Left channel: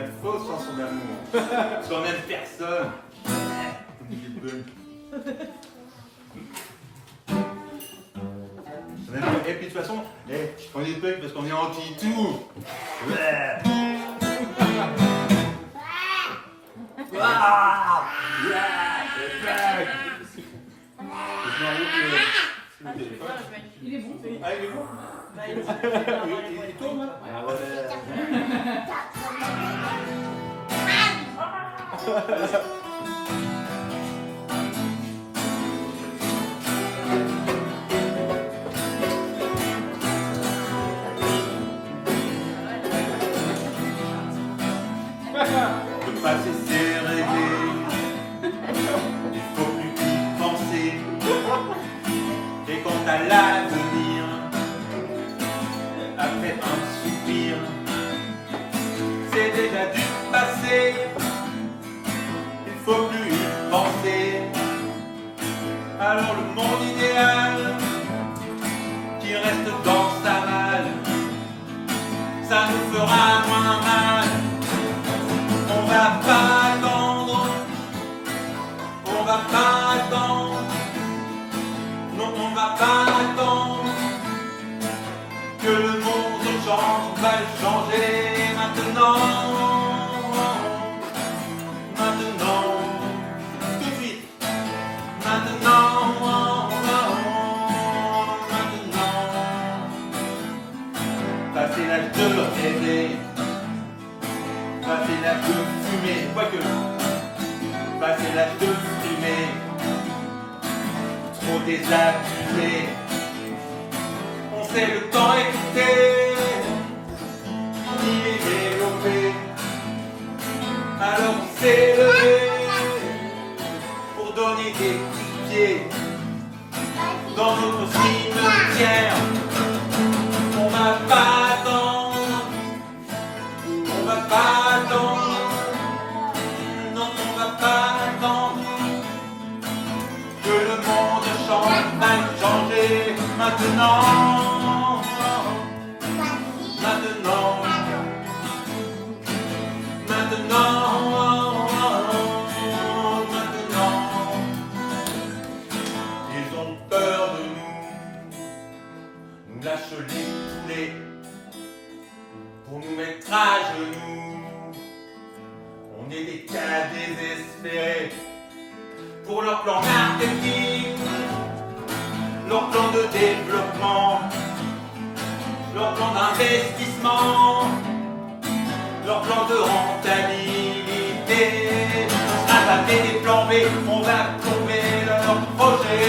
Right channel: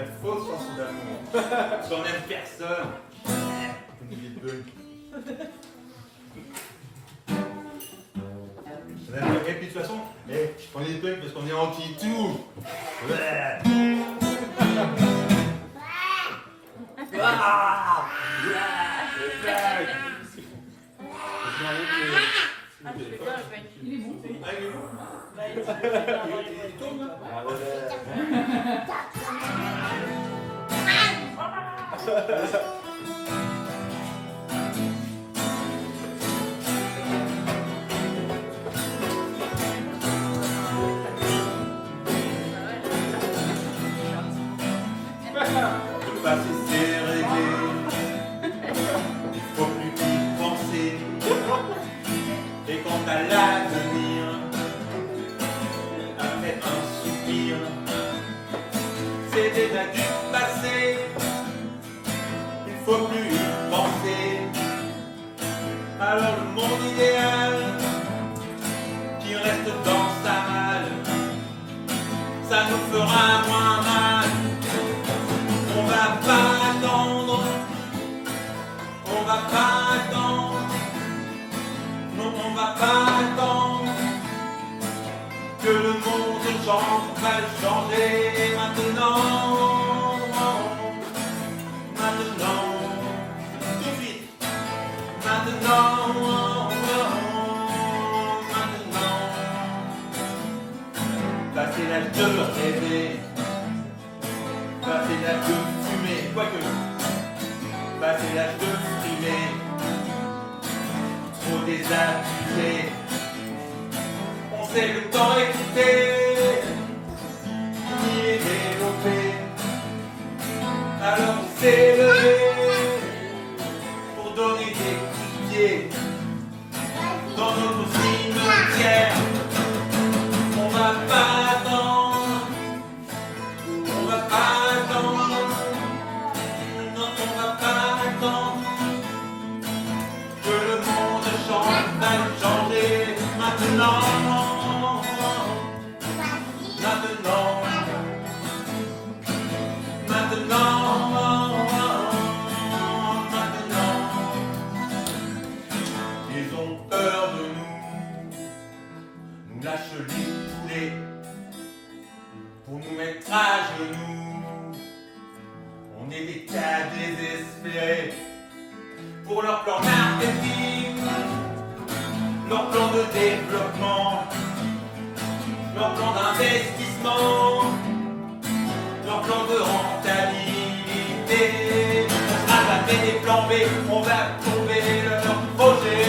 une fausse chanson d'amour. Parce qu'on n'aime personne. Et puis de toute façon, on est punk parce qu'on est anti-tout. Il est bon. Ah, il est bon. Il tourne là. Ah ouais. Le passé c'est réglé. Il faut plus y penser. Et quant à l'avenir, après un soupir, c'est déjà du passé. Il faut plus y penser. Alors le monde idéal qui reste dans sa malle, ça nous fera moins mal. On va pas attendre, on va pas attendre, non on va pas attendre que le monde change, on va le changer maintenant, maintenant, tout de suite, maintenant, maintenant, passer l'âge de rêver. Passer l'âge de fumer, quoique, passer l'âge de fumer, trop désabusé, on sait le temps écouter, ni les développer, alors on s'est levé, pour donner des coups de pied, dans notre cimetière, on va pas attendre, on va pas attendre, non on va pas attendre que le monde change, va changer maintenant, maintenant, maintenant, maintenant. Ils ont peur de nous lâchent les poulets pour nous mettre à genoux. On est des cas désespérés pour leur plan marketing, leur plan de développement, leur plan d'investissement, leur plan de rentabilité. On sera jamais des plans B, on va tomber leur projet.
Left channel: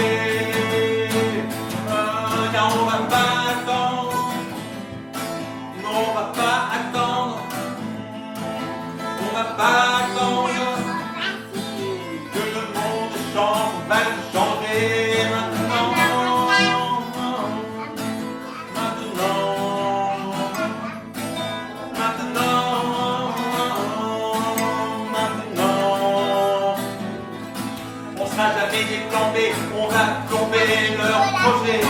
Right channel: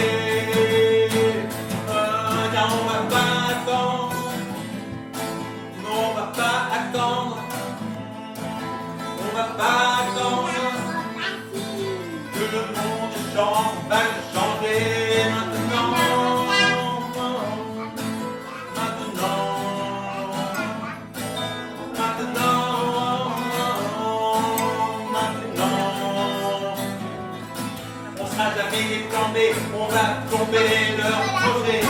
Car on va pas attendre, non on va pas attendre. On va pas attendre que le monde change, on va le changer maintenant, maintenant, maintenant, maintenant. On sera jamais des plans B, on va plomber leur projet.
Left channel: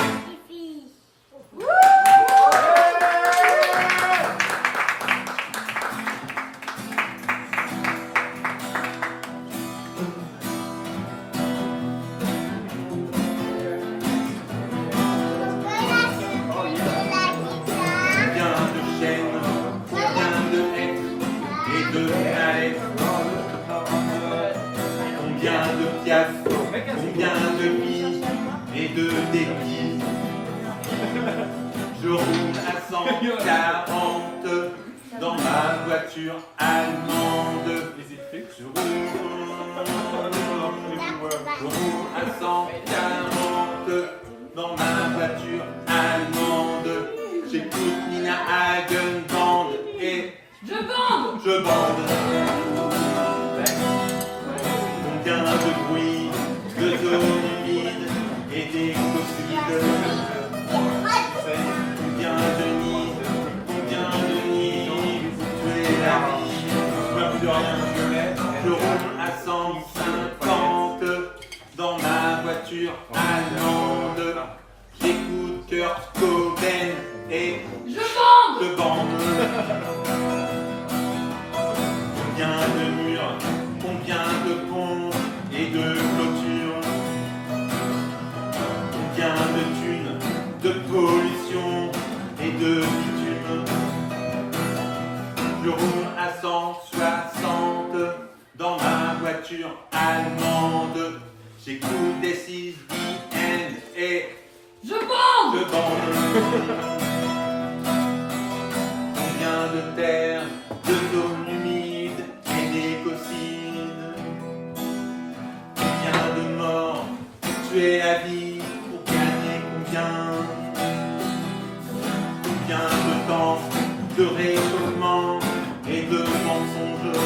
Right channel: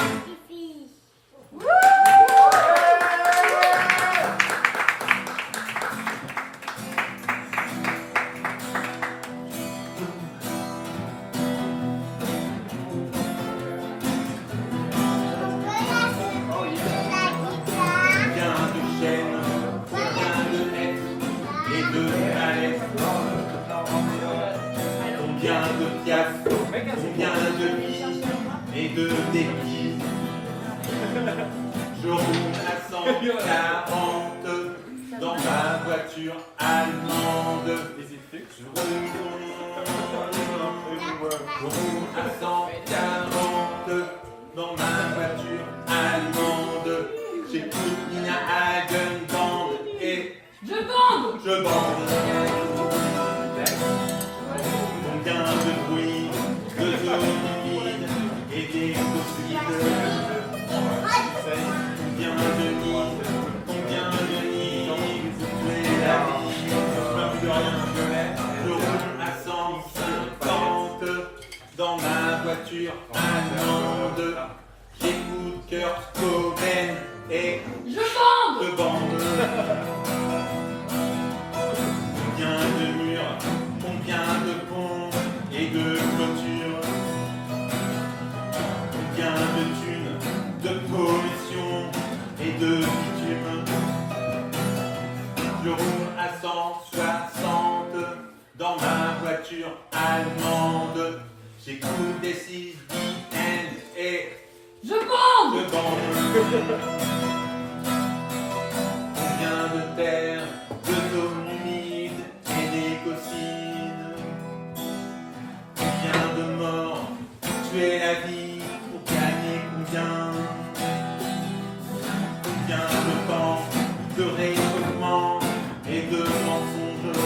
Combien de piaf, combien de mi et de dépit. Je roule à 140 dans ma voiture allemande. Je roule à 140 dans ma voiture allemande. J'écoute Nina Hagen Band et Je bande. je bande. Combien de bruit, de zones humides et d'écocides. Combien de nids, vous tuez la vie. Je ne plus rien, je roule à 150 dans ma voiture allemande. J'écoute Kurt Cobain et Je bande. je bande. 360 dans ma voiture allemande. J'écoute des 6 DN et Je bande. je bande. Combien de terre, de zones humides et d'écocines. Combien de morts pour tuer la vie, pour gagner combien? Combien de temps de réchauffement et de mensonges?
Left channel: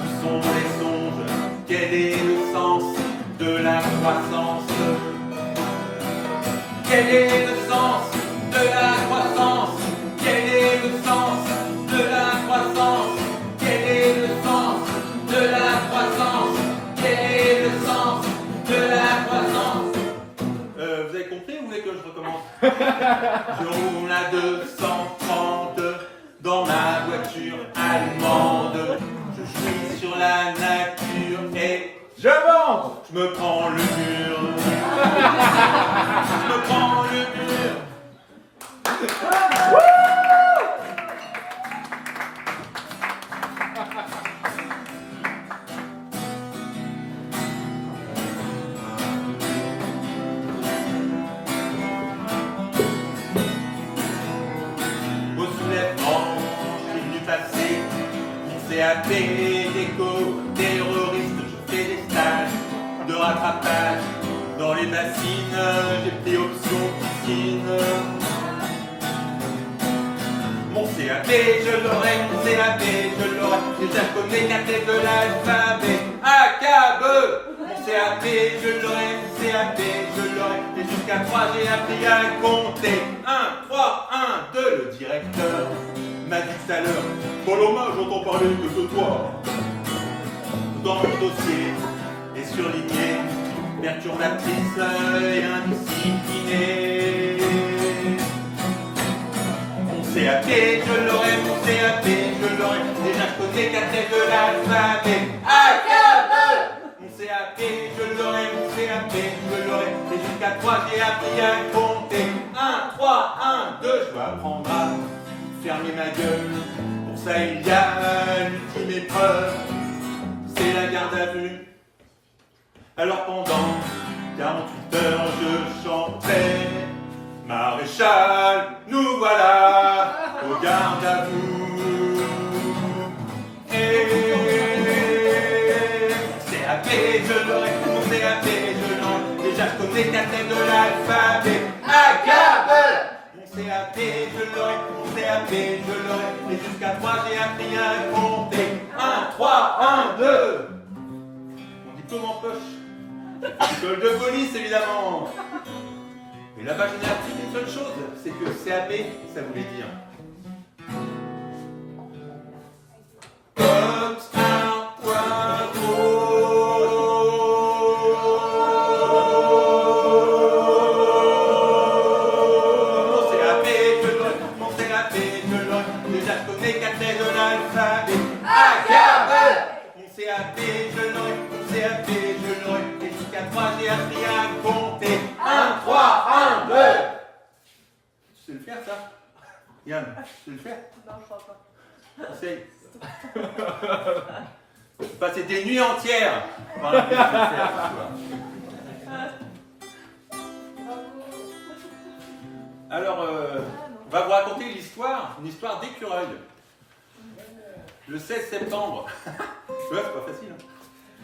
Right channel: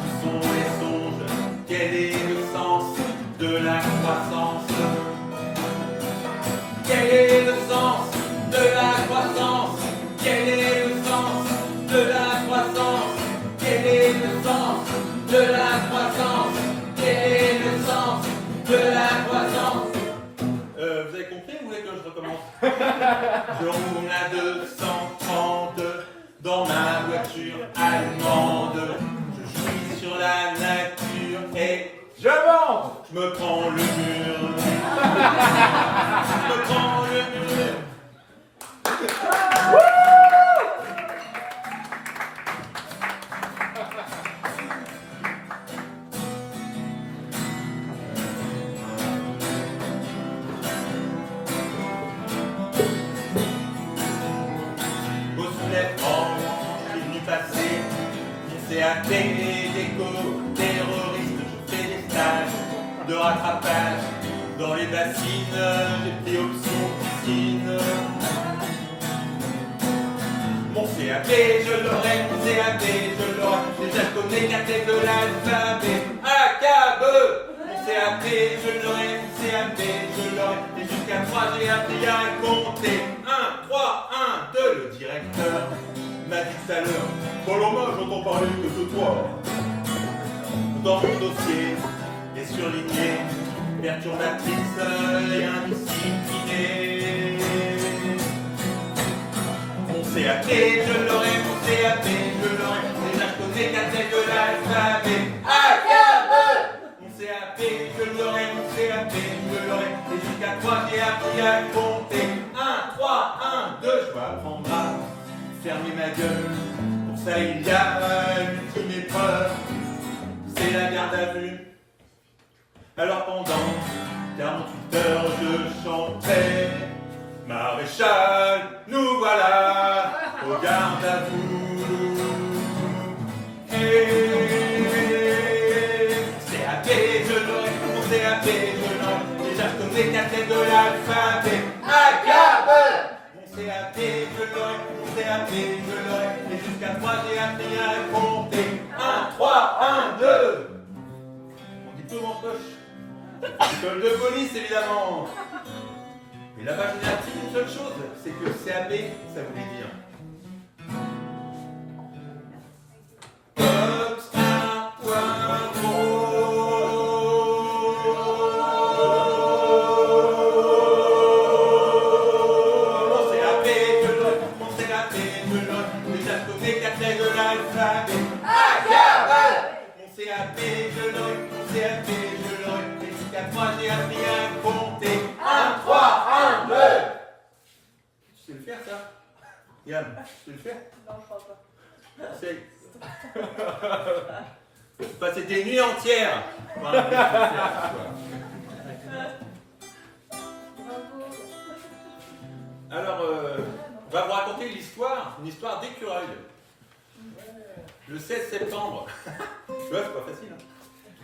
Où sont les songes? Quel est le sens de la croissance? Quel est le sens de la croissance? Quel est le sens de la croissance? Quel est le sens de la croissance? Quel est le sens de la croissance? Vous avez compris ou vous voulez que je recommence? Je roule à 230 dans ma voiture allemande. Je suis sur la nature et Je monte. je me prends le mur. Je me prends le mur. Au soulèvement, je suis venu passer mon CAP d'éco-terroriste. Je fais des stages de rattrapage dans les bassines. J'ai pris option piscine. Mon CAP, je l'aurai, mon CAP, je l'aurai. Déjà je connais 4 lettres de l'alphabet. AKB. Mon CAP, je l'aurai, mon CAP, je l'aurai. Et jusqu'à 3, j'ai appris à compter. 1, 3, 1, 2. Le directeur m'a dit tout à l'heure: Paloma, j'entends parler que de toi. Dans mon dossier est surligné perturbatrice et indisciplinée. Mon CAP, je l'aurai, mon CAP, je l'aurai. Déjà je connais 4 lettres de l'alphabet. AKB. Mon CAP, je l'aurai, mon CAP, je l'aurai. Et jusqu'à 3, j'ai appris à compter. 1, 3, 1, 2. Je dois apprendre à fermer ma gueule. Pour ça, il y a l'ultime épreuve, c'est la garde à vue. Alors pendant 48 heures, je chantais: Maréchal, nous voilà au garde à vous. Et CAP, je l'aurai, mon CAP, je l'aurai. Déjà je connais 4 lettres de l'alphabet. AKB. Mon CAP, je l'aurai, mon CAP, je l'aurai. Et jusqu'à 3, j'ai appris à compter. 1, 3, 1, 2. Mon diplôme en poche. École de police, évidemment. Mais là-bas, je n'ai appris une seule chose, c'est que CAP, ça voulait dire Cops à Poivreau. Mon CAP, je l'aurai, mon CAP, je l'aurai. Déjà, je connais 4 lettres de l'alphabet. AKB. Mon CAP, je l'aurai, mon CAP, je l'aurai. Et jusqu'à 3, j'ai appris à compter. 1, 3, 1, 2. Tu sais le faire, ça? Yann, tu sais le faire? Non, je crois pas. C'est... Passer des nuits entières dans la vie de faire, quoi. Alors, on va vous raconter une histoire d'écureuil. Le 16 septembre. Ouais, c'est pas facile. Hein.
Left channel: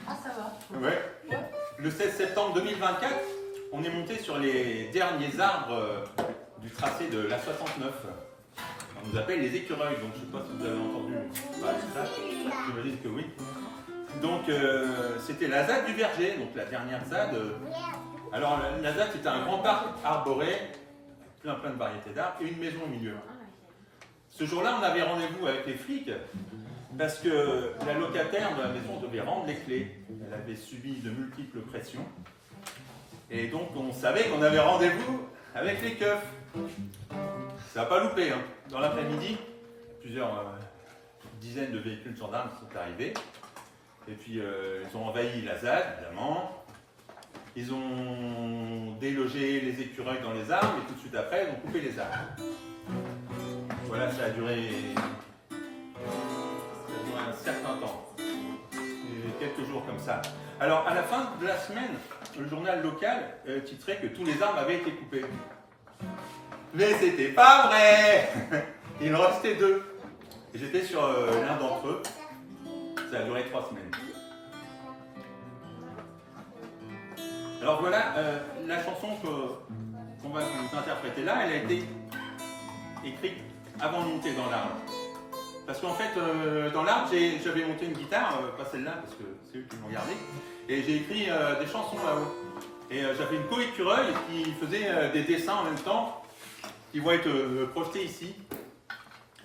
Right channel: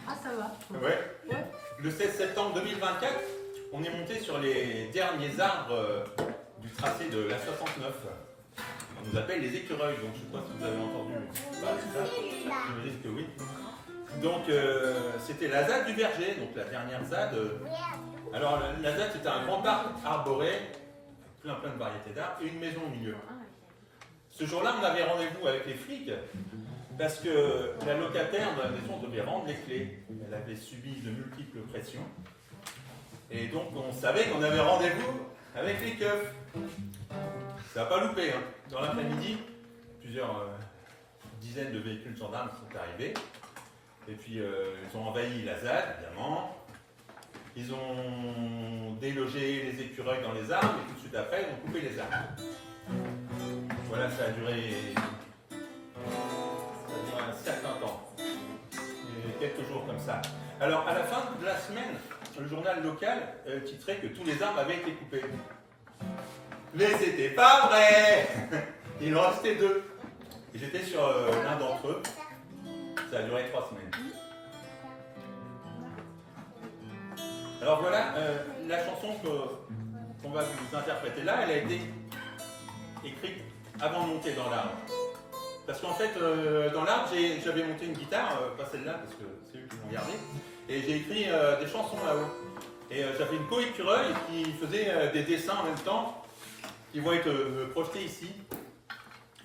Ah, ça va. Ouais. Le 16 septembre 2024, on est monté sur les derniers arbres du tracé de la 69. On nous appelle les écureuils, donc je ne sais pas si vous avez entendu. Bah, c'est ça, j'imagine que oui. Donc c'était la ZAD du Verger, donc la dernière ZAD. Alors la ZAD, c'était un grand parc arboré, plein de variétés d'arbres, et une maison au milieu. Ce jour-là, on avait rendez-vous avec les flics parce que la locataire de la maison devait rendre les clés. Elle avait subi de multiples pressions. Et donc on savait qu'on avait rendez-vous avec les keufs. Ça n'a pas loupé. Hein. Dans l'après-midi, plusieurs dizaines de véhicules gendarmes sont arrivés. Et puis ils ont envahi la ZAD, évidemment. Ils ont délogé les écureuils dans les arbres et tout de suite après, ils ont coupé les arbres. Voilà, ça a duré Ça dure un certain temps. Et quelques jours comme ça. Alors, à la fin de la semaine, le journal local titrait que tous les arbres avaient été coupés. Mais c'était pas vrai. Il en restait 2. Et j'étais sur l'un d'entre eux. Ça a duré 3 semaines. Alors voilà, la chanson qu'on va vous interpréter là, elle a été écrite avant de monter dans l'arbre. Parce qu'en fait, dans l'arbre, j'avais monté une guitare, pas celle-là, parce que c'est eux qui l'ont gardée, et j'ai écrit des chansons là-haut. Et j'avais une co-écureuil qui faisait des dessins en même temps, qui vont être projetés ici.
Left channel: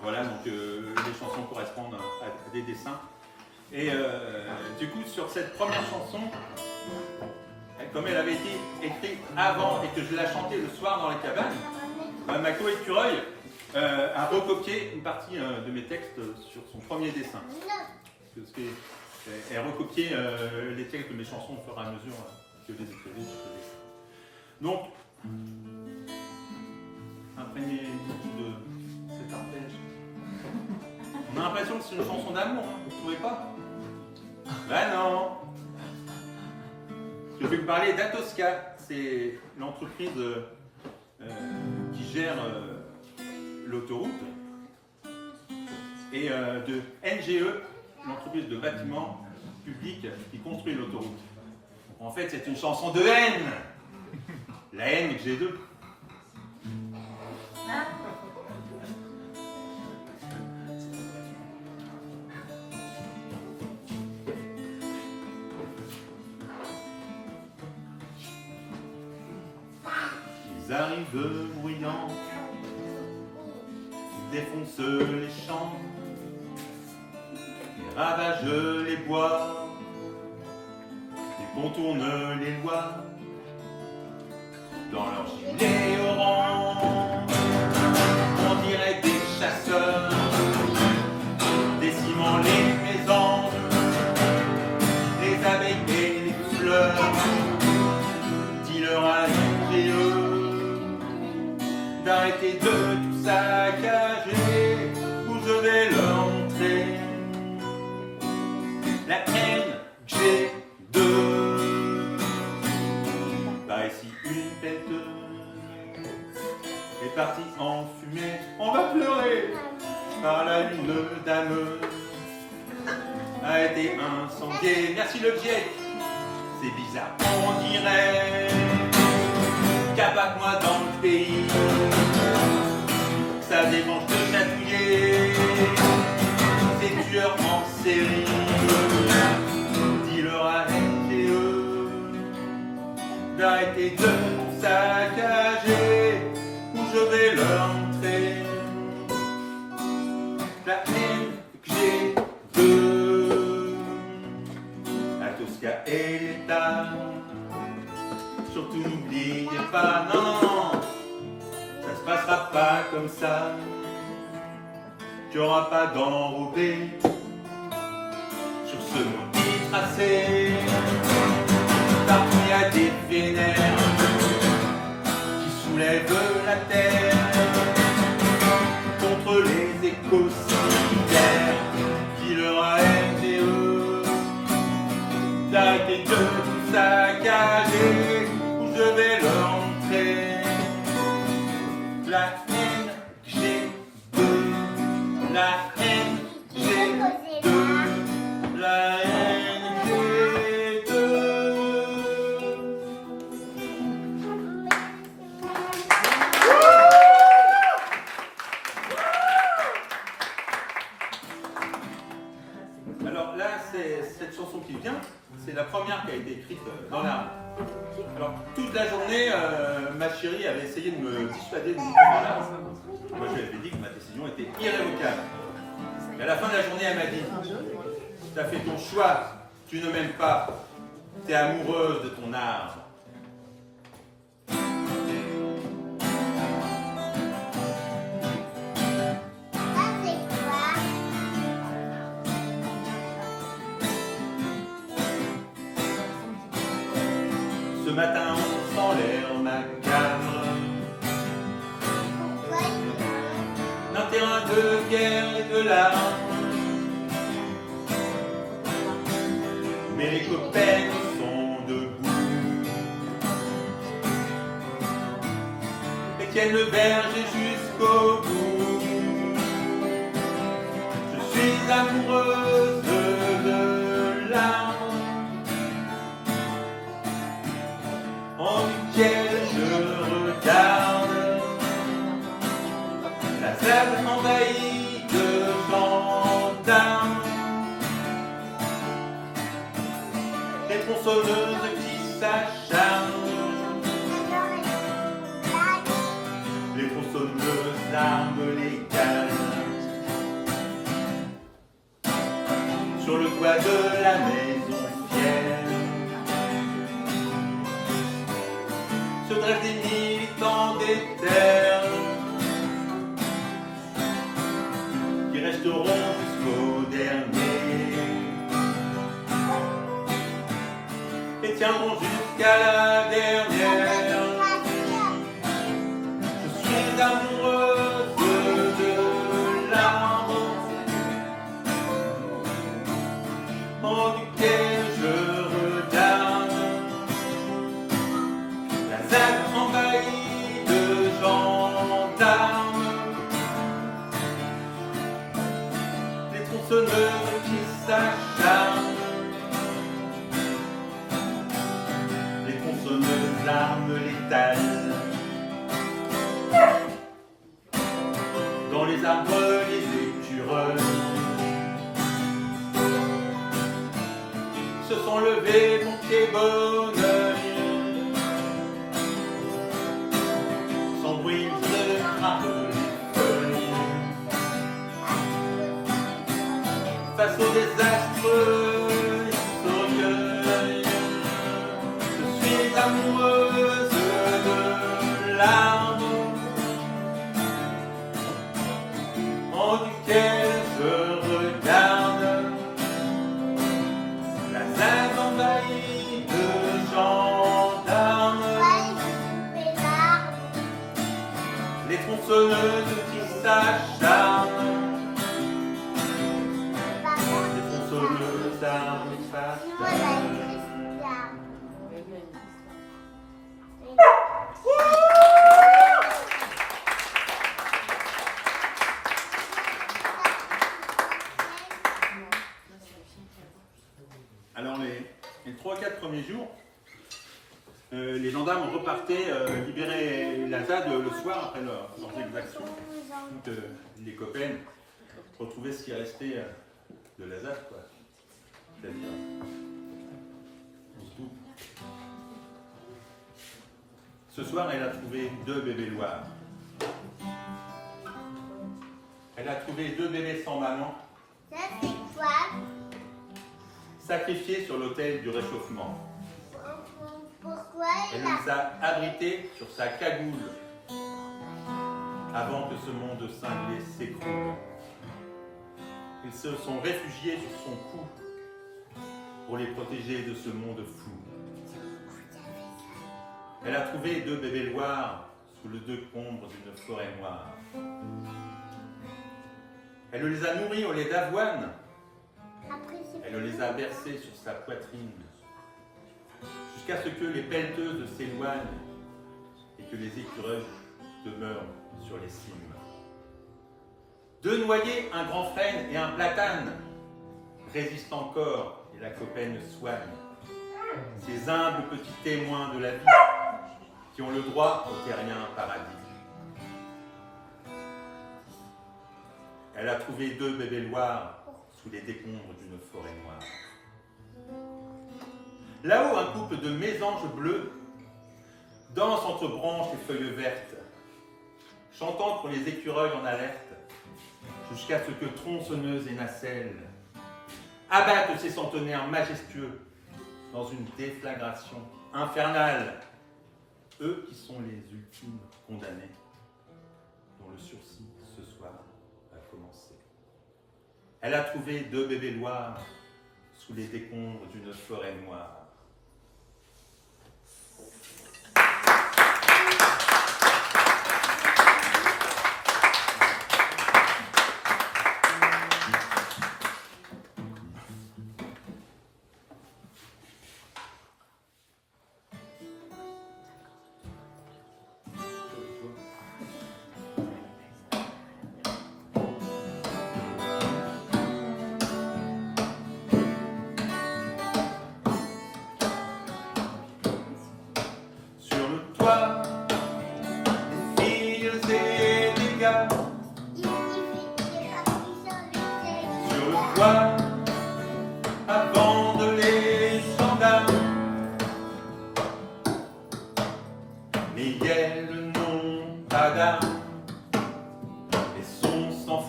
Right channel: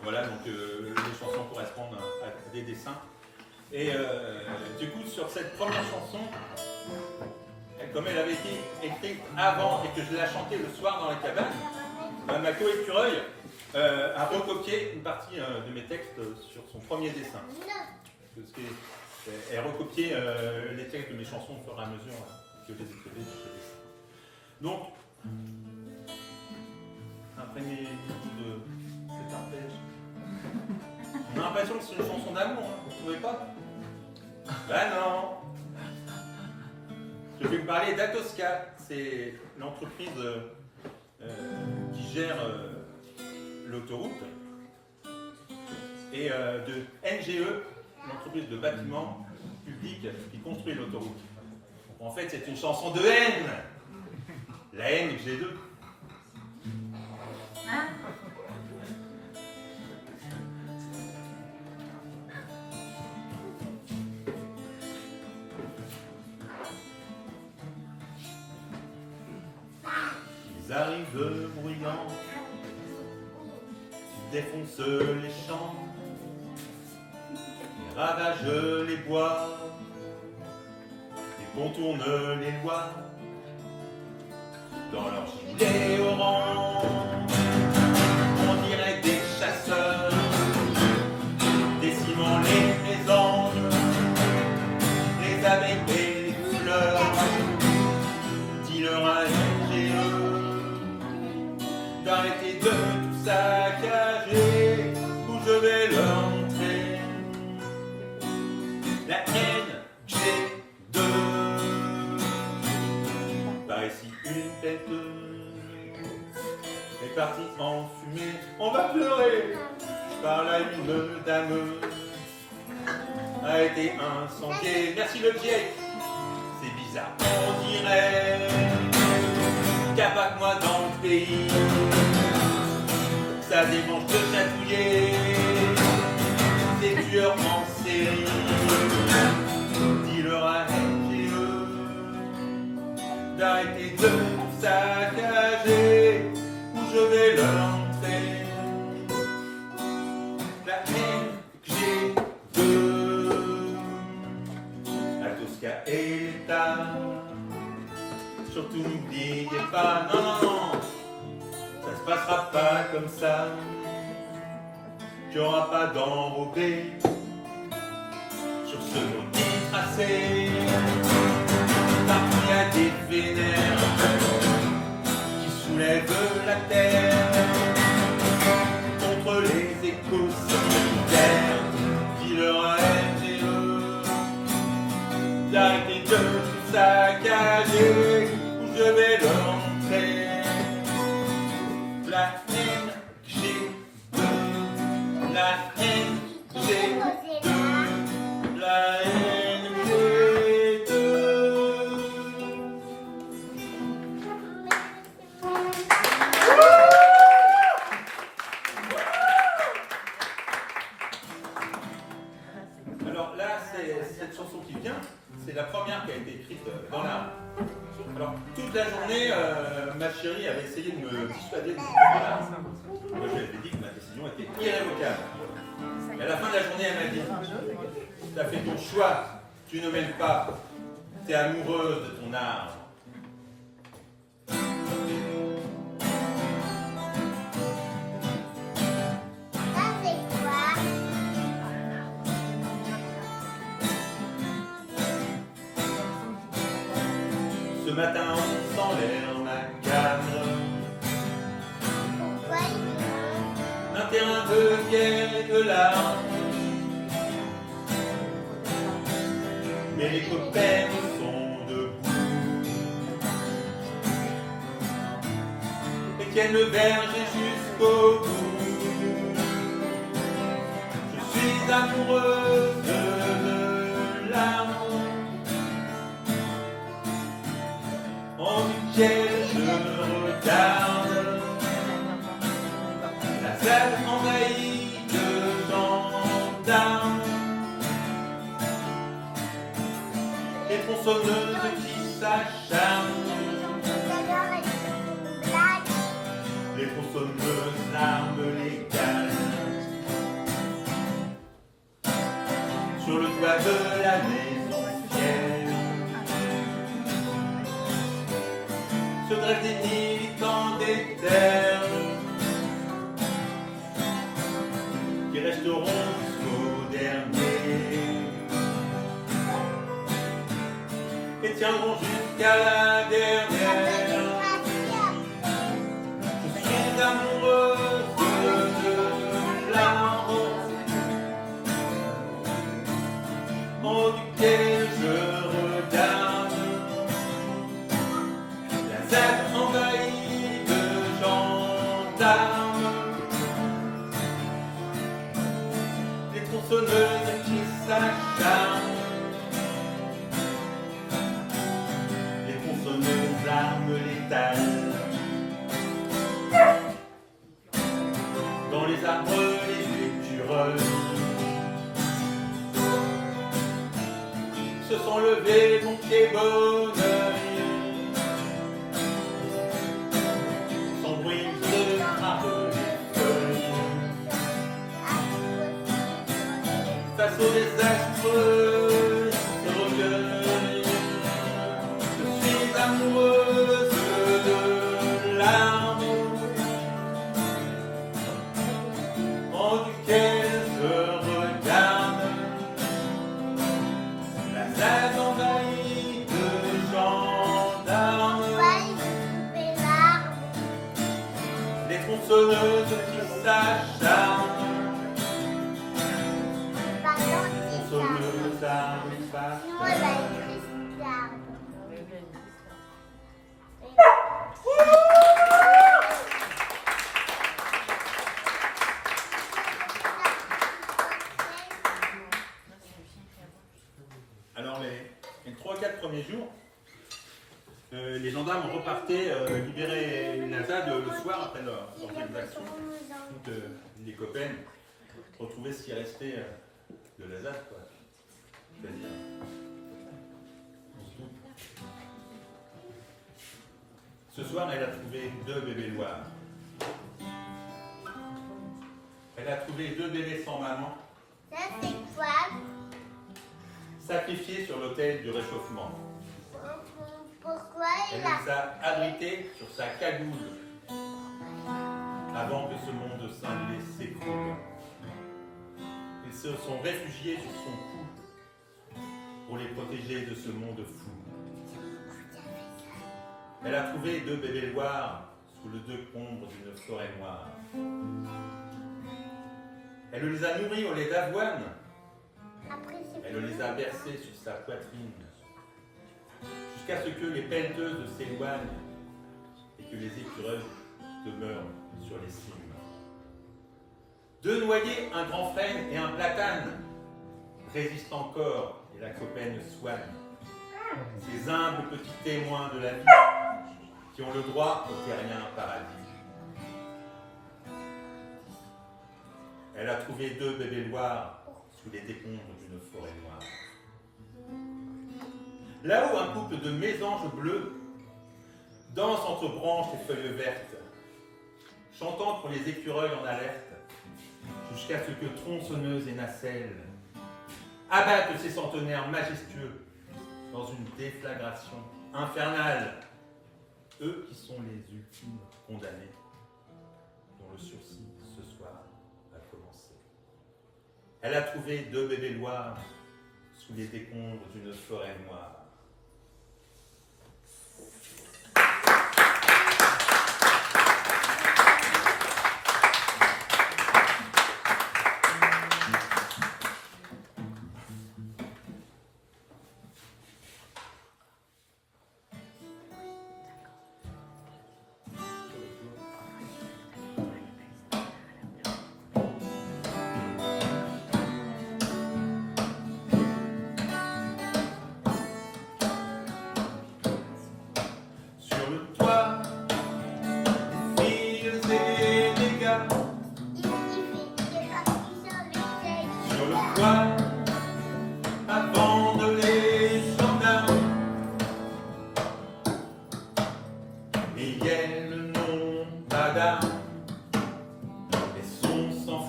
Voilà, donc les chansons correspondent à des dessins. Et du coup, sur cette première chanson, comme elle avait été écrite avant et que je la chantais le soir dans la cabane, ma co-écureuil a recopié une partie de mes textes sur son premier dessin. Parce qu'elle recopiait les textes de mes chansons au fur et à mesure que je les écrivais sur ce dessin. Donc, imprégnez-vous de cet arpège. On a l'impression que c'est une chanson d'amour, hein, vous ne trouvez pas? Ben non. Je vais vous parler d'Atosca, c'est l'entreprise qui gère l'autoroute, et de NGE, l'entreprise de bâtiments publics qui construit l'autoroute. En fait, c'est une chanson de haine. La haine que j'ai d'eux. Ils arrivent bruyants, ils défoncent les champs, ils ravagent les bois, ils contournent les lois, dans leur gilet orange, on dirait des chasseurs, décimant les mésanges, les abeilles et les fleurs, dis-leur à NGE d'arrêter de tout saccager, où je vais leur montrer la haine que j'ai d'eux. Par ici une tête est partie en fumée, on va pleurer, par la lune d'âme a été incendiée. Merci le vieil, c'est bizarre, on dirait qu'à pas que moi dans le pays, ça démange de chatouiller des tueurs en série. Dis-leur à NGE d'arrêter de tout saccager, où je vais leur montrer la haine que j'ai d'eux. Atosca et l'État, surtout n'oubliez pas, non, non, non, ça se passera pas comme ça. Tu n'auras pas d'enrobé sur ce petit tracé. Partout il y a des vénères qui soulèvent la terre contre les écosystèmes. Dis-leur à NGE d'arrêter de tout saccager, où je vais leur montrer la haine que j'ai d'eux, la haine que j'ai d'eux, la haine que j'ai d'eux. Alors là, c'est cette chanson qui vient, c'est la première qui a été écrite dans la... Alors, toute la journée, ma chérie avait essayé de me dissuader de m'écrire dans l'arbre. Moi, je lui avais dit que ma décision était irrévocable. Et à la fin de la journée, elle m'a dit, tu as fait ton choix, tu ne m'aimes pas, tu es amoureuse de ton arbre. Ce matin, on sent l'air macabre d'un terrain de guerre et de larmes et les copains sont debout. Étienne me berger jusqu'au bout. Je suis amoureuse de l'amour en duquel je regarde la salle envahie de gendarmes, les tronçonneuses qui s'acharnent, les tronçonneuses d'armes légales. Sur le toit de la maison fière se dressent des militants des terres qui resteront jusqu'au dernier et tiendront jusqu'à la dernière. Je suis amoureuse de l'amour en duquel je regarde la ZAD envahie de gendarmes, les tronçonneuses qui s'acharnent, les tronçonneuses l'arme létale. Dans les arbres, les écureuils se sont levés, mon pied bon oeil, sans bruit de frappe les feuilles, face au désastre, ils se recueillent. Je suis amoureuse de l'amour en duquel je regarde envahie de gendarmes, les tronçonneuses qui s'acharnent, les tronçonneuses d'armes fatales. Alors les 3-4 premiers jours, les gendarmes repartaient libérer la ZAD le soir après leurs exactions. Donc les copains retrouvaient ce qui restait de la ZAD, quoi. Ce soir, elle a trouvé 2 bébés noirs. Elle a trouvé 2 bébés sans maman, sacrifiés sur l'autel du réchauffement. Elle les a abrités sur sa cagoule avant que ce monde cinglé s'écroule. Ils se sont réfugiés sur son cou pour les protéger de ce monde fou. Elle a trouvé 2 bébés noirs sous le decombre d'une forêt noire. Elle les a nourris au lait d'avoine. Elle les a bercés sur sa poitrine, jusqu'à ce que les pelleteuses s'éloignent et que les écureuils demeurent sur les cimes. 2 noyers, un grand frêne et un platane résistent encore et la copaine soigne. Ces humbles petits témoins de la vie qui ont le droit au terrien paradis. Elle a trouvé 2 bébés noirs sous les décombres d'une forêt noire. Là-haut, un couple de mésanges bleus danse entre branches et feuilles vertes, chantant pour les écureuils en alerte, jusqu'à ce que tronçonneuses et nacelles abattent ces centenaires majestueux dans une déflagration infernale, eux qui sont les ultimes condamnés, dont le sursis ce soir va commencer. Elle a trouvé 2 bébés noirs sous les décombres d'une forêt noire.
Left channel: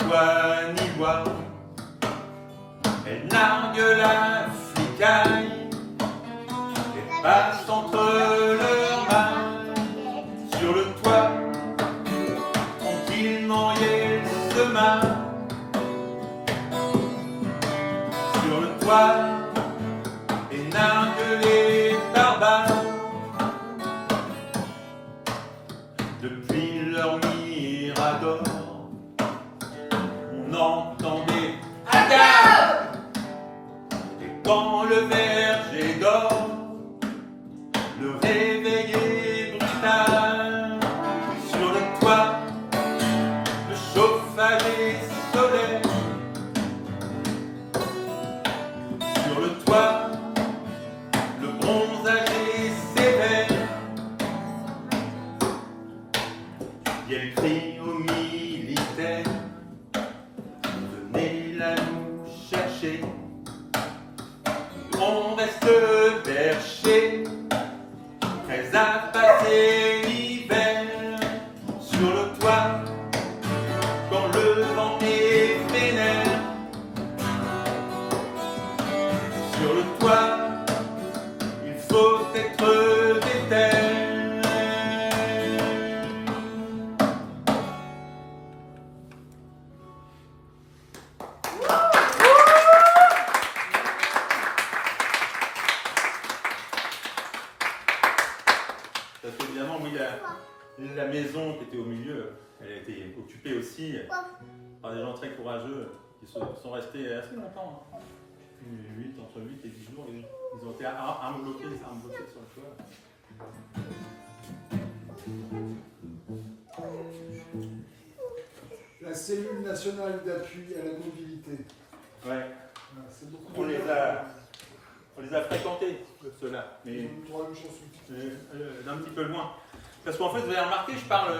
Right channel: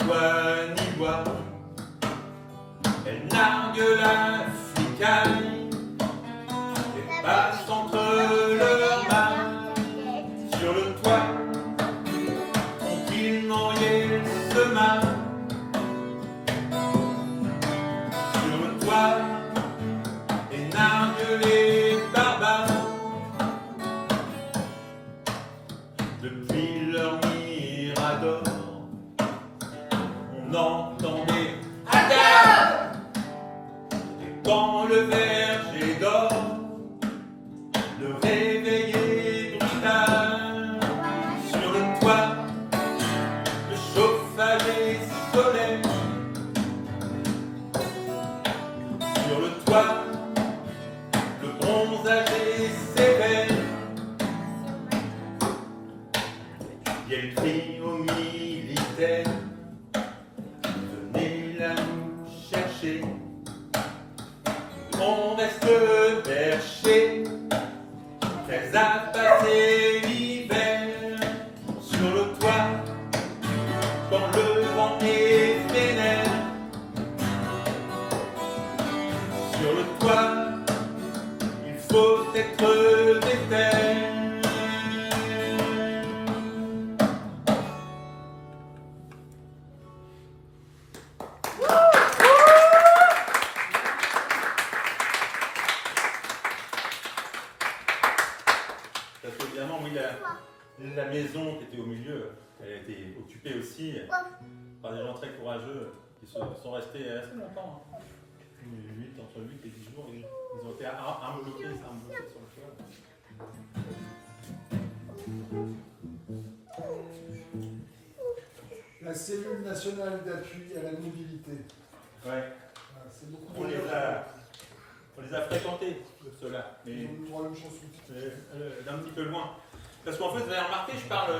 voix ni voix. Elle nargue la flicaille et passe entre leurs mains sur le toit. Tranquillement il se marre sur le toit et nargue les barbares. Depuis leur mirador, on entendait Aga! Et quand le verger dort, le réveiller brutal. Sur le toit, le chauffage est solaire. Sur le toit, le bronzage est sévère. Et elle crie aux militaires, venez la nous chercher. On reste perché, prêts à passer l'hiver. Sur le toit, quand le vent est vénère. Sur le toit, il faut être déter. Parce qu'évidemment, oui, la maison qui était au milieu, elle a été occupée aussi par des gens très courageux qui sont restés assez longtemps. Hein. Entre 8 et 10 jours, ils ont été armes bloquées sur le toit. La cellule nationale d'appui à la mobilité. Ouais. C'est beaucoup On les a fréquentés, ceux-là. Mais Ils ont le droit à une chanson. d'un petit peu loin. Parce qu'en fait, vous avez remarqué, je parle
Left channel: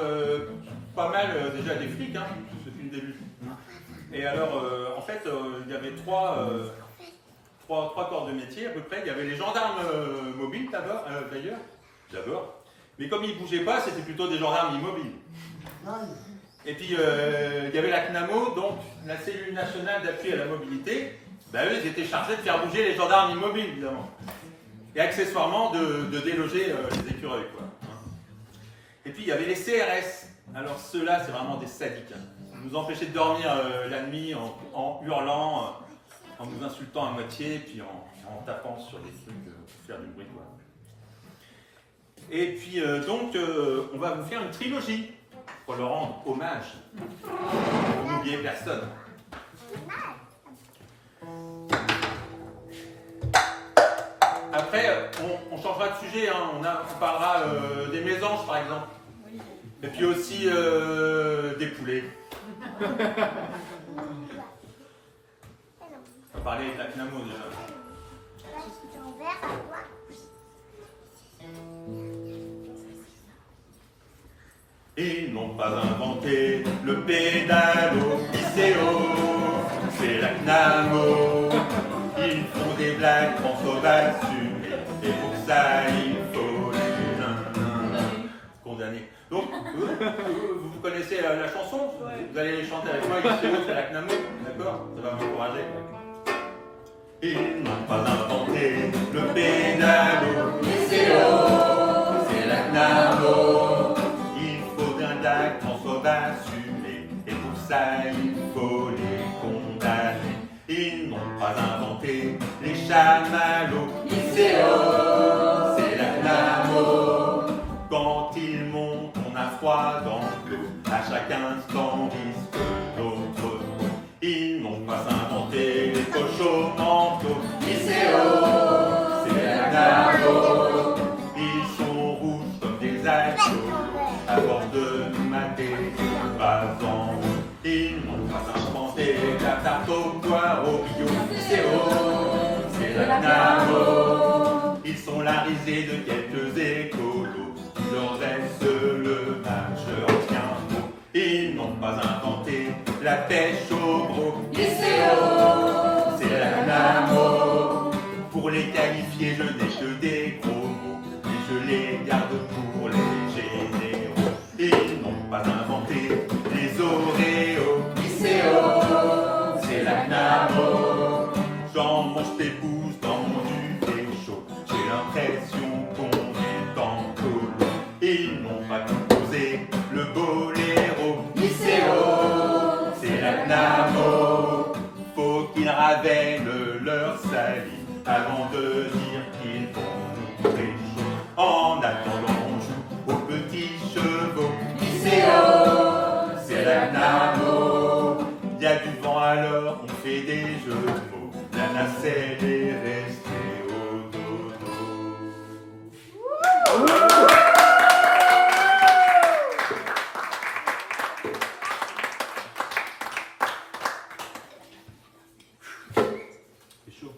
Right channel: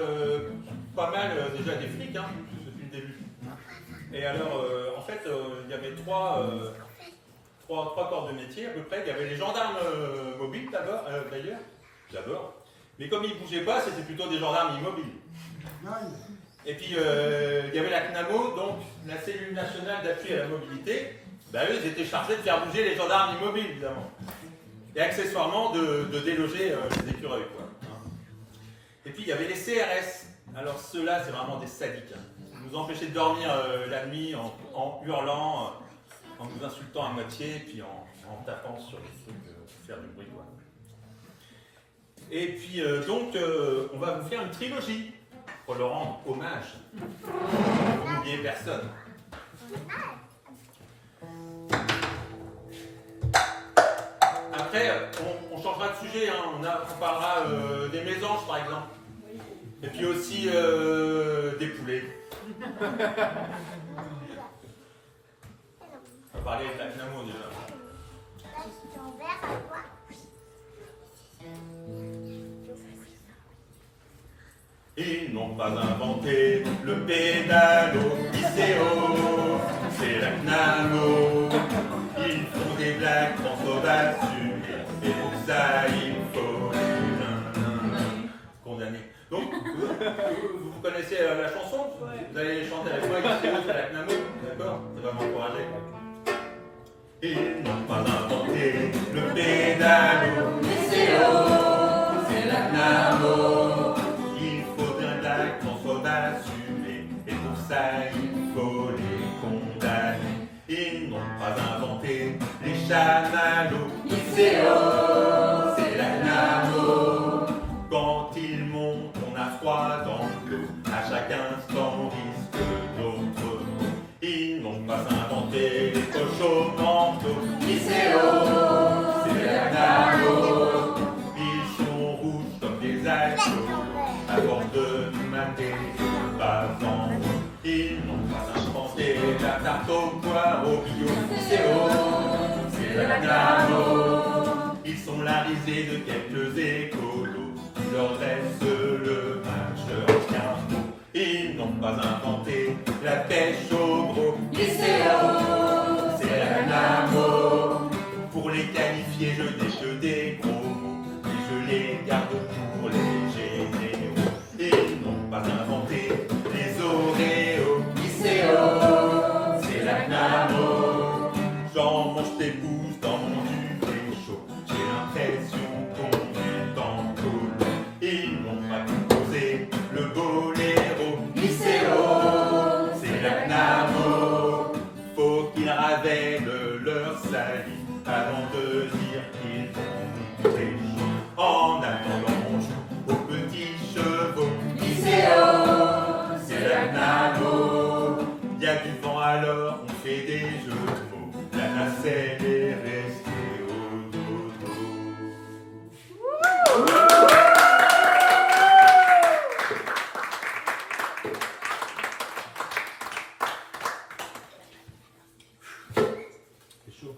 pas mal déjà des flics, hein, depuis le début. Et alors, en fait, il y avait trois corps de métier à peu près. Il y avait les gendarmes mobiles d'abord. Mais comme ils ne bougeaient pas, c'était plutôt des gendarmes immobiles. Et puis, il y avait la CNAMO, donc la cellule nationale d'appui à la mobilité. Ben, eux, ils étaient chargés de faire bouger les gendarmes immobiles, évidemment. Et accessoirement, de déloger les écureuils, quoi. Et puis, il y avait les CRS. Alors, ceux-là, c'est vraiment des sadiques. Hein. Ils nous empêchaient de dormir la nuit en hurlant, en nous insultant à moitié, puis en tapant sur des trucs pour faire du bruit, quoi. Et puis, donc, on va vous faire une trilogie pour leur rendre hommage. Pour n'oublier personne. Après, on changera de sujet, hein. On parlera des mésanges par exemple. Et puis aussi des poulets. On va parler de la CNAMO déjà. Ils n'ont pas inventé le pédalo ICO, c'est la CNAMO. Ils font des blagues transphobes dessus, et pour ça il faut les condamner. Donc, vous connaissez la chanson, vous allez chanter avec moi, ICO c'est la CNAMO, d'accord? Ça va m'encourager. Ils n'ont pas inventé le pédalo ICO, c'est la CNAMO. Il faut bien d'actes transphobes assumés, et pour ça il faut les condamner. Ils n'ont pas inventé les chamallows. ICO, c'est la CNAMO. Quand ils montent, on a froid dans l'eau. À chaque instant, disent que d'autres mots. Ils n'ont pas inventé les cochons manteaux. ICO, c'est la CNAMO. Ils sont rouges comme des alcools. À force de nous mater, avant. Ils n'ont pas inventé la tarte au poireau bio. ICO, c'est la CNAMO. Ils sont la risée de quelques écolos. Il leur reste le match ancien mot. Ils n'ont pas inventé la pêche au gros. ICO, c'est la CNAMO. Pour les qualifier, je n'ai que des gros mots. Et je les garde pour les généraux. Ils n'ont pas inventé les Oreos. ICO, y a du vent alors, on fait des jeux de mots. La nacelle est restée au dodo. C'est chaud.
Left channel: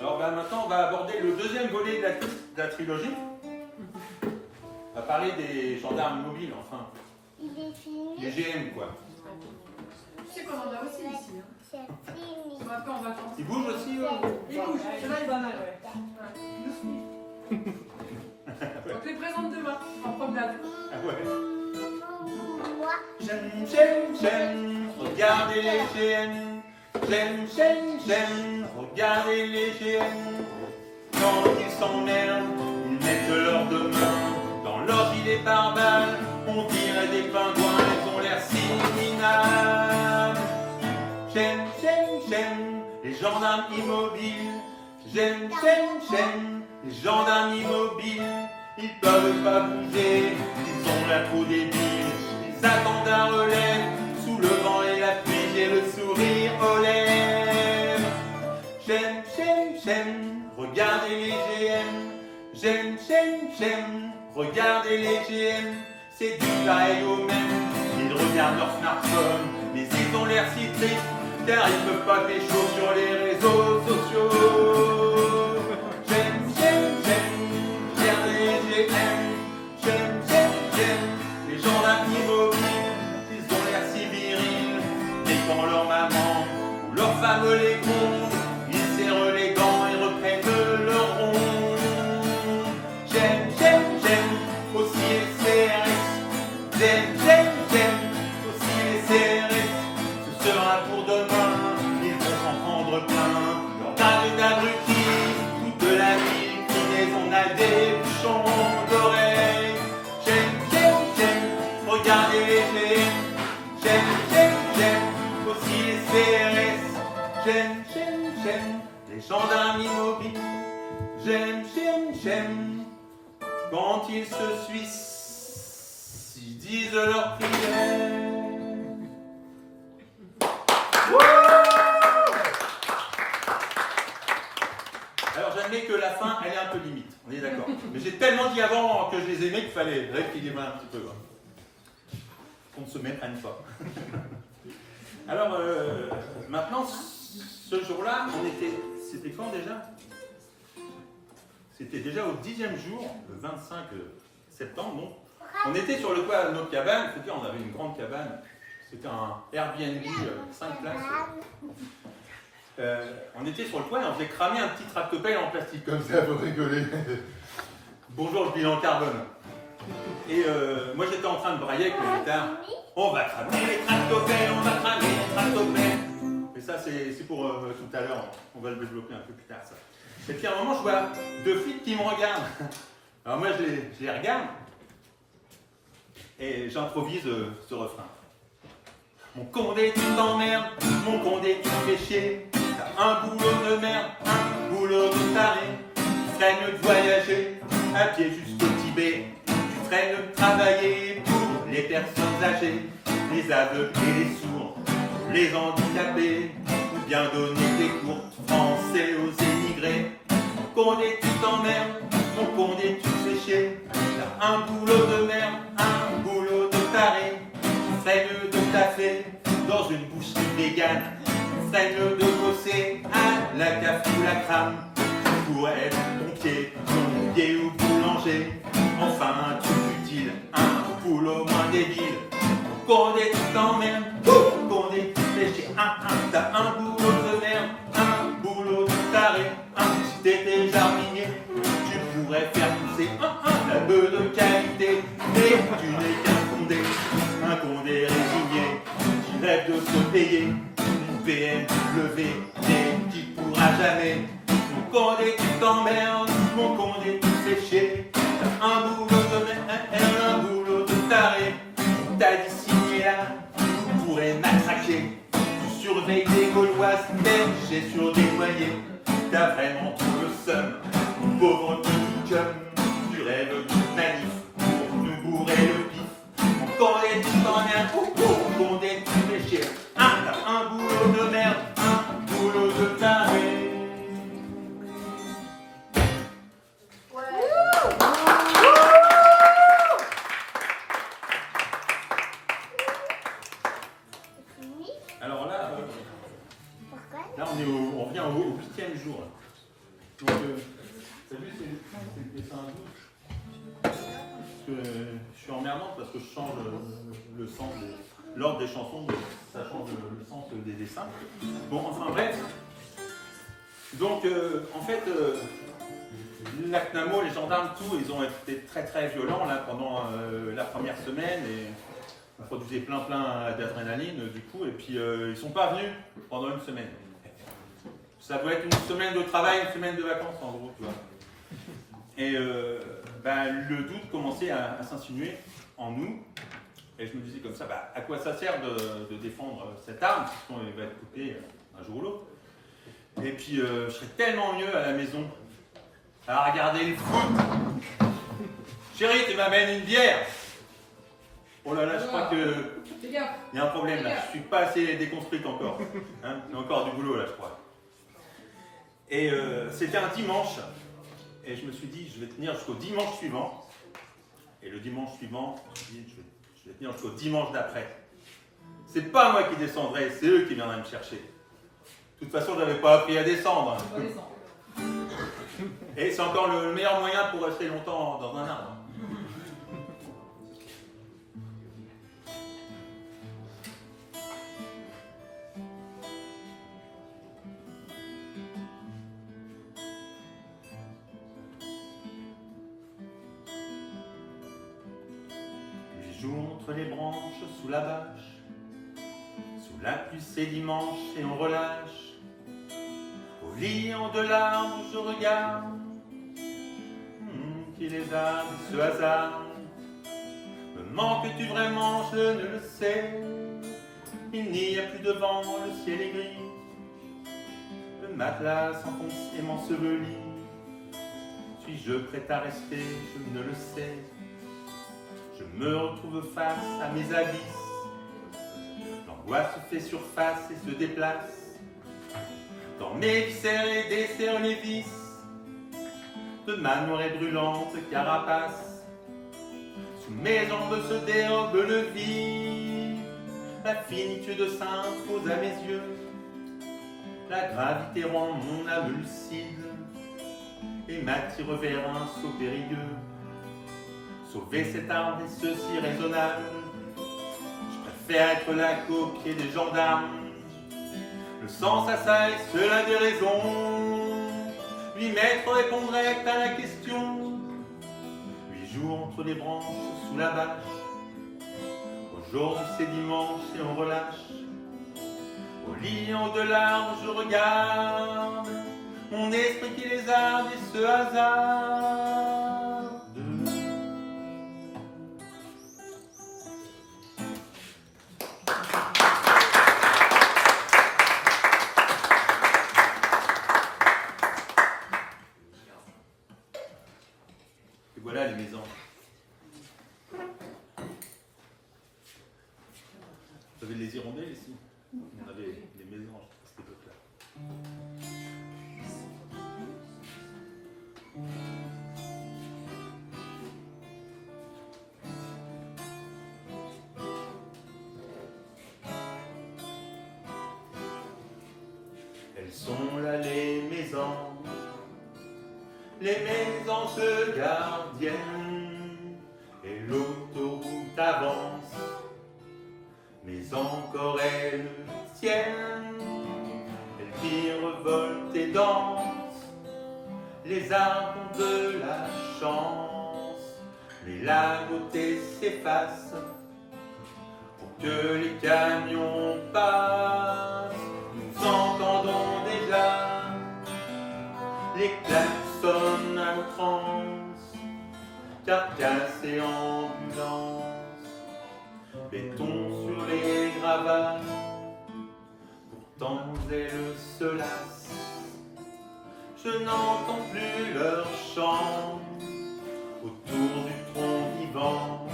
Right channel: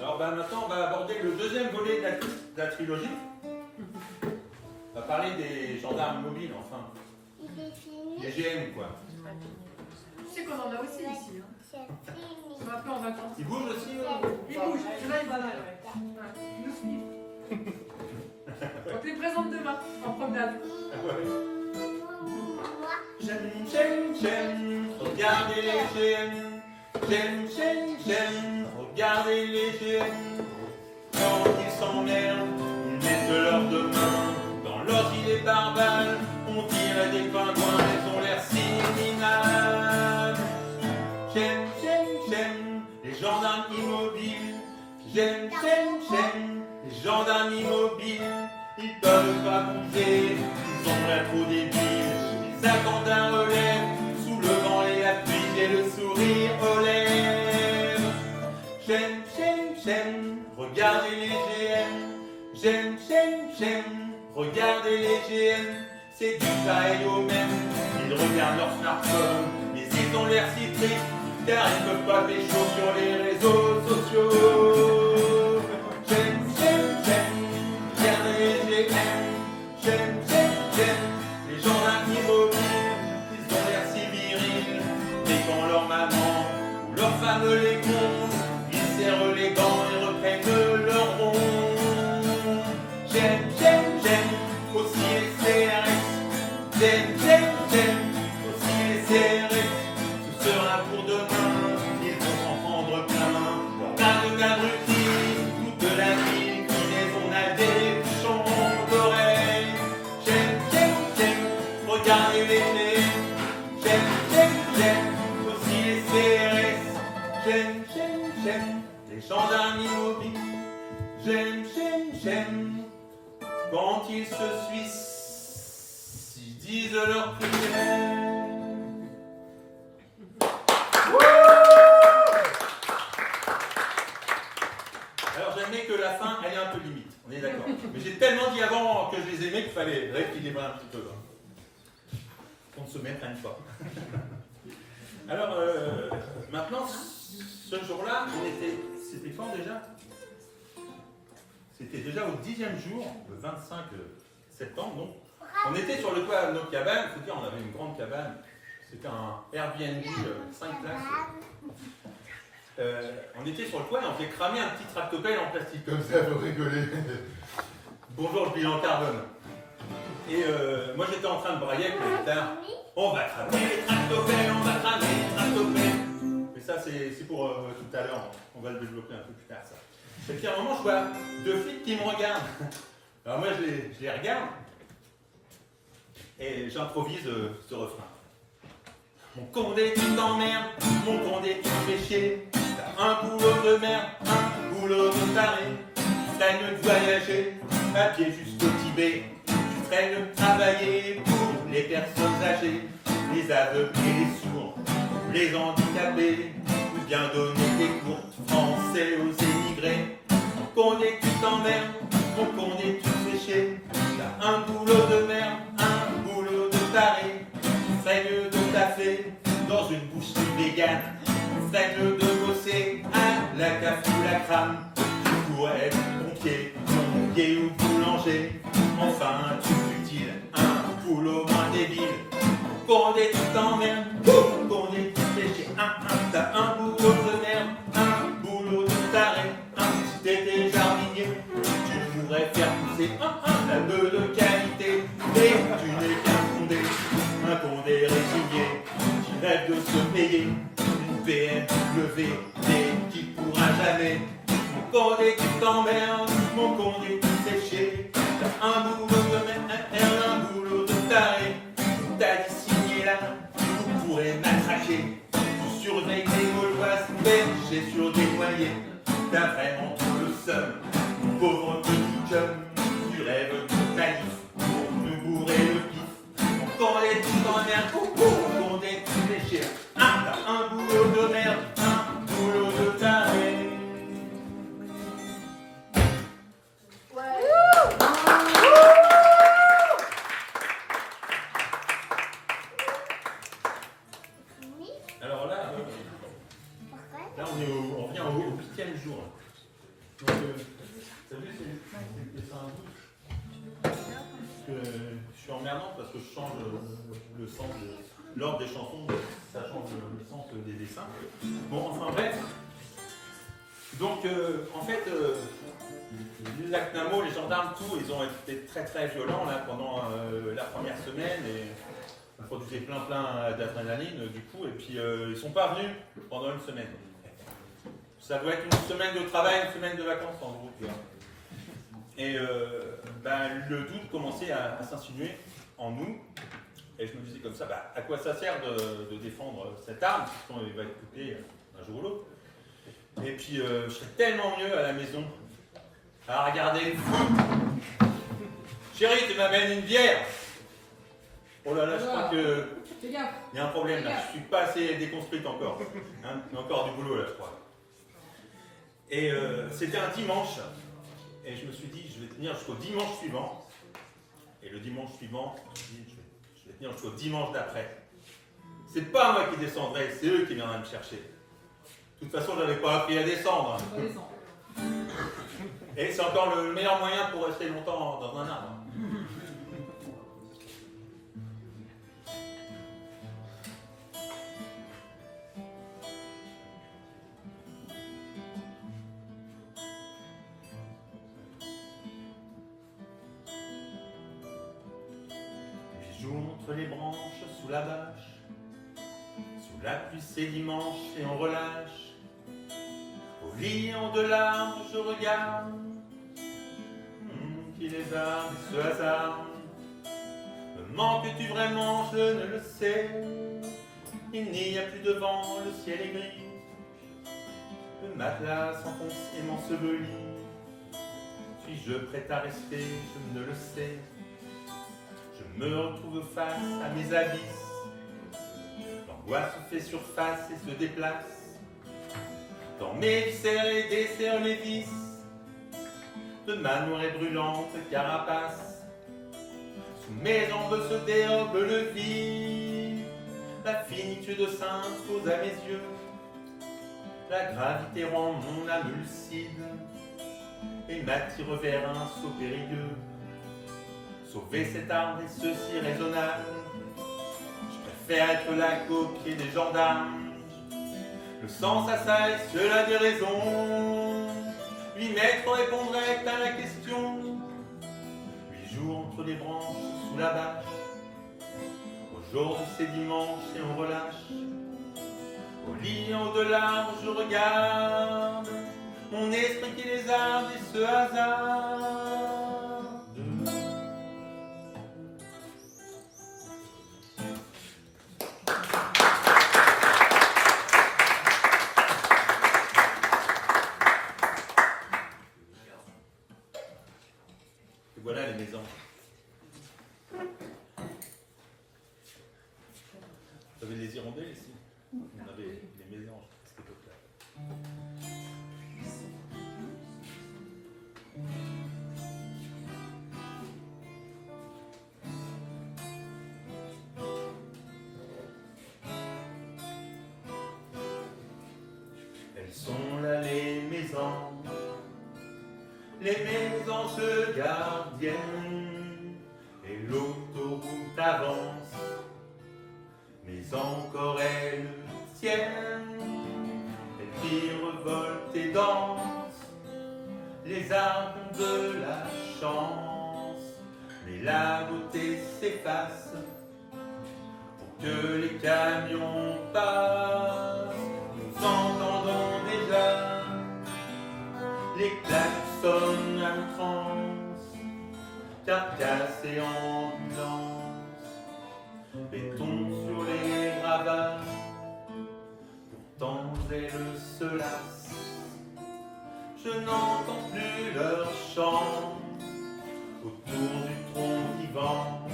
Alors maintenant, on va aborder le deuxième volet de la trilogie. On va parler des gendarmes mobiles, enfin. Il est fini. Les GM, quoi. Tu sais qu'on en a aussi ici. Hein. C'est fini. On va un peu en vacances. Ils bougent aussi, eux? Ils bougent. Ceux-là, ils en a, ouais. Ils nous suivent. On te les présente demain, en promenade. Ah ouais. Moi, J'aime, regardez les GM. J'aime, regardez les GM. Quand ils s'emmerdent, ils mettent leurs deux mains dans leur gilet pare-balles. On dirait des pingouins, ils ont l'air si minables. J'aime, les gendarmes immobiles. J'aime, les gendarmes immobiles. Ils peuvent pas bouger, ils ont l'air trop débiles. Ils attendent un relais, sous le vent et la pluie et le sourire aux lèvres. J'aime, regardez les GM. J'aime, regardez les GM. C'est du pareil au même. Ils regardent leur smartphone, mais ils ont l'air si tristes, car ils peuvent pas pécho sur les réseaux sociaux. J'aime, regardez les GM. J'aime, les gendarmes immobiles. Ils ont l'air si virils, et quand leur maman ou leur femme les compte, ils serrent les gants et reprennent leur rond. J'aime, aussi les CRS. J'aime, aussi les CRS. Ce sera pour demain, ils vont s'en prendre plein. Leur barre d'abrutis, toute la vie, on a des bouchons d'oreilles. J'aime, regardez les GM. J'aime, aussi les CRS. J'aime, les gendarmes immobiles. J'aime, quand ils se suissent, ils disent leurs prières. Alors j'admets que la fin, elle est un peu limite, on est d'accord. Mais j'ai tellement dit avant que je les aimais qu'il fallait rééquilibrer un petit peu. Qu'on ne se méprenne pas. Alors maintenant, ce jour-là, c'était quand déjà? C'était déjà au 10e jour, le 25 septembre, donc. On était sur le toit de nos cabanes, il faut dire, on avait une grande cabane, c'était un Airbnb 5 places. On était sur le toit et on faisait cramer un petit tractopelle en plastique comme ça pour rigoler. Bonjour le bilan carbone. Et moi j'étais en train de brailler avec le guitare. On va cramer les tractopelles, on va cramer les tractopelles. Et ça c'est pour tout à l'heure, on va le développer un peu plus tard ça. Et puis à un moment je vois deux flics qui me regardent. Alors moi je les regarde et j'improvise ce refrain. Mon condé tu t'emmerdes, mon condé tu fais chier. T'as un boulot de merde, un boulot de taré. Tu ferais mieux de voyager à pied jusqu'au Tibet. Tu ferais mieux de travailler pour les personnes âgées, les aveugles et les sourds, les handicapés. Ou bien donner des cours français aux émigrés. Mon condé tu t'emmerdes, mon condé tu fais chier. T'as un boulot de merde, un boulot de taré. Tu ferais mieux de taffer dans une boucherie végane. Tu ferais mieux de bosser à la café ou la crame. Tu pourrais être pompier, plombier ou boulanger. Enfin, tu utile un boulot moins débile. Mon condé tu t'emmerdes, mon condé tu fais chier. T'as un boulot de merde, un boulot de taré. Si t'étais jardinier, tu pourrais faire pousser la bœuf de qualité. Mais tu n'es qu'un condé, un condé résigné qui rêve de se payer une BMW qui pourra jamais. Mon condé tu t'emmerdes, mon condé tu fais chier. T'as un boulot de merde, un boulot de taré. T'as dit signer là, tu pourrais matraquer. Tu surveilles les Gauloises perchées sur des noyers. T'as vraiment tout le seum, mon pauvre petit chum. Tu rêves de manif pour nous bourrer le pif. Mon condé tu t'emmerdes, mon jour. Donc, t'as vu, c'est des dessins à bouche. Parce que je suis emmerdant parce que je change le sens de l'ordre des chansons, ça change le sens des dessins. Bon, enfin bref. Donc, en fait, la CNAMO, les gendarmes, tout, ils ont été très très violents là, pendant la première semaine et on produisait plein d'adrénaline du coup, et puis ils sont pas venus pendant une semaine. Ça doit être une semaine de travail, une semaine de vacances en gros, tu vois. Et le doute commençait à s'insinuer en nous. Et je me disais comme ça, à quoi ça sert de défendre cette arme, puisqu'il va être coupé un jour ou l'autre. Et puis je serais tellement mieux à la maison à regarder le foot. Chérie, tu m'amènes une bière. Oh là là, je crois que il y a un problème là, je suis pas assez déconstruite encore. Hein, il y a encore du boulot là, je crois. Et c'était un dimanche. Et je me suis dit, je vais tenir jusqu'au dimanche suivant. Et le dimanche suivant, je me suis dit, je vais tenir jusqu'au dimanche d'après. C'est pas moi qui descendrai, c'est eux qui viendraient me chercher. De toute façon, je n'avais pas appris à descendre. Et c'est encore le meilleur moyen pour rester longtemps dans un arbre. Les jours entre les branches, sous la bâche, sous la pluie c'est dimanche et on relâche. Au lit en de larmes je regarde qui les a ce hasard. Me manques-tu vraiment, je ne le sais. Il n'y a plus de vent, le ciel est gris. Le matelas s'enfonce et m'ensevelit. Suis-je prêt à rester, je ne le sais. Je me retrouve face à mes abysses. L'angoisse fait surface et se déplace. Dans mes viscères et desserre les vis de ma noire et brûlante carapace. Sous mes jambes se dérobe le vide. La finitude s'impose à mes yeux. La gravité rend mon âme lucide et m'attire vers un saut périlleux. Sauver cet arbre est ceci raisonnable. Je préfère être la coquille des gendarmes. Le sens à ça est cela des raisons. 8 mètres répondrait à la question. 8 jours entre les branches sous la bâche. Aujourd'hui c'est dimanche et on relâche. Au lit en de larmes je regarde mon esprit qui les arde et ce hasard. Voilà les maisons. Vous avez les hirondelles ici? On avait les mésanges à cette époque-là. Elles sont là les maisons. Les mésanges gardiennes et l'autoroute avance, mais encore elles tiennent, elles virevoltent et dansent, les arbres ont de la chance, mais la beauté s'efface pour que les camions passent. Nous entendons déjà les klaxons à outrance, carcasse et ambulance, béton sur les gravats, pourtant elles se lassent. Je n'entends plus leur chant autour du tronc vivant.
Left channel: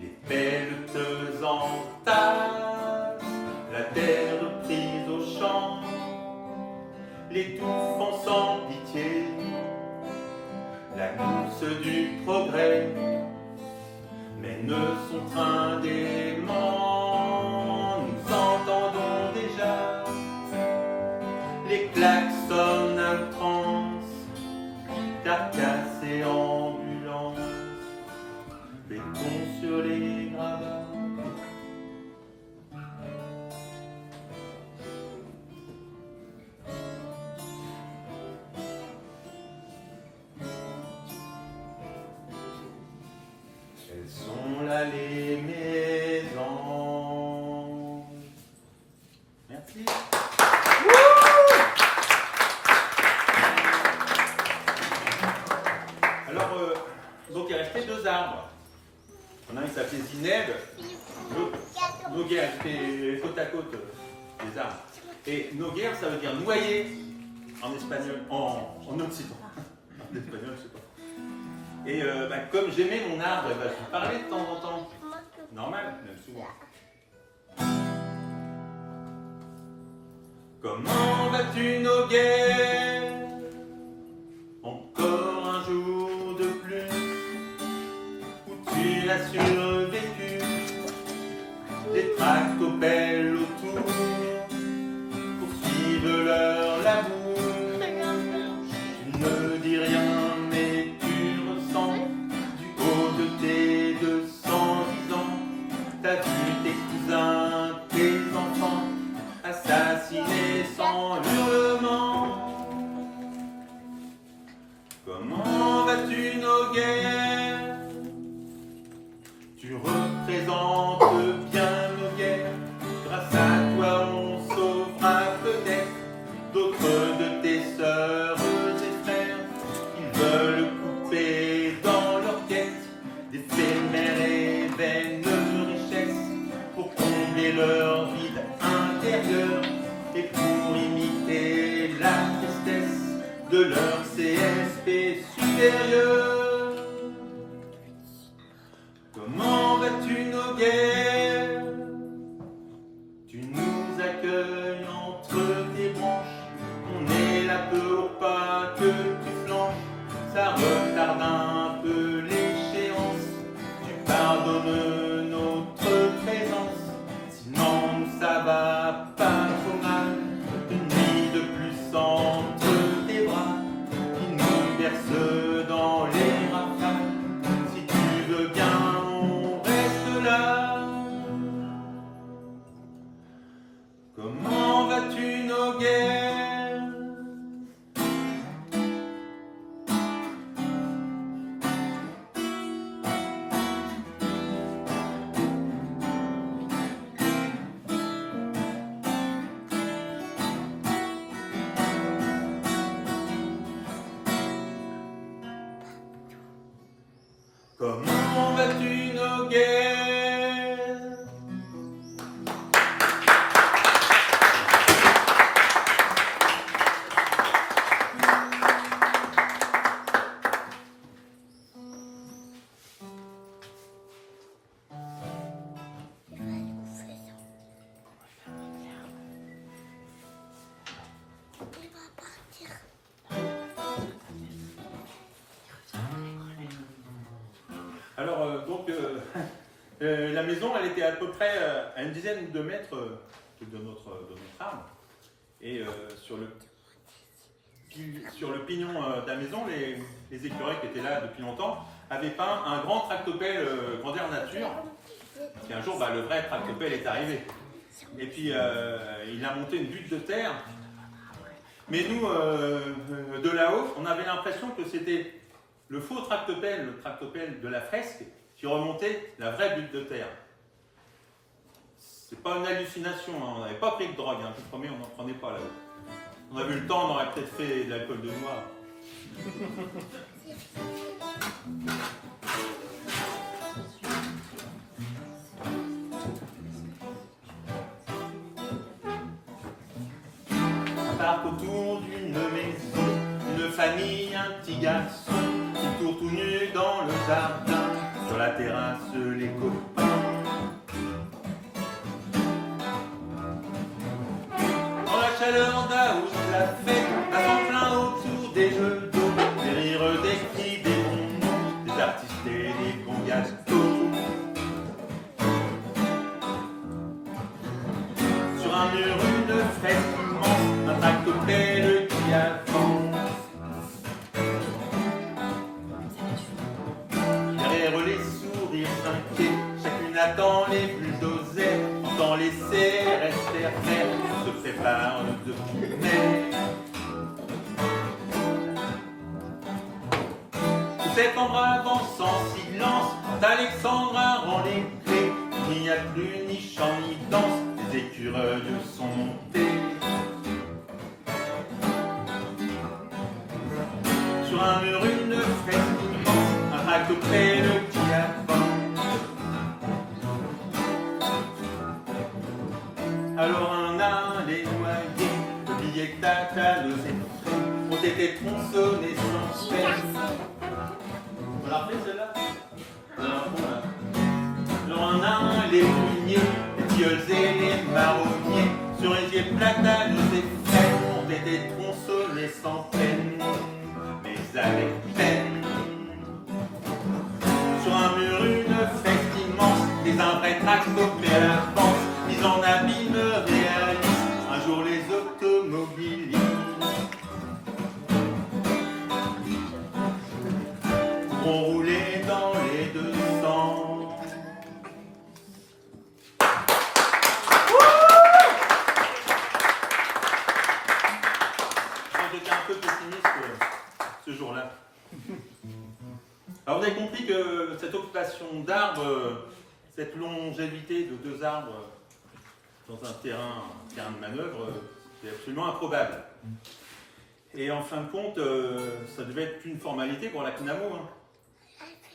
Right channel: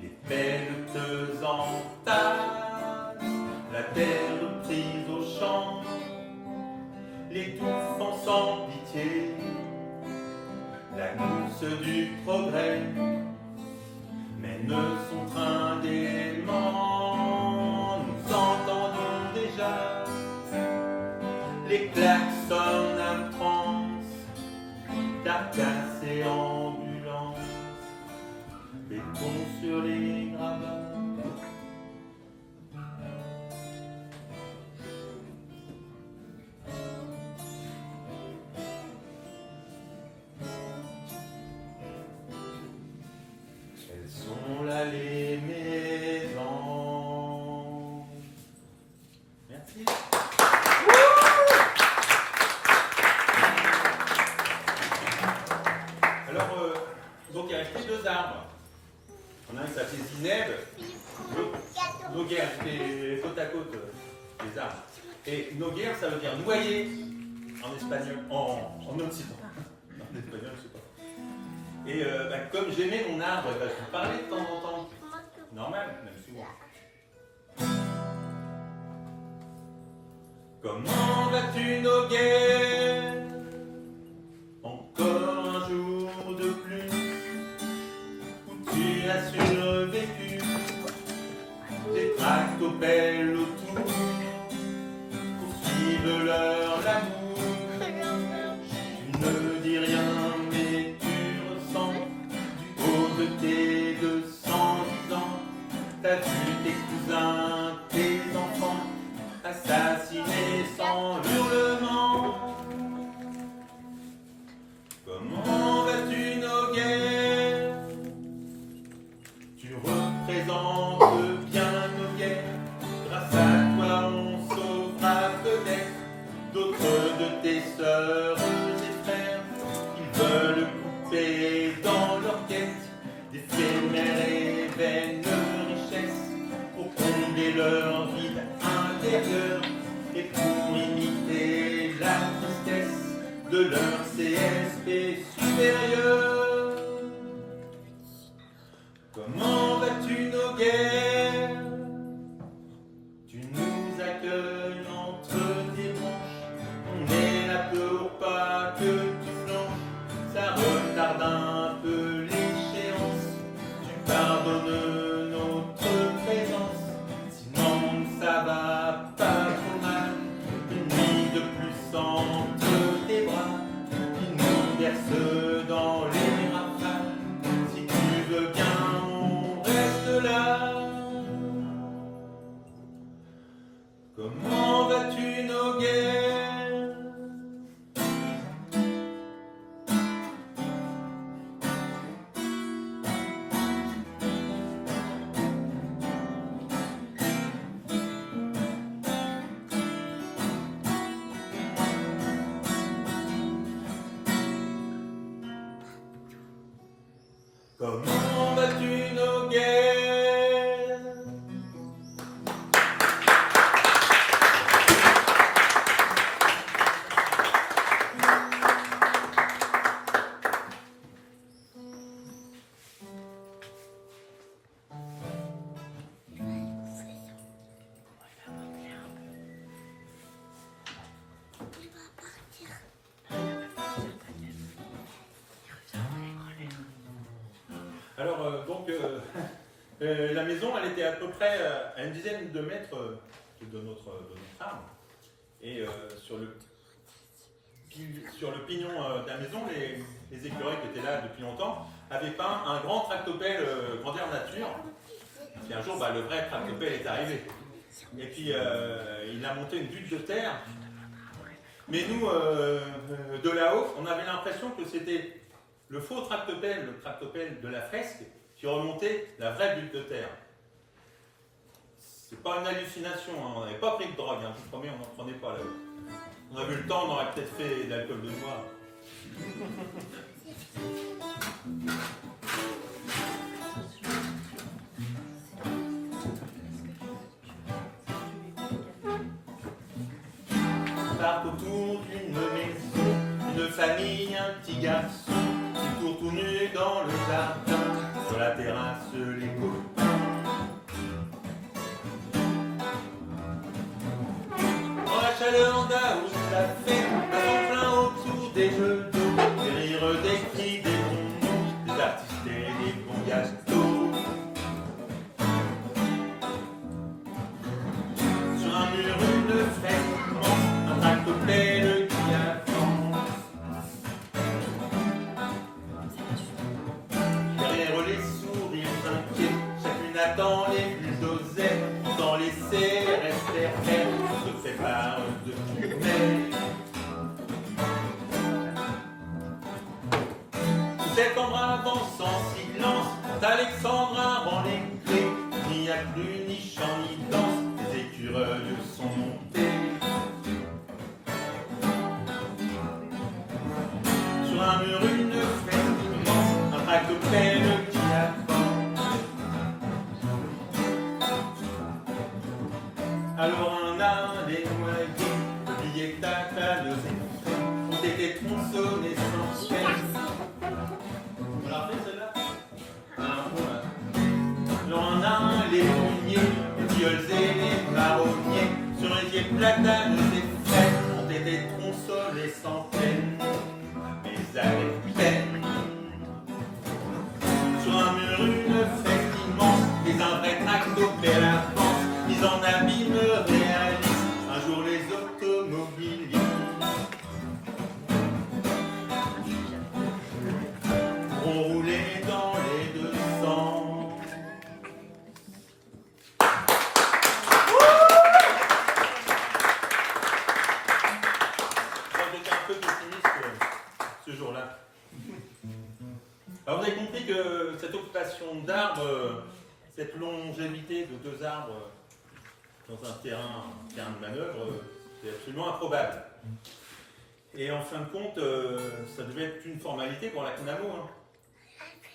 Les pelleteuses entassent la terre prise au champ. L'étouffant sans pitié, la course du progrès mène son train gaiement. Nous entendons déjà les klaxons Elles sont là les maisons. Merci. Alors, donc il restait 2 arbres. On a un qui s'appelait Zineb, l'autre Noguer, c'était côte à côte les arbres. Et Noguer, ça veut dire noyer en espagnol, en occitan. En espagnol, je sais pas. Et comme j'aimais mon arbre, je lui parlais de temps en temps. Normal, même souvent. Comment vas-tu, Noguer? Encore un jour de plus où tu as survécu. Des tractopelles autour poursuivent leur l'amour. Tu ne dis rien, mais tu ressens du haut de tes 210 ans. T'as vu tes cousins, tes enfants assassinés sans hurlement. Comment vas-tu, Noguer? Tu représentes bien Noguer. Grâce à toi, on sauvera peut-être d'autres de tes sœurs et frères. Ils veulent couper dans leur quête d'éphémères et vaines richesses pour combler leur vide intérieur et pour imiter la tristesse de leur CSP supérieur. Comment vas-tu, Noguer? Tu nous accueilles entre tes branches. On est là pour pas que tu flanches. Ça retarde un peu l'échéance. Tu pardonnes notre présence. Sinon ça va pas trop mal. Une nuit de plus entre tes bras qui nous berce dans les rafales. Si tu veux bien, on reste là. Comment vas-tu, Noguer? Comment vas-tu, Noguer? Alors, la maison, elle était à peu près à une dizaine de mètres de notre arbre. Et sur le pignon de la maison, les écureuils qui étaient là depuis longtemps avaient peint un grand tractopelle grandeur nature. Et un jour, le vrai tractopelle est arrivé. Et puis, il a monté une butte de terre. Mais nous, de là-haut, on avait l'impression que c'était le faux tractopelle, le tractopelle de la fresque, qui remontait la vraie butte de terre. C'est pas une hallucination, hein. On n'avait pas pris de drogue, hein. Je vous promets, on n'en prenait pas là-haut. On avait eu le temps, on aurait peut-être fait de l'alcool de noix. On part autour d'une maison, une famille, un petit garçon, qui court tout nu dans le jardin, sur la terrasse les copains. Dans la chaleur d'Août, la fête, un temps plein autour des jeux d'eau, des rires, des cris, des bonbons, des artistes et des bons gâteaux. Sur un mur, une fête immense, un tractopelle qui avance. Derrière les sourires inquiets, chacune attend les plus osés, entend les CRS faire, se prépare de mai. Tout cet ombre avance en silence, Quand Alexandra rend les clés, il n'y a plus ni chant ni danse, les écureuils sont montés. Sur un mur, une fête immense, un tractopelle qui avance. Alors un à les noyés, oubliez que ta le ont été tronçonnés sans peine. On l'a refait celle-là? Alors un à les pruniers, les tilleuls et les marronniers, sur les pieds platanes et frênes, ont été tronçonnés sans peine, mais avec peine. Sur un mur, une fête immense, les un vrai tractopelle avance, mis en abîme réaliste, un jour les automobilistes vont rouler dans les 200. J'étais un peu pessimiste ce jour-là. Alors vous avez compris que cette occupation d'arbres, cette longévité de 2 arbres dans un terrain de manœuvre, c'est absolument improbable. Et en fin de compte, ça devait être une formalité pour la CNAMO. Hein.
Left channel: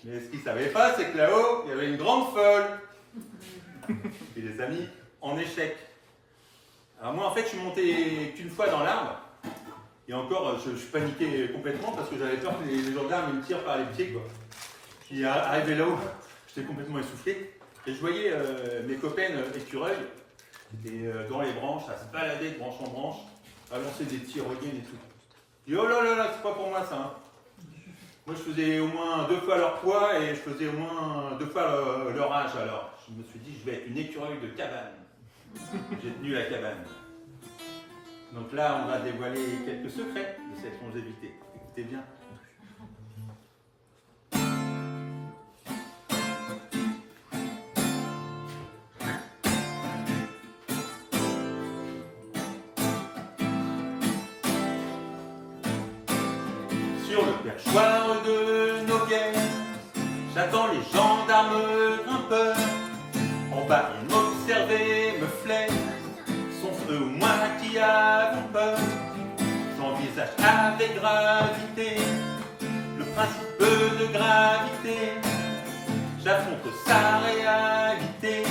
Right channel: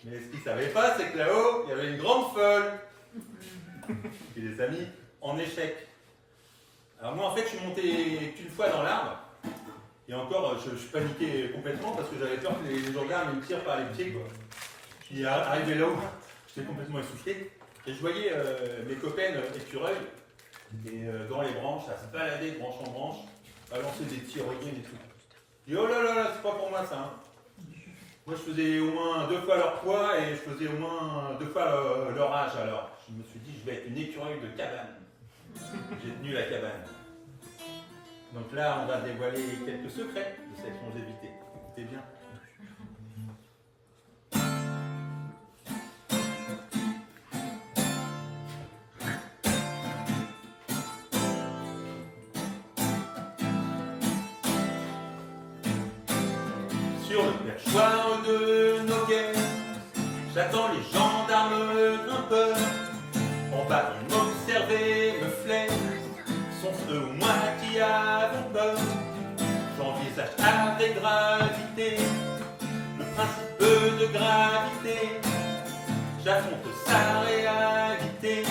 Mais ce qu'ils ne savaient pas, c'est que là-haut, il y avait une grande folle. Et les amis en échec. Alors moi, en fait, je suis monté qu'une fois dans l'arbre. Et encore, je paniquais complètement parce que j'avais peur que les gendarmes me tirent par les pieds. Quoi. Je suis arrivé là-haut, j'étais complètement essoufflé. Et je voyais mes copains écureuils et dans les branches, à se balader de branche en branche, à lancer des tyroliennes et tout. Je dis oh là là là, c'est pas pour moi ça. Hein. Moi je faisais au moins 2 fois leur poids et je faisais au moins 2 fois leur âge. Alors je me suis dit je vais être une écureuil de cabane. J'ai tenu la cabane. Donc là on va dévoiler quelques secrets de cette longévité. Écoutez bien. Sur le perchoir de nos guerres, j'attends les gendarmes grimpeurs. En bas, ils m'observaient, me flairent. Sont-ce eux ou moi qui avons peur? J'envisage avec gravité le principe de gravité. J'affronte sa réalité.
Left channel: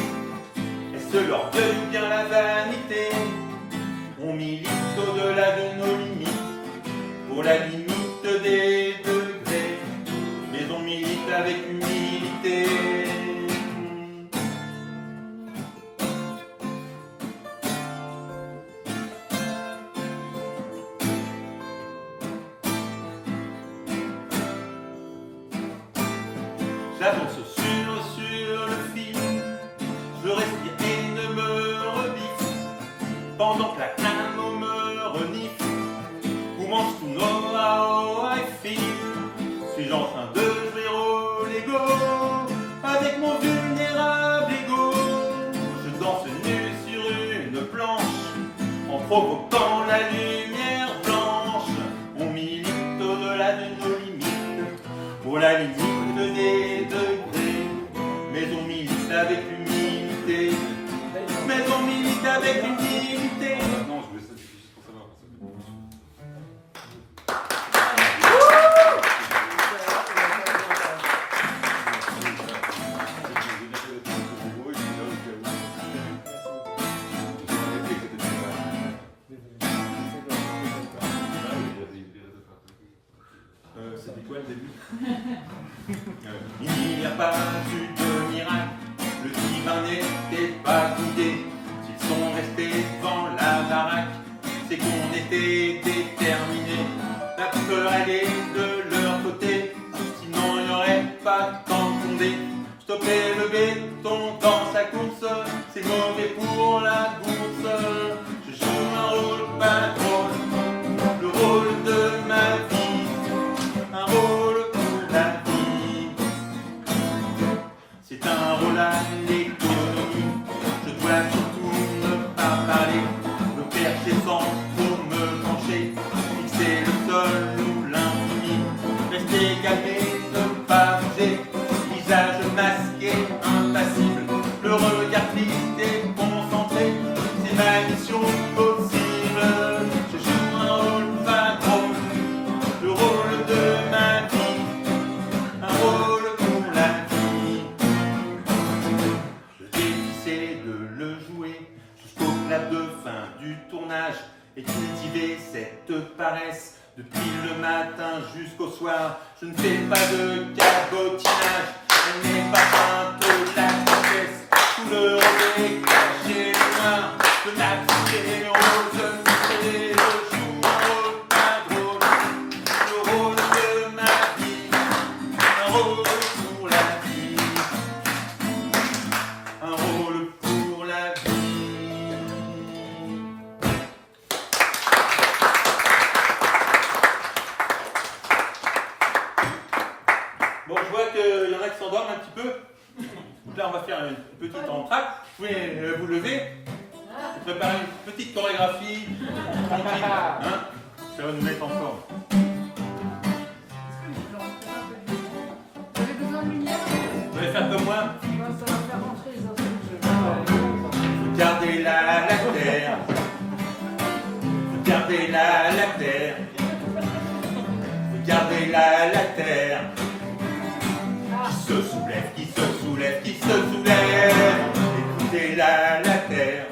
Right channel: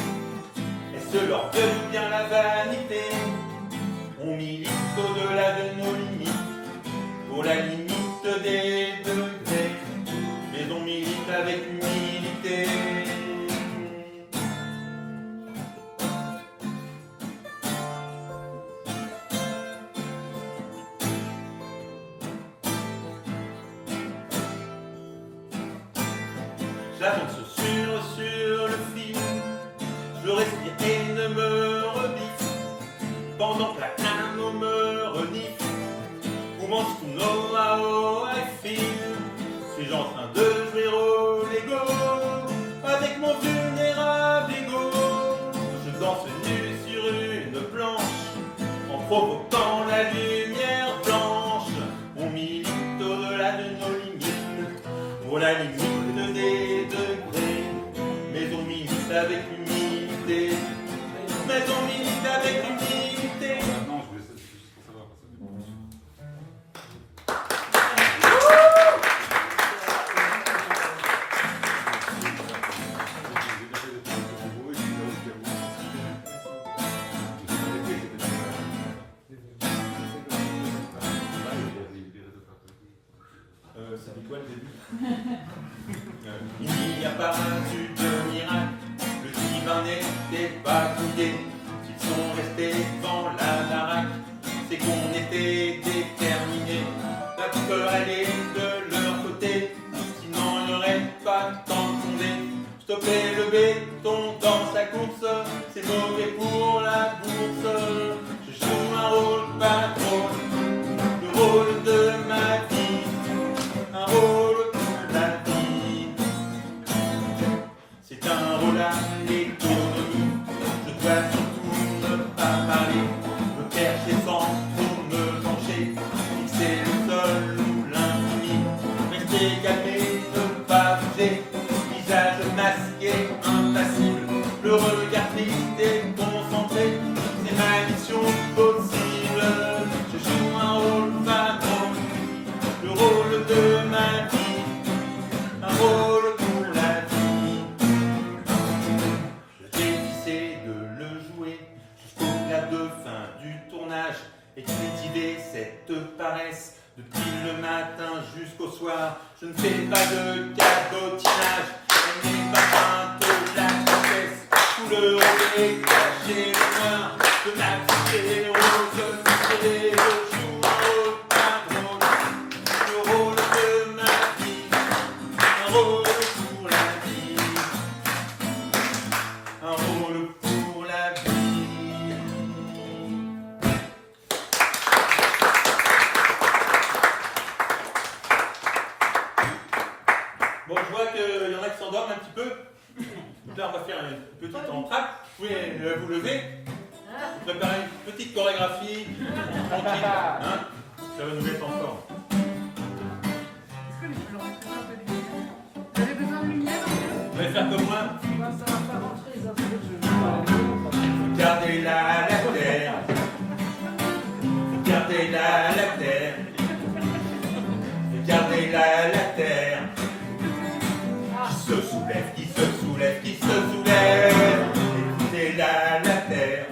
Est-ce l'ordre devient la vanité? On milite au-delà de nos limites pour la limite des degrés, mais on milite avec humilité. J'avance sur le fil, je respire et ne me rebiffe, pendant que la CNAMO me renifle. Où mange tout nos AO et fil? Suis-je en train de jouer au Lego avec mon vulnérable ego? Je danse nu sur une planche en provoquant la lumière blanche. On milite au-delà de nos limites pour la limite des degrés, mais on milite avec humilité. Mais on milite avec humilité. C'était quoi le début? Il n'y a pas eu de miracle, le divin n'était pas guidé. S'ils sont restés devant la baraque, c'est qu'on était déterminés. La peur allait de leur côté, sinon il n'y aurait pas tant de fondé. Stopper le béton dans sa course, c'est mauvais pour la bourse. Je joue un rôle pas drôle, le rôle de ma vie, un rôle de la vie. C'est un rôle à l'économie, je dois surtout ne pas parler, me percher sans trop me pencher, fixer le sol ou l'infini, rester calmé, ne pas bouger, visage mal. et impassible, le regard triste et concentré, c'est ma mission possible. Je joue un rôle patron, le rôle de ma vie, un rôle pour la vie. Le défi c'est de le jouer jusqu'au clap de fin du tournage et cultiver cette paresse. Depuis le matin jusqu'au soir, je ne fais pas de cabotinage. Je n'ai pas peinte la tristesse, tout le rôle est caché noir. Je n'accepte les rôles, je fais je joue un rôle, le rôle de ma vie, un rôle pour la vie, un rôle pour la vie. Bon, je vois qu'il y en a qui s'endorment un petit peu. Donc là, on va faire une petite entracte. Vous pouvez vous lever. Vous préparez une petite chorégraphie. Tranquille. Hein, ça va nous mettre en forme. Est-ce que je peux leur faire un peu de lumière? Vous avez besoin de lumière? Vous allez faire comme moi. Ça va faire rentrer les autres. Regardez-la, la terre. Regardez-la, la terre. Regardez-la, la terre. Qui se soulève, qui se soulève, qui se soulève. Écoutez-la, la terre.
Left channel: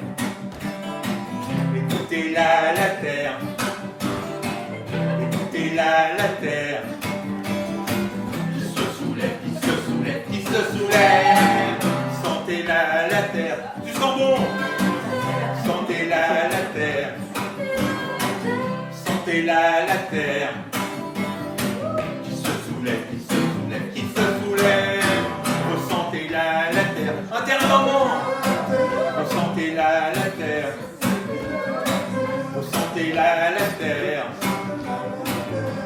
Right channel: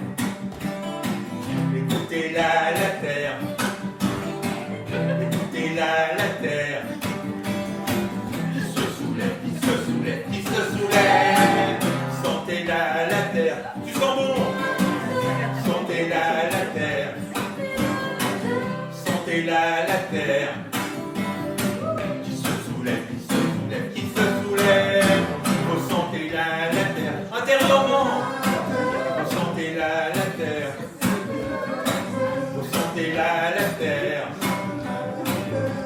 Écoutez-la, la terre. Écoutez-la, la terre. Qui se soulève, qui se soulève, qui se soulève. Sentez-la, la terre. Tu sens bon. Sentez-la, la terre. Sentez-la, la terre. Qui se soulève, qui se soulève, qui se soulève. Ressentez-la, la terre. Intérieurement. Ressentez-la, la terre. Ressentez-la, la terre.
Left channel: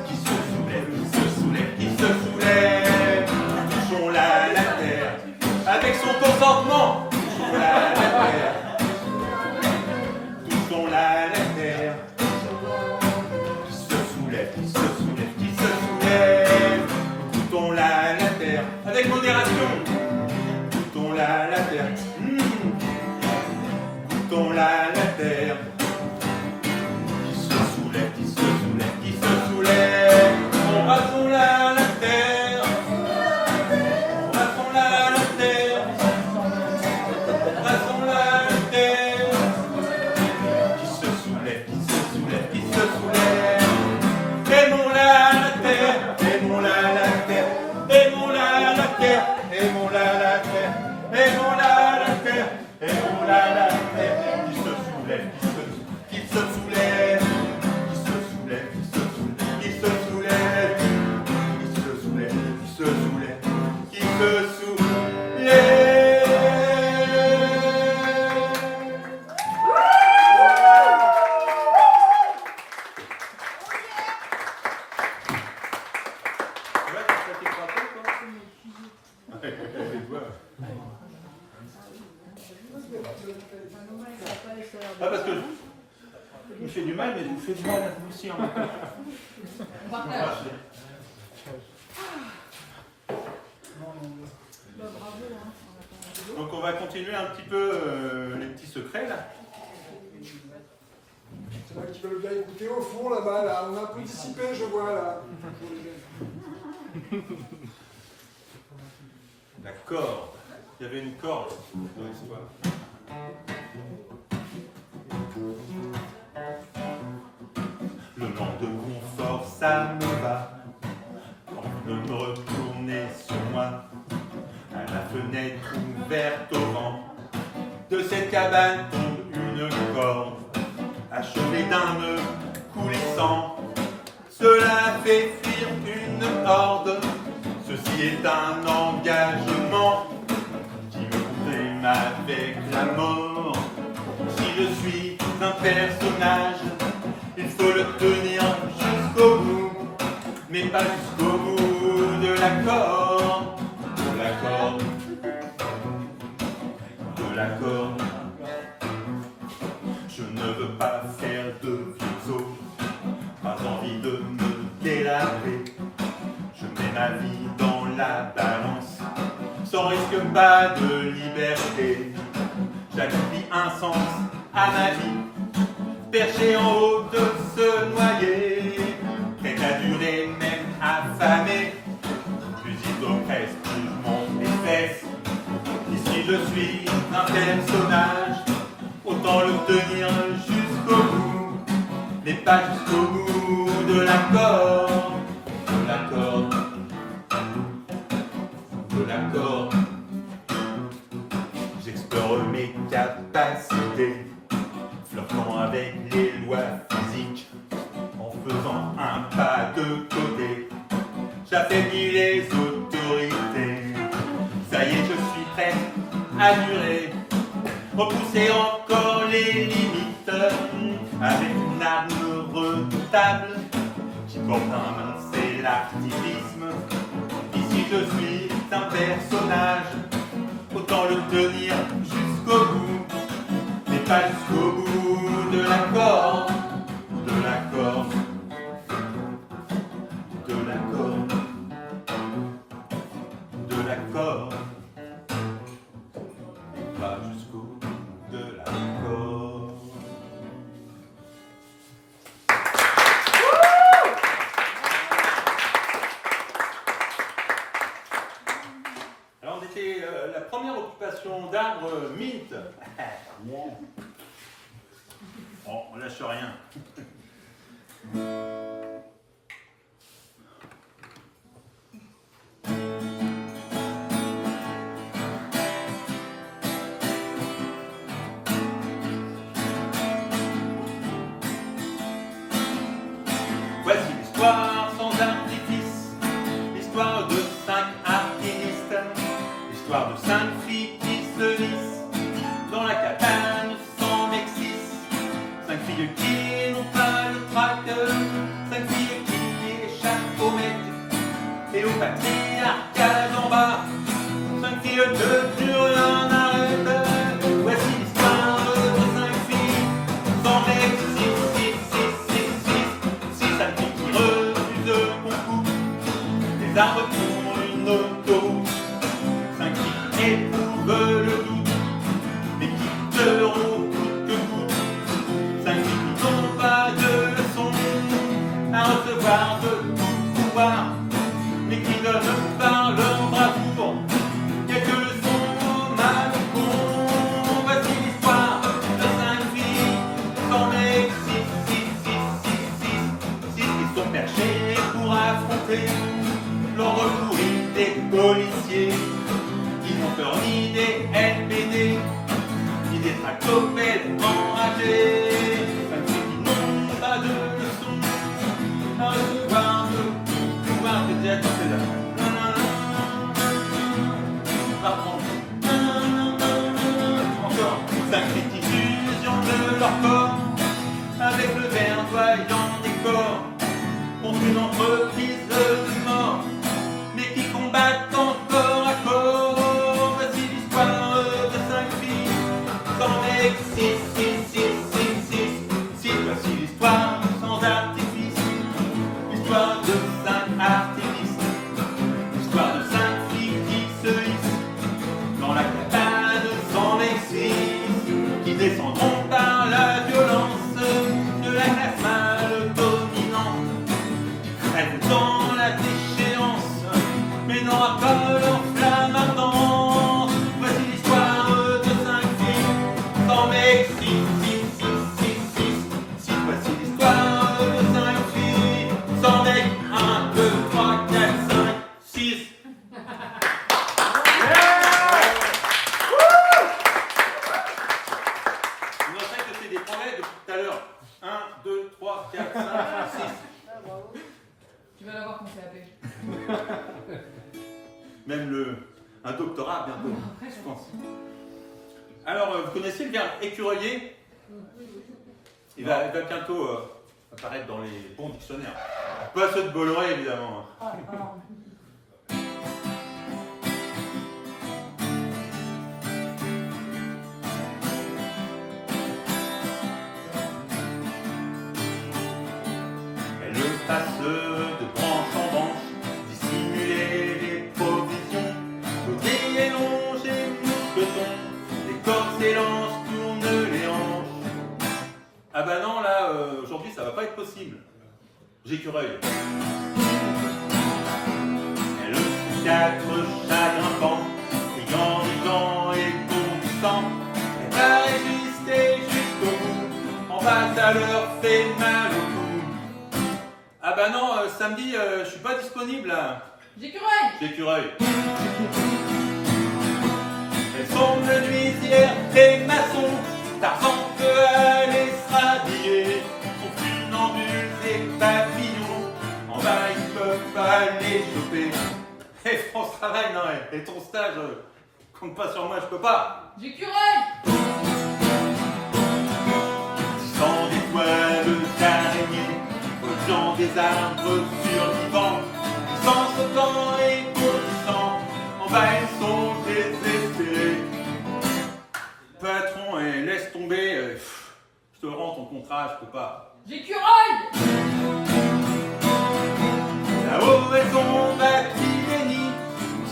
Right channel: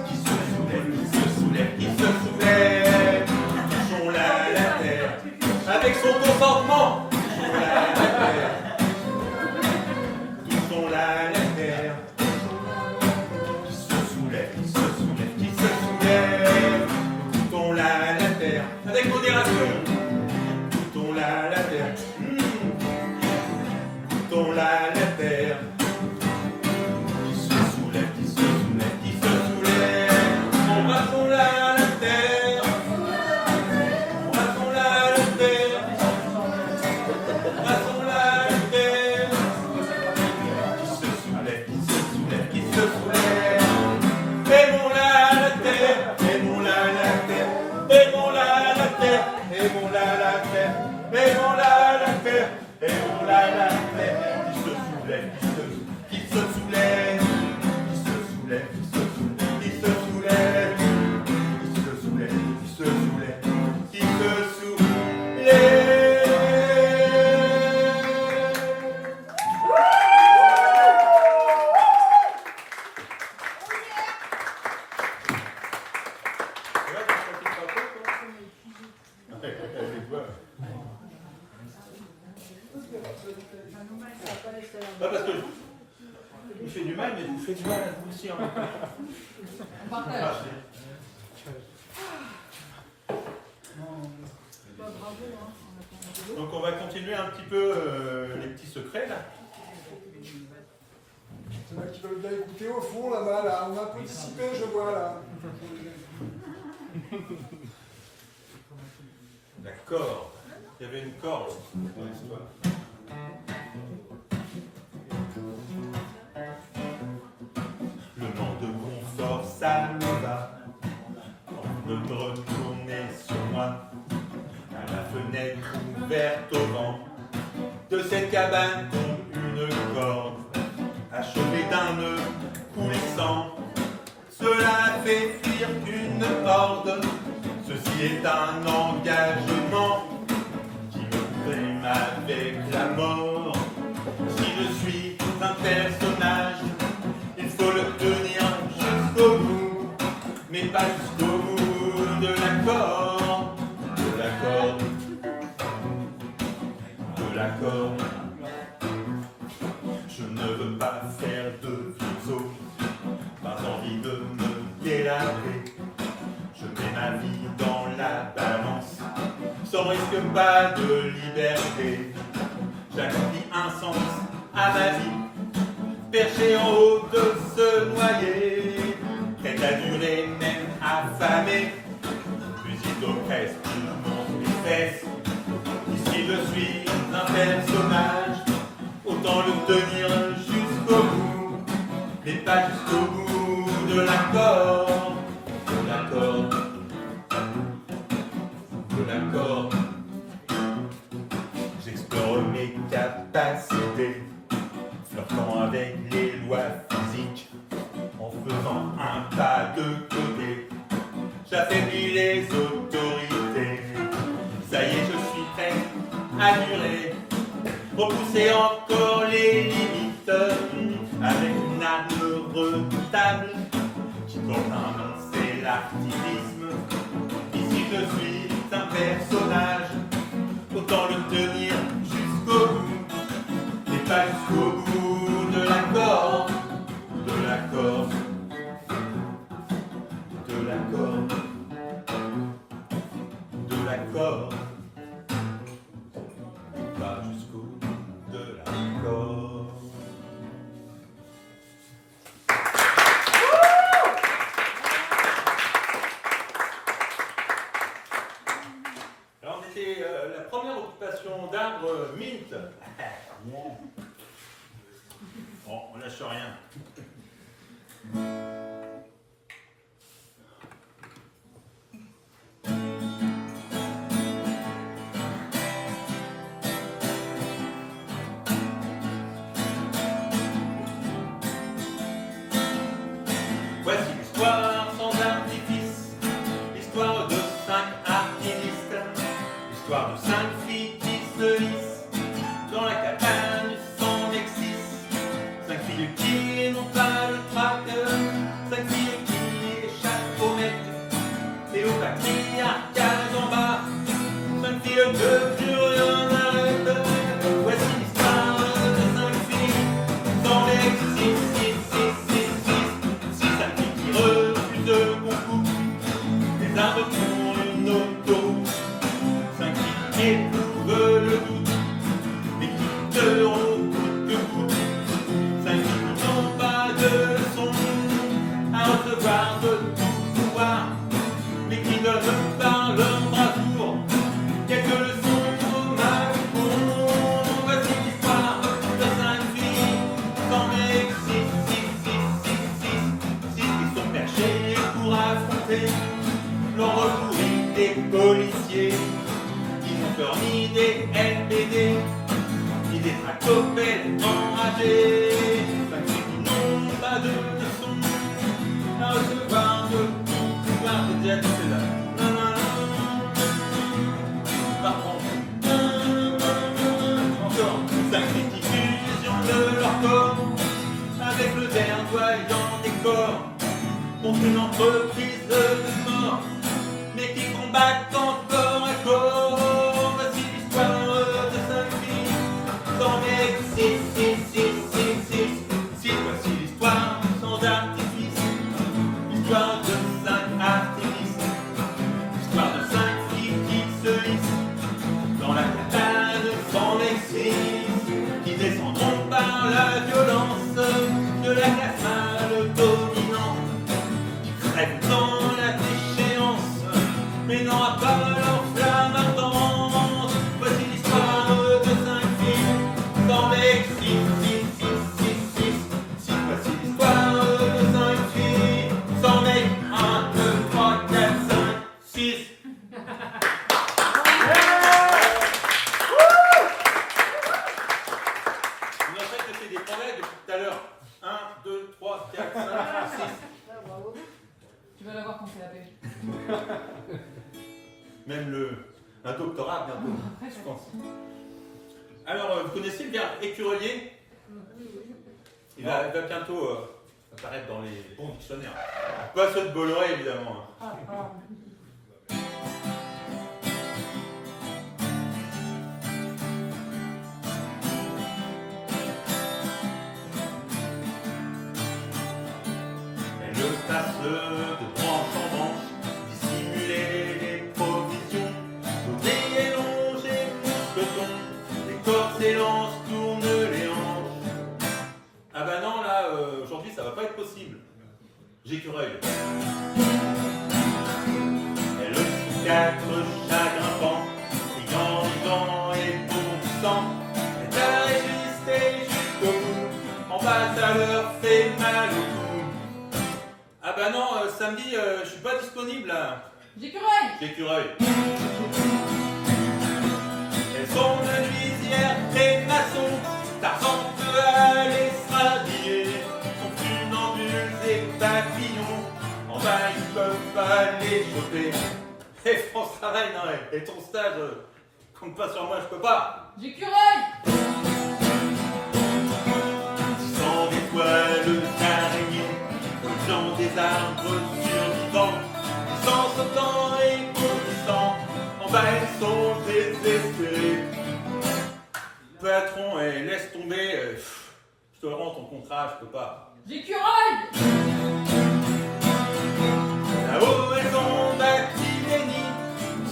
Qui se soulève, qui se soulève, qui se soulève. Touchons-la, la terre. Avec son consentement. Touchons-la, la terre. Touchons-la, la terre. Qui se soulève, qui se soulève, qui se soulève. Touchons-la, la terre. Avec modération. Touchons-la, la terre. Touchons-la, la terre. Qui se soulève, qui se soulève, qui se soulève. Embrassons-la, la terre. Embrassons-la, la terre. Embrassons-la, la terre. Qui se soulève, qui se soulève, qui se soulève. Aimons-la, la terre. Aimons-la, la terre. Aimons-la, la terre. Aimons-la, la terre. Aimons-la, la terre. Aimons-la, la terre. Qui se soulève, qui se soulève. Qui se soulève, qui se soulève, qui se soulève. Qui se soulève, qui se soulève, qui se soulève. Ouais, t'as fait tes frappes, toi? Les doigts. Pas parce que je me fais du mal, mais je vous fais du mal à vous aussi en même temps. On partage. Donc on va continuer un petit peu les petits secrets là. Il y en a qui veulent bien écouter au fond là-bas, là. On a un peu dissipé, je vois là. La corde. Il y avait une corde dans l'histoire. Le manque de confort, ça me va. Quand je me retournais sur moi, à la fenêtre ouverte au vent de cette cabane tombe une corde, achevée d'un nœud coulissant. Cela fait fuir une horde. Ceci est un engagement qui me prime avec la mort. Si je suis un personnage, il faut le tenir jusqu'au bout, mais pas jusqu'au bout de la corde, de la corde, de la corde. Je ne veux pas faire de vieux os, pas envie de me délaver. Je mets ma vie dans la balance, sans risque pas de liberté. Chaque vie un sens à ma vie, perché en haut de se noyer, prêt à durer même affamé. Plus il oppresse, plus je monte les fesses. Ici je suis un personnage, autant le tenir jusqu'au bout, mais pas jusqu'au bout de l'accord, de l'accord, de l'accord. J'explore mes capacités, flirtant avec les lois physiques, en faisant un pas de côté, j'affaiblis les autorités. Ça y est, je suis prêt à durer, repousser encore les limites, avec une arme redoutable qui porte un nom, c'est l'activisme. Ici je suis un personnage, autant le tenir jusqu'au bout, mais pas jusqu'au bout de l'accord, de l'accord, de l'accord, de l'accord, pas jusqu'au bout de l'accord. Alors on était la première occupation d'arbre mint. Bon, on lâche rien. Voici l'histoire sans artifice, l'histoire de 5 artinistes, l'histoire de 5 filles qui se lissent dans la cabane sans Mexis. 5 filles qui n'ont pas le trac, 5 filles qui échappent au mec et au patriarcat d'en bas. 5 filles de dur en arrête. Voici l'histoire de 5 filles sans Mexis. 6 5 filles qui refusent le concours, les arbres pour une auto. 5 qui éprouvent le doute, mais qui quitteront coûte que coûte. 5 filles qui n'ont pas de leçons à recevoir de tout pouvoir, mais qui donnent par leur bravoure quelques leçons au Macron. Voici l'histoire de 5 filles sans mec. 6 qui sont perchés pour affronter l'ordre pourri des policiers, qui n'ont peur ni des LBD, ni des tractopelles enragés. 5 filles qui n'ont pas de leçons à recevoir de tout pouvoir. J'ai déjà dit c'est là. Par contre, encore 5 filles qui fusionnent de leur corps avec le verdoyant des corps contre une entreprise de mort, mais qui combattent encore à corps. Voici l'histoire de 5 filles sans mec. 6. Voici l'histoire sans artifice, l'histoire de 5 artifices, l'histoire de 5 filles qui se hissent dans la cabane sans Mexis, qui descendront par la violence de la classe mâle dominante, qui crèvent dans la déchéance, mais n'aura pas leur flamme ardente. Voici l'histoire de 5 filles sans Mexis. Voici l'histoire de 5 filles sans mec. 1, 2, 3, 4, 5, 6. On a fait que c'est des progrès depuis tout à l'heure. 1, 2, 3, 4, 5, 6. Tu vas l'avoir compté à pêche. Même un doctorat bientôt, je pense. Alors, vous connaissez le verbe écureuiller? Il va bientôt apparaître dans les bons dictionnaires. Pas ceux de Bolloré, évidemment. Elle passe de branche en branche, dissimuler les provisions, l'autrier longe s'élance, tourne les hanches. Ah bah non, là, aujourd'hui, ça va pas être possible. J'écureuil. Elle a 4 chats grimpants, riant et bondissant. Elle a résisté jusqu'au bout, en bas ça leur fait mal au cou. Ah bah non, samedi, je suis pas disponible là. J'écureuil. Elles sont menuisières et maçons, Tarzan peut aller se rhabiller. Sont funambules et papillons, en bas ils peuvent pas les choper. Et France Travail, non, et ton stage, compte pas sur moi, je peux pas. Sans des toiles d'araignée, volant des arbres survivants, sans sautant et bondissant, en bas ils sont désespérés. Patron, laisse tomber, je te rends ton contrat, je peux pas. Là-haut elles ont bâti des nids,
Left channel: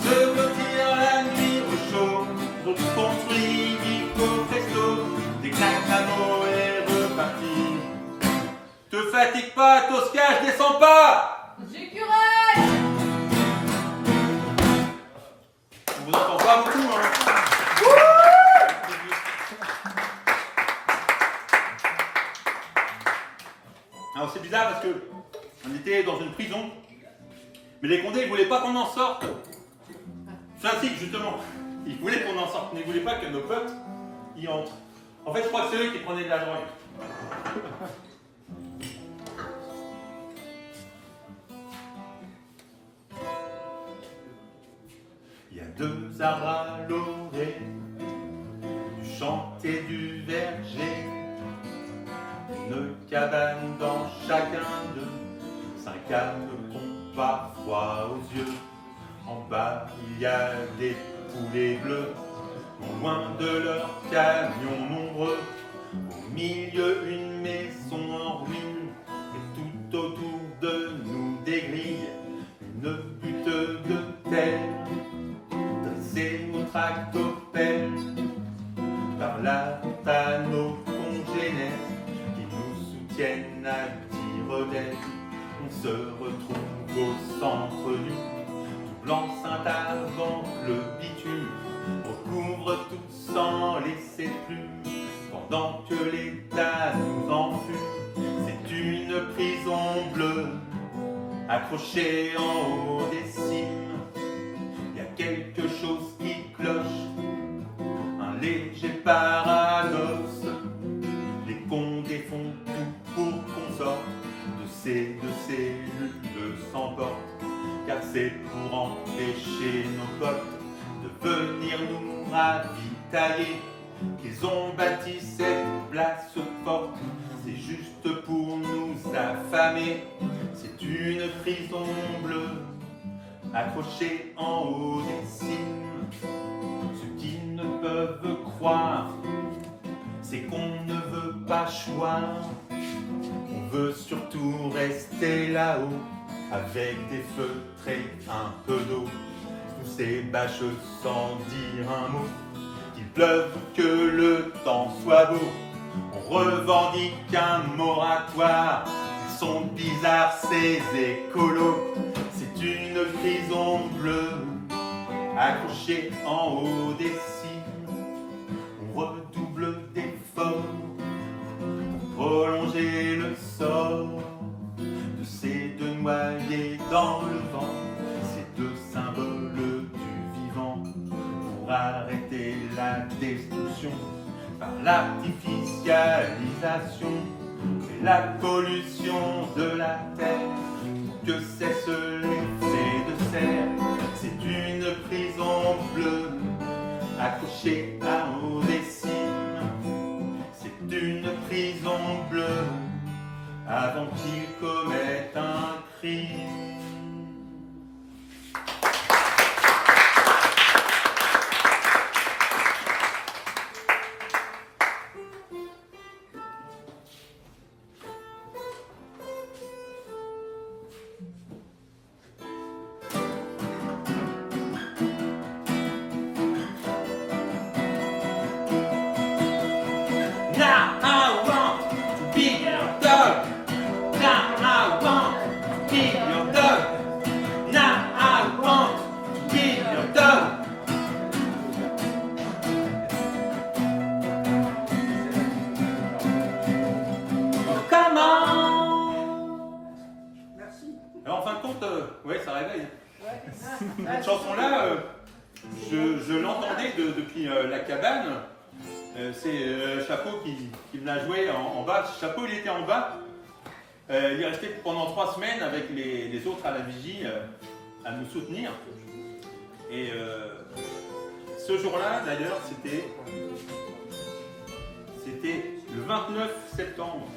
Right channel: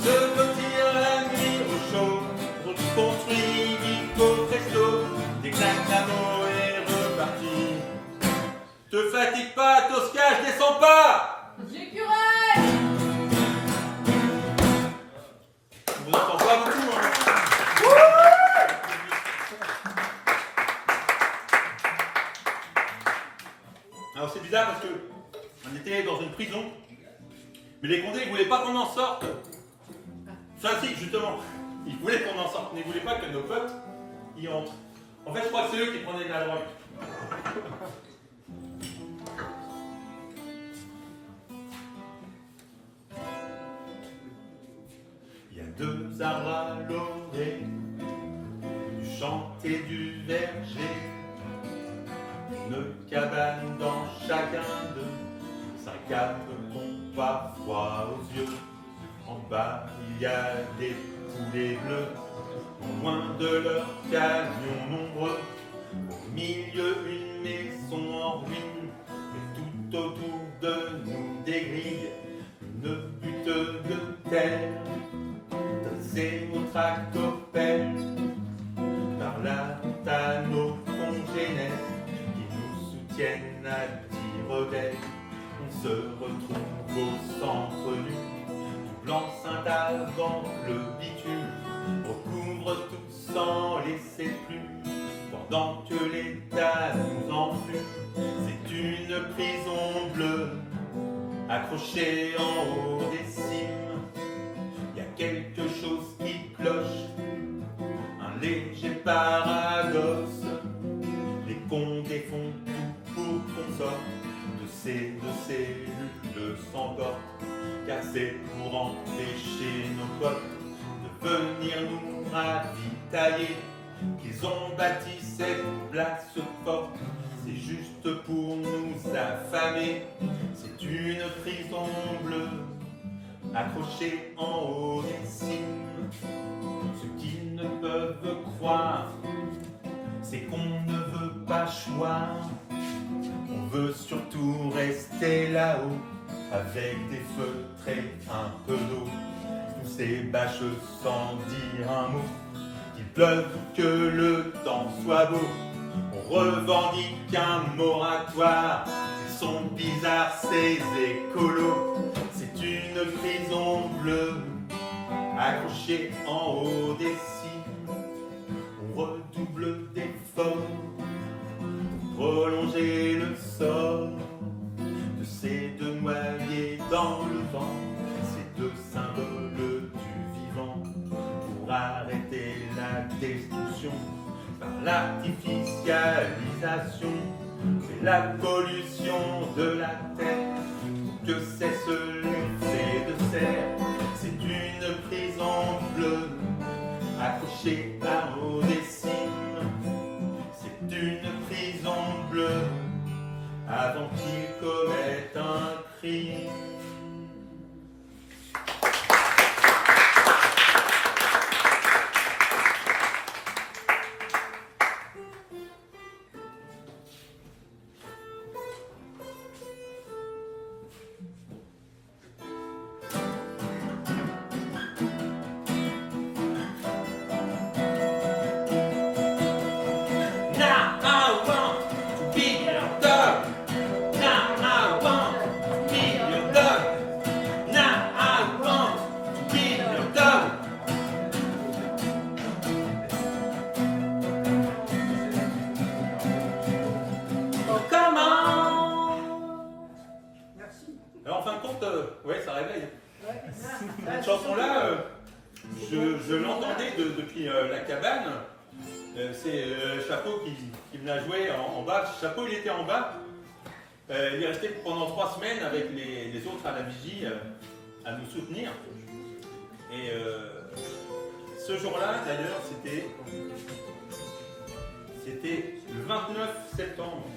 se lotir la nuit au chaud, reconstruit Vico Presto, des claques d'amour et reparti. Te fatigue pas, Tosca, je descends pas. On vous entend pas beaucoup, hein. Alors c'est bizarre parce que on était dans une prison, mais les Condés ils voulaient pas qu'on en sorte. Enfin si, justement, ils voulaient qu'on en sorte, mais ils voulaient pas que nos peuples y entrent. En fait, je crois que c'est eux qui prenaient de la drogue. Il y a 2 arbres à l'orée, du champ et du verger, une cabane dans chacun d'eux, 5 âmes qu'ont parfois aux yeux. En bas il y a des poulets bleus, non loin de leurs camions nombreux. Au milieu une maison en ruine, et tout autour de nous des grilles, une butte de terre. Dressez nos tractopelles, par là à nos congénères qui nous soutiennent à tire d'aile. On se retrouve au centre nu, tout blanc ceint avant le bitume, recouvre tout sans laisser plus, pendant que l'État nous enfume. C'est une prison bleue, accrochée en haut des cimes. Il y a quelque chose qui cloche, un léger paradoxe. Les Condés font tout pour qu'on sorte de ces 2 cellules sans porte, car c'est pour empêcher nos potes de venir nous ravitailler qu'ils ont bâti cette place forte. C'est juste pour nous affamer, c'est une prison bleue, accrochés en haut des cimes. Ceux qui ne peuvent croire, c'est qu'on ne veut pas choir. On veut surtout rester là-haut, avec des feutres et un peu d'eau. Sous ces bâches sans dire un mot, qu'il pleuve ou que le temps soit beau. On revendique un moratoire, ils sont bizarres ces écolos. C'est une prison bleue, accrochée en haut des cimes. On redouble d'efforts pour prolonger le sort de ces 2 noyés dans le vent, ces 2 symboles du vivant, pour arrêter la destruction par l'artificialisation et la pollution de la terre, que cesse l'effet de serre. C'est une prison bleue, accrochée à haut des cimes. C'est une prison bleue, avant qu'il commette un crime. chanson-là, je l'entendais depuis la cabane. C'est Chapeau qui me l'a joué en bas. Chapeau, il était en bas. Il est resté pendant 3 semaines avec les autres à la vigie à nous soutenir. Et ce jour-là, d'ailleurs, c'était le 29 septembre,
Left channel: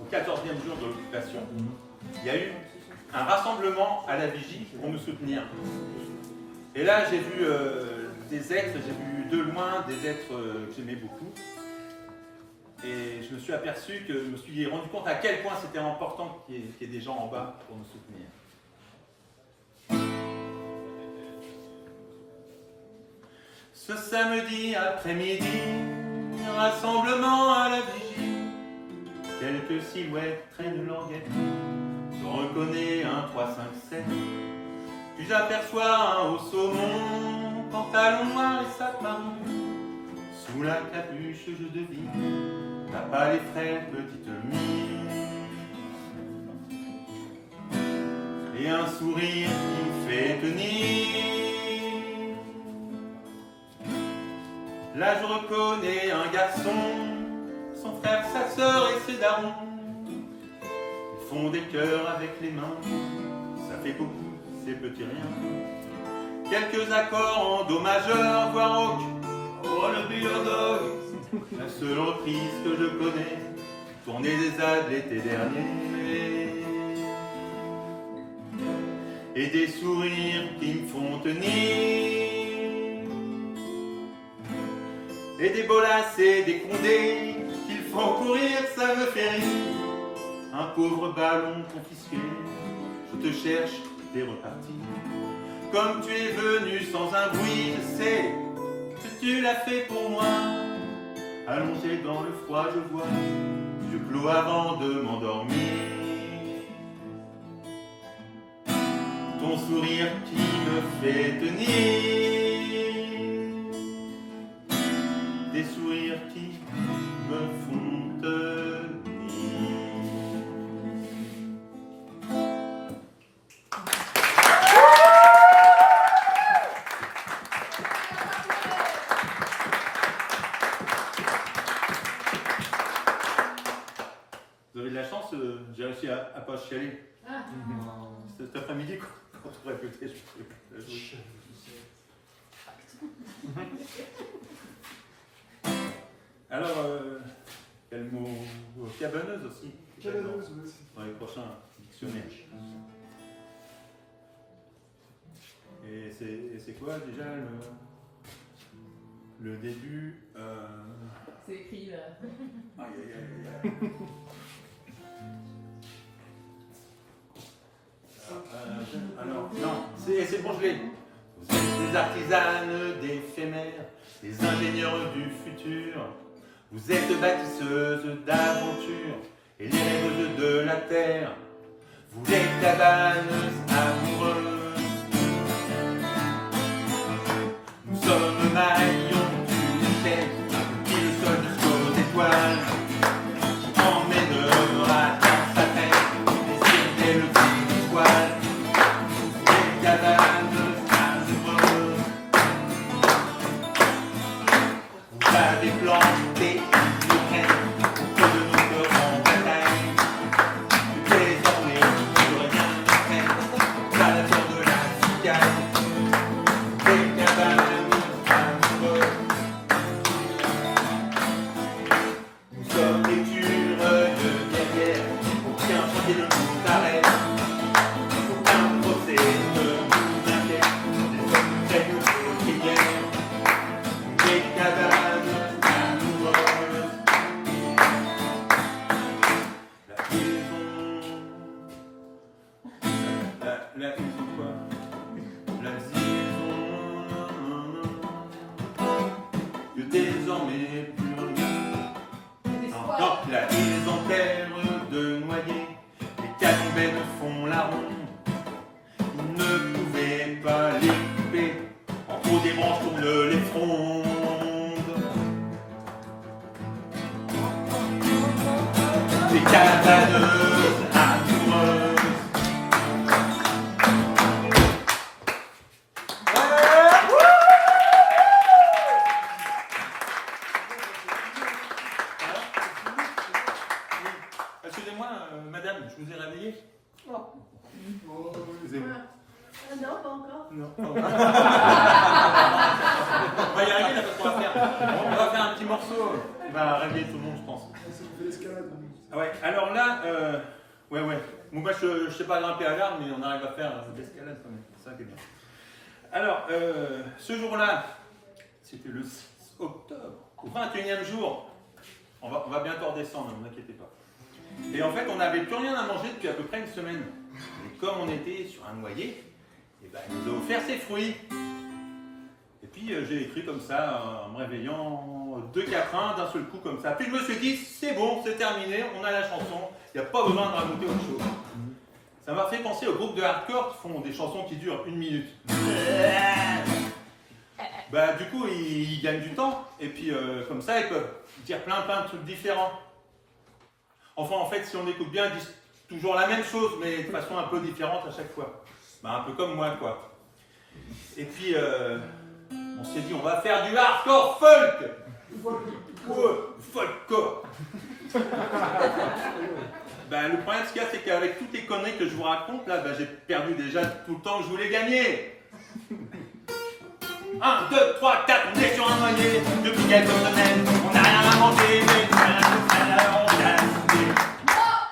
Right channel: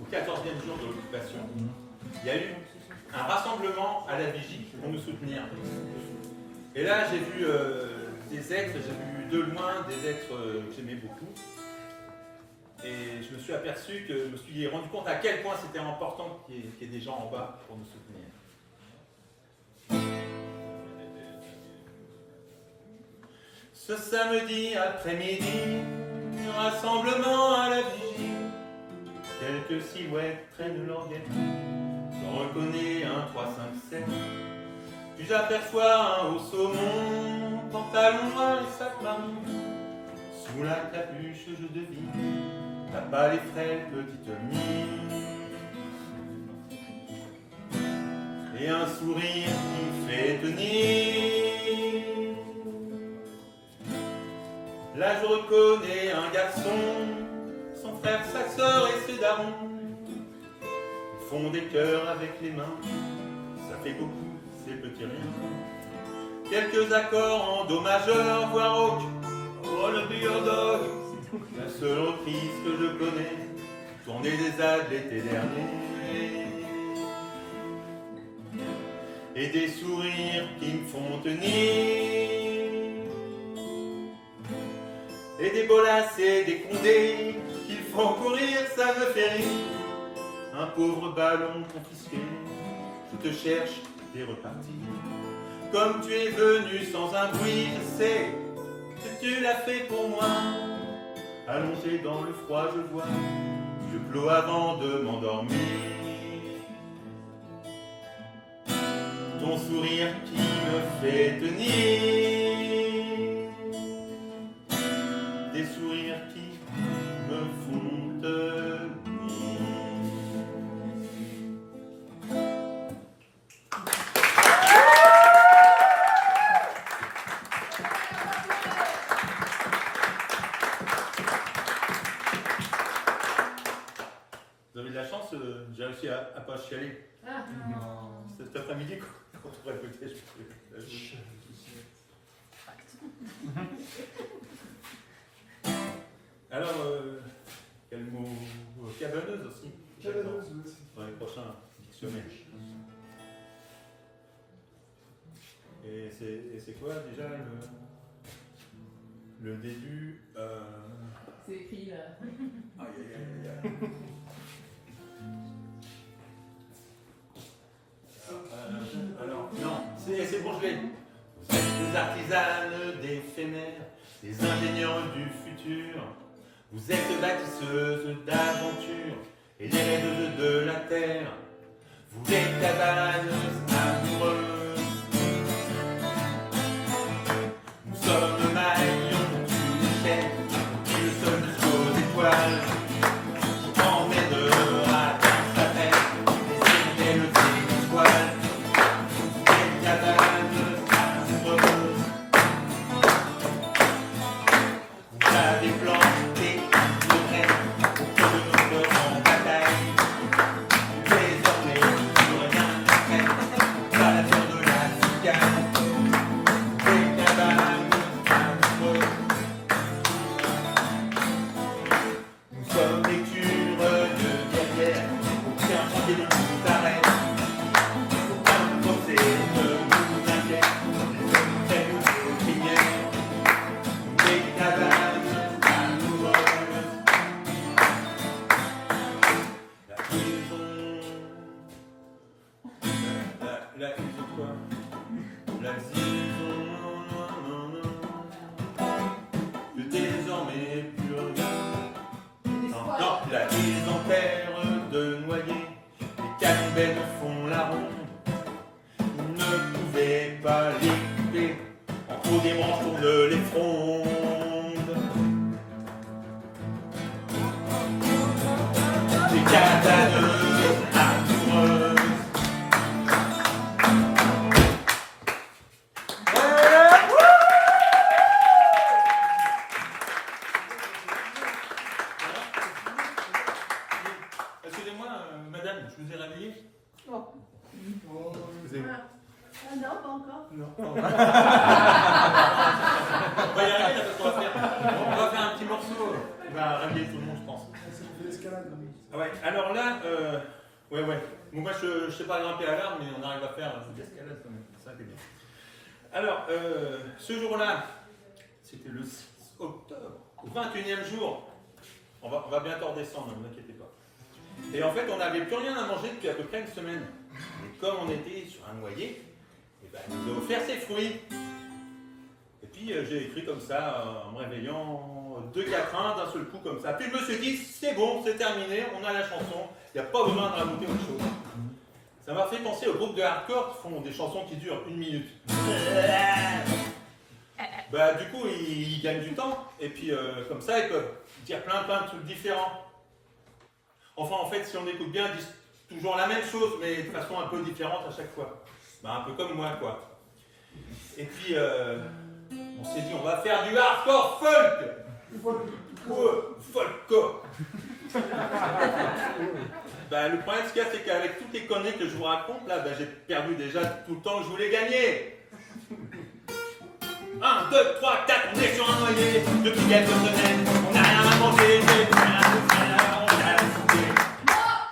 au 14e jour de l'occupation. Il y a eu un rassemblement à la vigie pour nous soutenir. Et là, j'ai vu des êtres, j'ai vu de loin des êtres que j'aimais beaucoup. Et je me suis aperçu je me suis rendu compte à quel point c'était important qu'il y ait des gens en bas pour nous soutenir. Ce samedi après-midi, rassemblement à la vigie, quelques silhouettes traînent languettes, je reconnais un 3, 5, 7, puis j'aperçois un haut saumon, pantalon noir et sac marron, sous la capuche je devine, t'as pas les frères petite mine, et un sourire qui fait tenir. Là je reconnais un garçon, son frère, sa sœur et ses darons. Ils font des cœurs avec les mains, ça fait beaucoup, ces petits riens. Quelques accords en do majeur, voire rock, oh le beer dog. La seule reprise que je connais, tournée des Alpes l'été dernier. Et des sourires qui me font tenir. Et des bolasses et des condés qu'ils font courir, ça me fait rire. Un pauvre ballon confisqué, je te cherche, t'es reparti. Comme tu es venu sans un bruit, je sais que tu l'as fait pour moi. Allongé dans le froid, je vois, yeux clos avant de m'endormir. Ton sourire qui me fait tenir. Des sourires qui me font tenir. Vous avez de la chance, j'ai réussi à pas chialer. Cet après-midi, quand on répétait, je peux la jouer. Alors, quel mot cabaneuse aussi. Cabaneuse, oui. Dans les prochains dictionnaires. Et c'est quoi déjà le début C'est écrit là. Aïe aïe aïe aïe. Alors, non, c'est bon, je l'ai. Vous êtes des artisanes d'éphémères, des ingénieurs du futur. Vous êtes bâtisseuses d'aventures et les rêveuses de la terre. Vous êtes cabaneuses amoureuses. Nous sommes le maillon d'une chaîne qui le seul jusqu'aux étoiles, qui emmènera dans sa tête les ciels des étoiles. Des cabaneuses amoureuses. Vous avez planté nos graines au creux de notre grande bataille. Désormais, plus rien ne fait à la peur de la cigale. Des cabaneuses amoureuses. Nous sommes l'écureuil guerrière, aucun chantier ne nous arrête, aucun procès ne nous inquiète, les hommes prennent nos prières, des cabaneuses amoureuses. La prison, la prison quoi? La prison, que désormais plus rien. Non, la île en terre de noyer, les cannibales font la ronde. Ils ne pouvaient pas les couper, en trop des branches tournent les frondes. Des cabaneuses amoureuses. je vous ai réveillé? Oh. Oh, Vous avez... Ah non, pas encore. Non. On va y arriver là parce qu'on va faire. On va faire un petit morceau. Il va réveiller tout le monde, je pense. c'est fait l'escalade. Ah ouais, alors là, ouais. Bon, moi je sais pas grimper à l'arbre, mais on arrive à faire de l'escalade quand même. Ça c'est bien. Alors, ce jour-là, c'était le 6 octobre, au 21e jour. On va bientôt redescendre, ne vous inquiétez pas. Et en fait, on n'avait plus rien à manger depuis à peu près une semaine. Et comme on était sur un noyer, et ben, il nous a offert ses fruits. Et puis j'ai écrit comme ça, en me réveillant, 2-4-1 d'un seul coup comme ça. Puis je me suis dit, c'est bon, c'est terminé, on a la chanson, il n'y a pas besoin de rajouter autre chose. Ça m'a fait penser au groupe de hardcore qui font des chansons qui durent 1 minute. Bah du coup, ils gagnent du temps, et puis comme ça, ils peuvent dire plein de trucs différents. Enfin, en fait, si on écoute bien, ils disent toujours la même chose, mais de façon un peu différente à chaque fois. Bah, un peu comme moi, quoi. Et puis, on s'est dit, on va faire du hardcore folk. Ouais, folkcore. Bah, le problème, ce qu'il y a, c'est qu'avec toutes les conneries que je vous raconte, là, bah, j'ai perdu déjà tout le temps que je voulais gagner. 1, 2, 3, 4, on est sur un noyer. Depuis quelques semaines, on n'a rien à manger.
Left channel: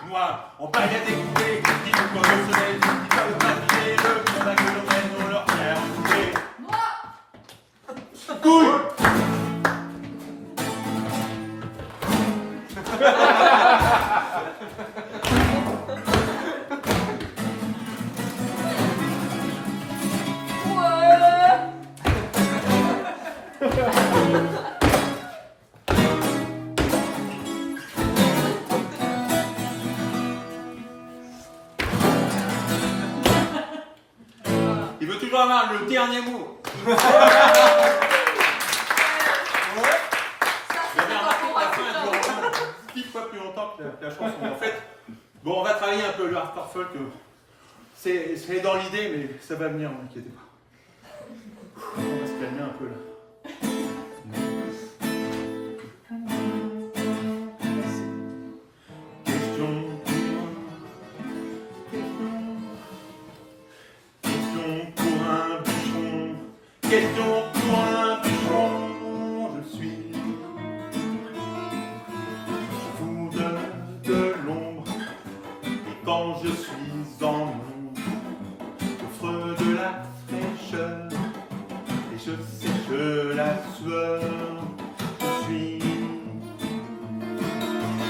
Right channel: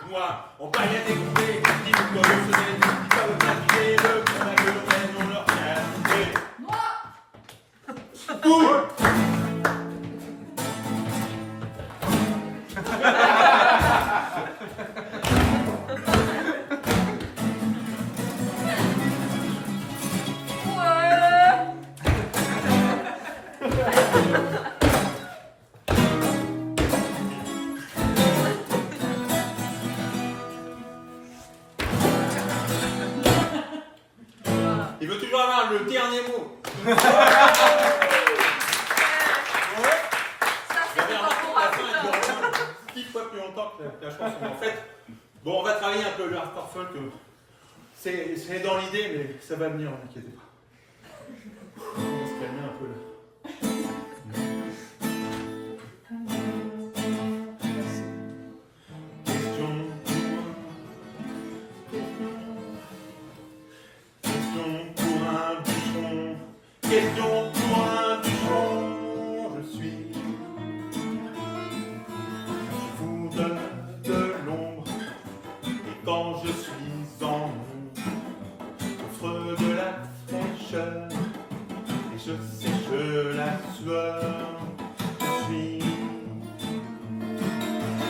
Moi, on peut rien découper. Qui veut que le soleil, qui va le papier, le pour la gueule, on leur fait à couper. Couille. Il veut toujours avoir le dernier mot. J'avais remarqué que la fin elle dure 10 fois plus longtemps que la chanson. En fait, bon, on va travailler un peu le hardcore folk. C'est dans l'idée, mais ça va venir, ne inquiétez pas. On va se calmer un peu là. Question pour un bûcheron, je suis. Je vous donne de l'ombre, et quand je suis en ombre, j'offre de la fraîcheur, et je sèche la sueur. Je suis.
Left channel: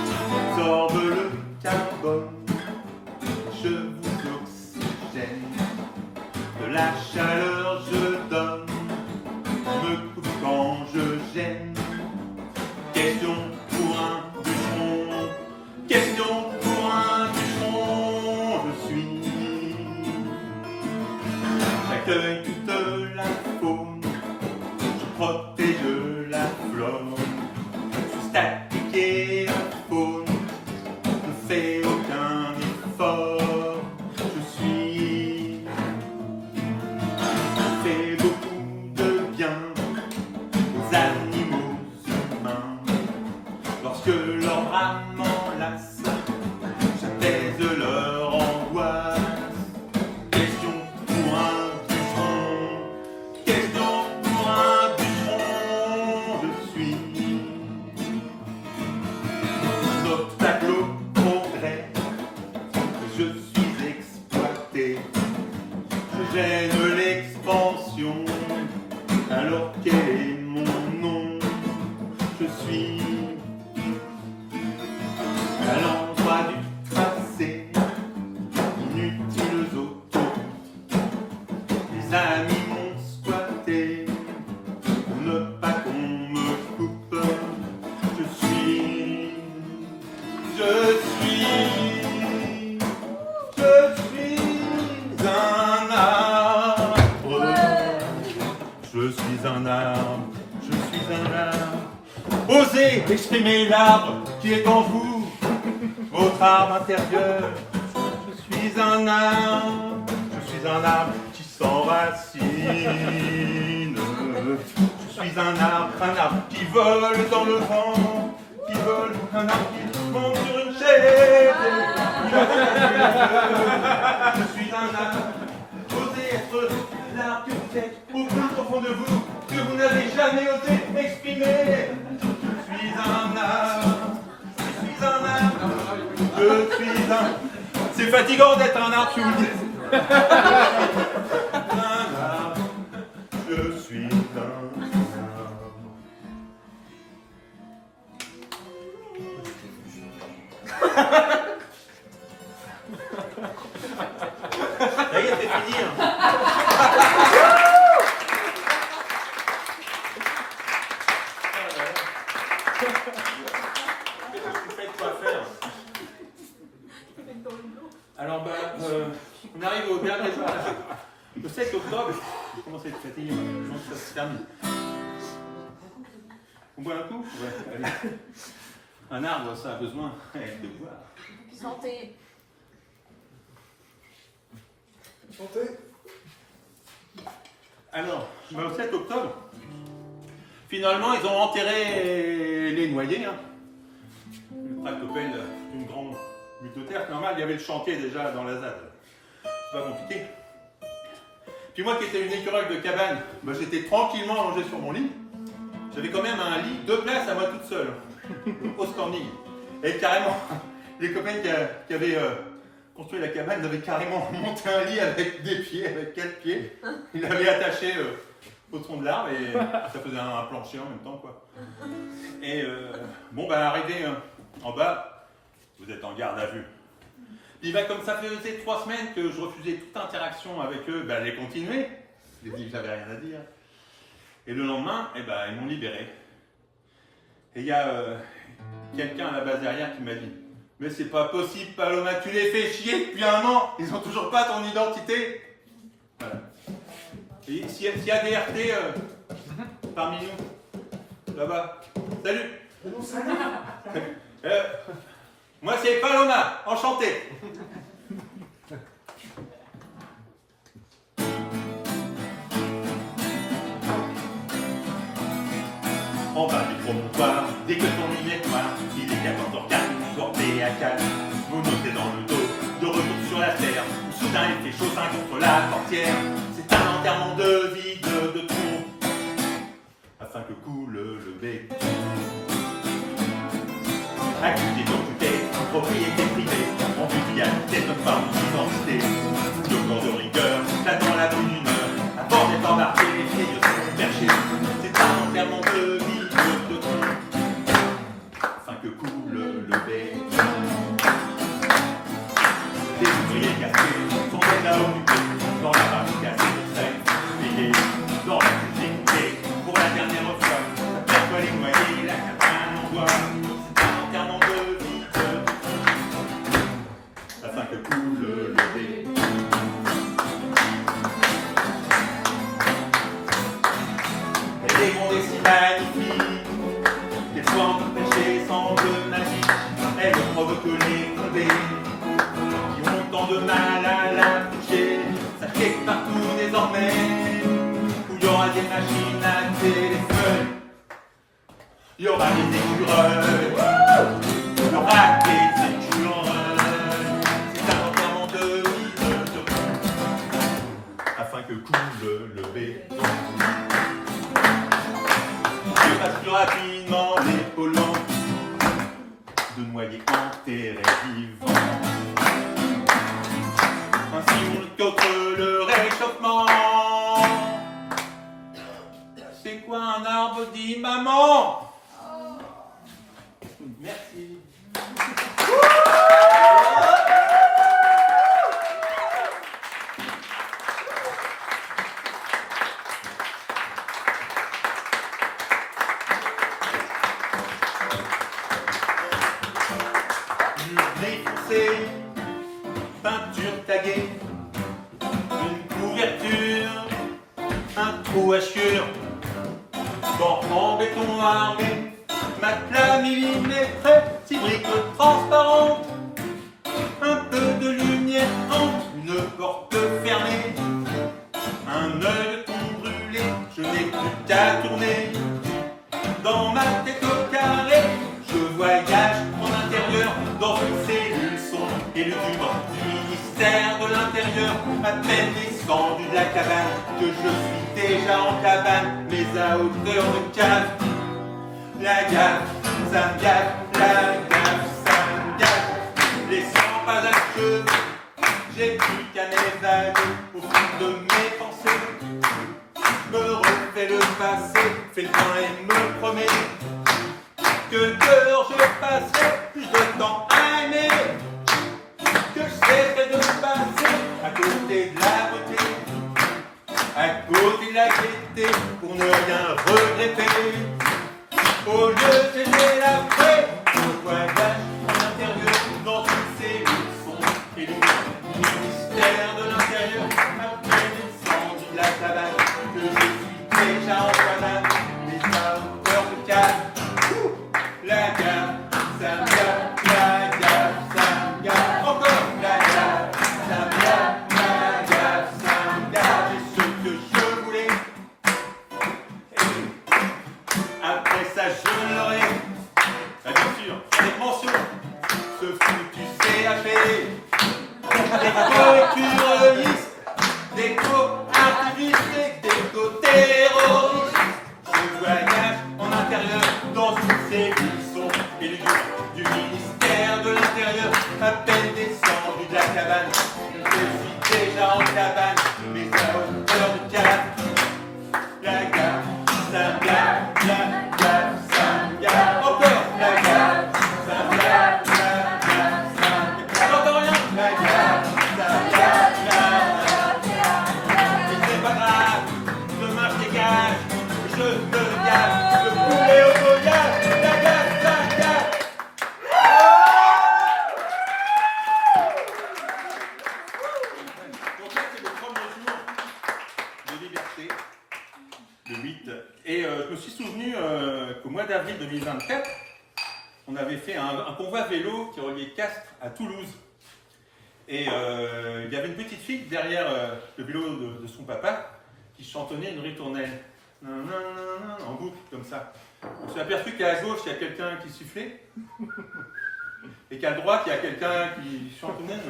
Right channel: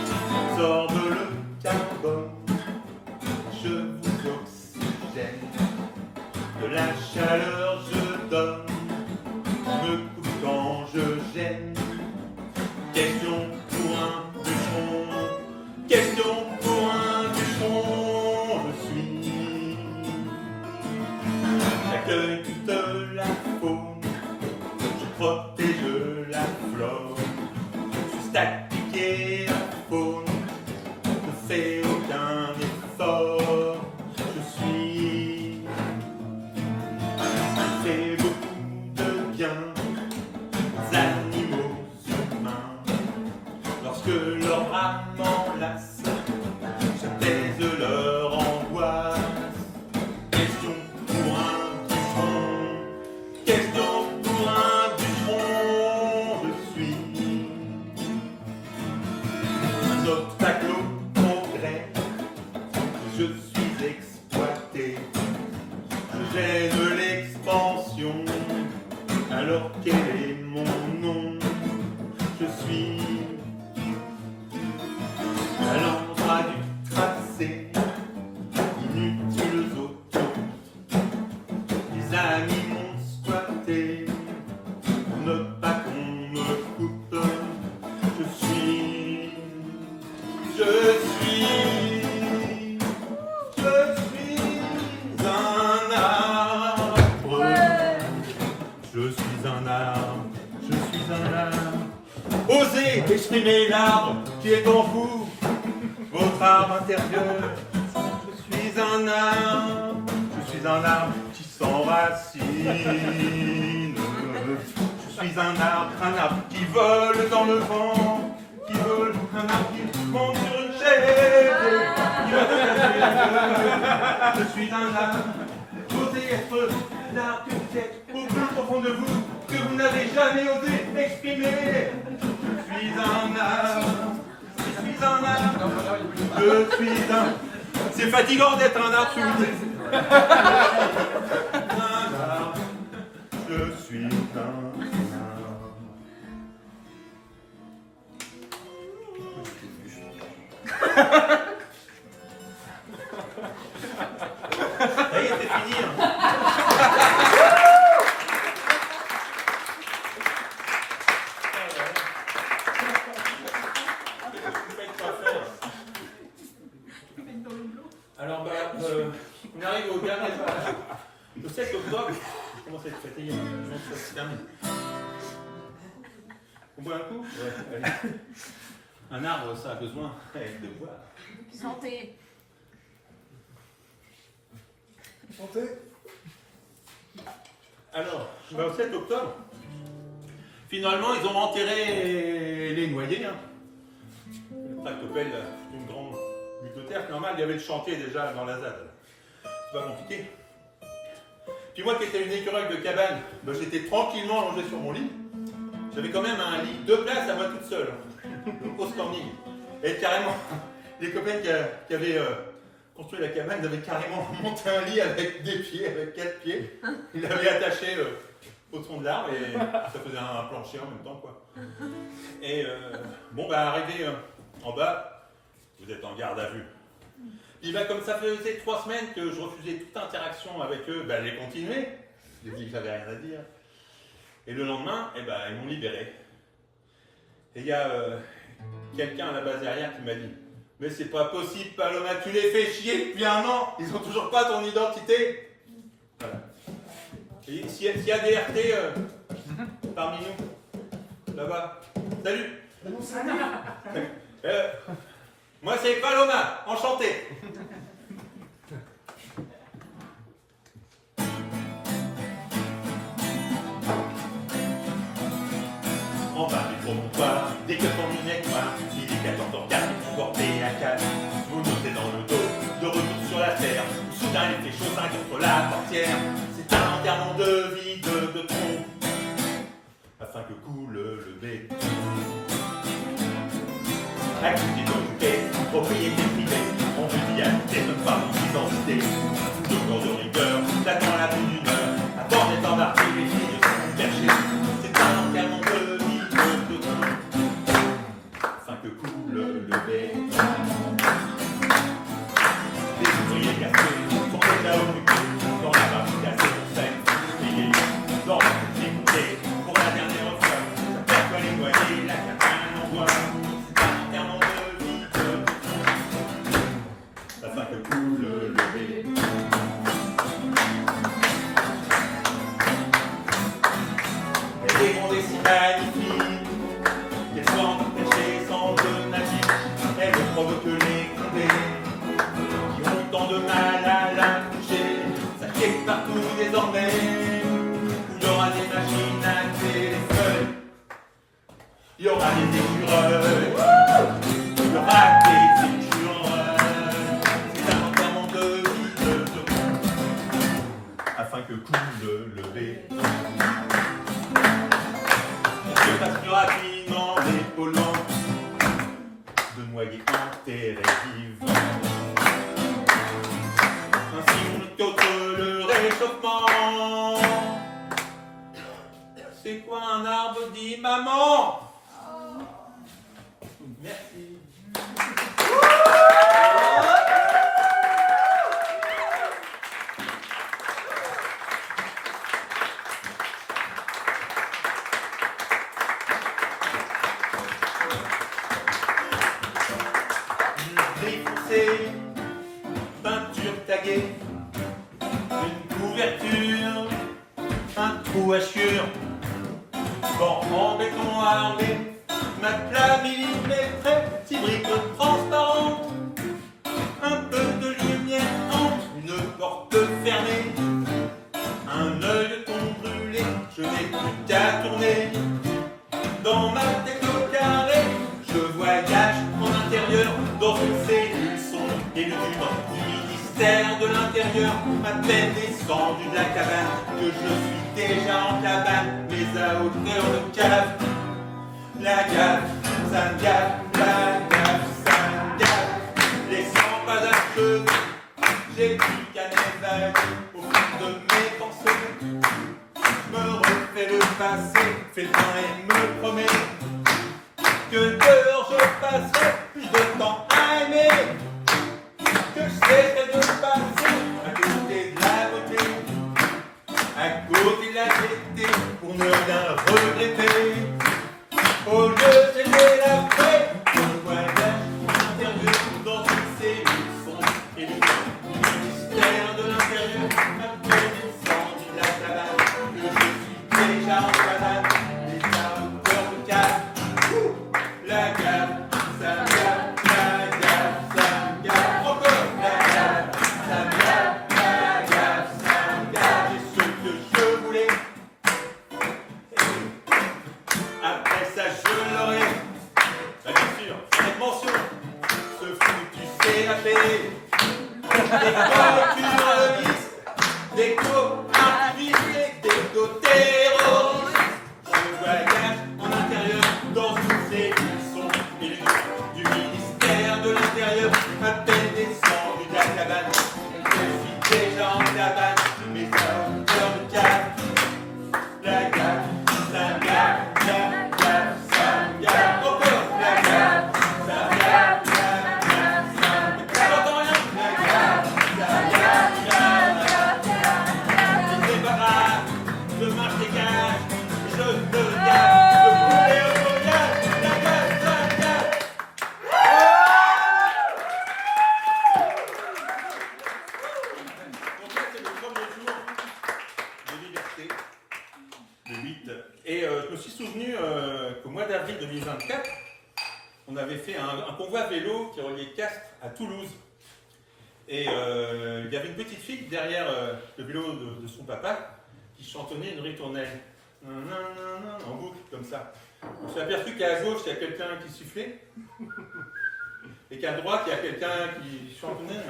J'absorbe le carbone, je vous oxygène, de la chaleur je donne. Me coupe quand je gêne. Question pour un bûcheron. Question pour un bûcheron. Je suis. J'accueille toute la faune. Je protège la flore. Je suis statique et la faune ne fait aucun effort. Je suis. Je fais beaucoup de bien aux animaux humains. Lorsque leur âme m'enlace, j'apaise leur angoisse. Question pour un bûcheron. Question pour un bûcheron. Je suis un obstacle au progrès. Je suis exploité. Je gêne l'expansion. Alors quel est mon nom? Je suis à l'endroit du tracé. Inutiles autoroutes. Les amis m'ont squatté pour ne pas qu'on me coupe. Je suis un arbre. Je suis un arbre, je suis un arbre. Osez exprimer l'arbre qui est en vous, votre arbre intérieur. Je suis un arbre qui s'enracine. Je suis un arbre qui vole dans le vent, qui vole, un arbre qui monte sur une chaise. Je suis un âme, osez être l'architecte au plus profond de vous, que vous n'avez jamais osé exprimer. Je suis un âme, je suis un âme, je suis un... C'est fatigant d'être un arbre, je vous le dis. Un arbre, je suis un arbre. Ça y est, c'est fini. Hein. Alors, on arrive au dernier jour. Le 7 octobre, je commence à être fatigué. Donc, ça se termine. On boit un coup? Ouais, allez. Un arbre, ça a besoin de boire. Santé. Santé. Alors, au 7 octobre, finalement, ils ont enterré les noyés. Hein. Le tractopelle, c'est une grande butte de terre. C'est normal, il y avait le chantier déjà dans la ZAD. C'est pas compliqué. Puis moi qui étais une écureuil de cabane, j'étais tranquillement allongé sur mon lit. J'avais quand même un lit, 2 places à moi toute seule, au standing. Et carrément, les copains qui avaient construit la cabane avaient carrément monté un lit avec des pieds, avec 4 pieds. Ils l'avaient attaché au tronc de l'arbre et ça faisait un plancher en même temps, quoi. Et arrivé en bas, vous êtes en garde à vue. Puis comme ça faisait 3 semaines que je refusais toute interaction avec eux, les continuer. Je leur ai dit que j'avais rien à dire. Et le lendemain, ils m'ont libéré. Et il y a quelqu'un à la base derrière qui m'a dit « Mais c'est pas possible, Paloma, tu les fais chier depuis 1 an, ils ont toujours pas ton identité !» Voilà. Et s'il y a des RT parmi nous, là-bas, salut. Moi c'est Paloma, enchanté. En bas des promontoires, dès que ton lumière noire, il est 14h04, vous portez à calme, vous montez dans le dos, de retour sur la terre, soudain il fait chaud contre la portière, c'est un enterrement de vide de tronc, afin que coule le béton. Activité occupée, propriété privée, on vous dit habiter notre part d'identité, de grande rigueur, là dans la bonne humeur, la porte est embarquée, les filles sont perchées, c'est un enterrement de vide de tronc, afin que coule le béton. Les ouvriers cachés sont déjà occupés, dans la barre cassée de sel, pliée, dans la cuisine montée, pour la dernière fois, la perte les noyés, la cabane en bois. Afin que coule le béton. Les mondes est si magnifique, qu'elles soient empêchées sans de magique, elles provoquent les condés, qui ont tant de mal à la toucher. Sachez que partout désormais, où il y aura des machines à téléphone, il y aura des écureuils, il y aura des écureuils. Afin que coule le béton. Que passe plus rapidement les polluants de noyés enterrés vivants. Ainsi on lutte contre le réchauffement. C'est quoi un arbre, dit maman? Merci. Défoncé, peinture taguée, une couverture, un trou à chure, banc en béton armé, matelas millimétré, petits bricots transparents, un peu de lumière entre une porte fermée, un œilleton brûlé, je n'ai plus qu'à tourner. Dans ma tête au carré, je voyage en intérieur, dans une cellule sombre et le vivant du ministère de l'Intérieur, à peine descendu de la cabane, que je suis déjà en cabane, mais à hauteur de cave. La gaffe, ça me gaffe, la gaffe, ça me gaffe. Les 100 pas à cheveux, j'ai plus qu'à m'évader au fond de mes pensées. Me refais le passé, fais le bien et me promets que dehors je passerai plus de temps à aimer, que je cesserai de passer à côté de la beauté, à côté de la gaieté, pour ne rien regretter. Au lieu d'aimer la paix, mon voyage en interview dans toutes ces leçons et le ministère de l'Intérieur, après descendu de la savane, que je suis déjà en cabane, mais à hauteur de cave. La gaffe, ça me gaffe, la gaffe, ça me gaffe, encore la gaffe, ça me gaffe, la gaffe, ça me gaffe, et ce que je voulais. Après ça, je l'aurai, bien sûr, avec mention, ce foutu CAP, des co-terroristes, des co-activistes et des co-terroristes. Je voyage en intérieur dans une cellule. Du ministère de l'Intérieur, à peine descendu de la cabane, je suis déjà en cabane, mais à hauteur de cave. La gaffe, ça me gaffe, la gaffe, ça me gaffe, encore la gaffe, ça me gaffe, la gaffe, ça me gaffe. J'entends rien, la gaffe, ça me gaffe, la gaffe. Mais c'est pas grave, je marche des gages, je me gaffe, je poulet au voyage, la gaffe, la gaffe. Le 8. Et je me suis souvenu qu'au mois d'avril 2024, on avait fait un convoi vélo qui reliait Castres à Toulouse. Et il y avait une petite fille derrière le vélo de son papa qui chantonnait une ritournelle. En boucle, comme ça. On s'est aperçu qu'à gauche, il y a quelqu'un qui sifflait. Et qu'à droite, il y a quelqu'un qui chantonnait.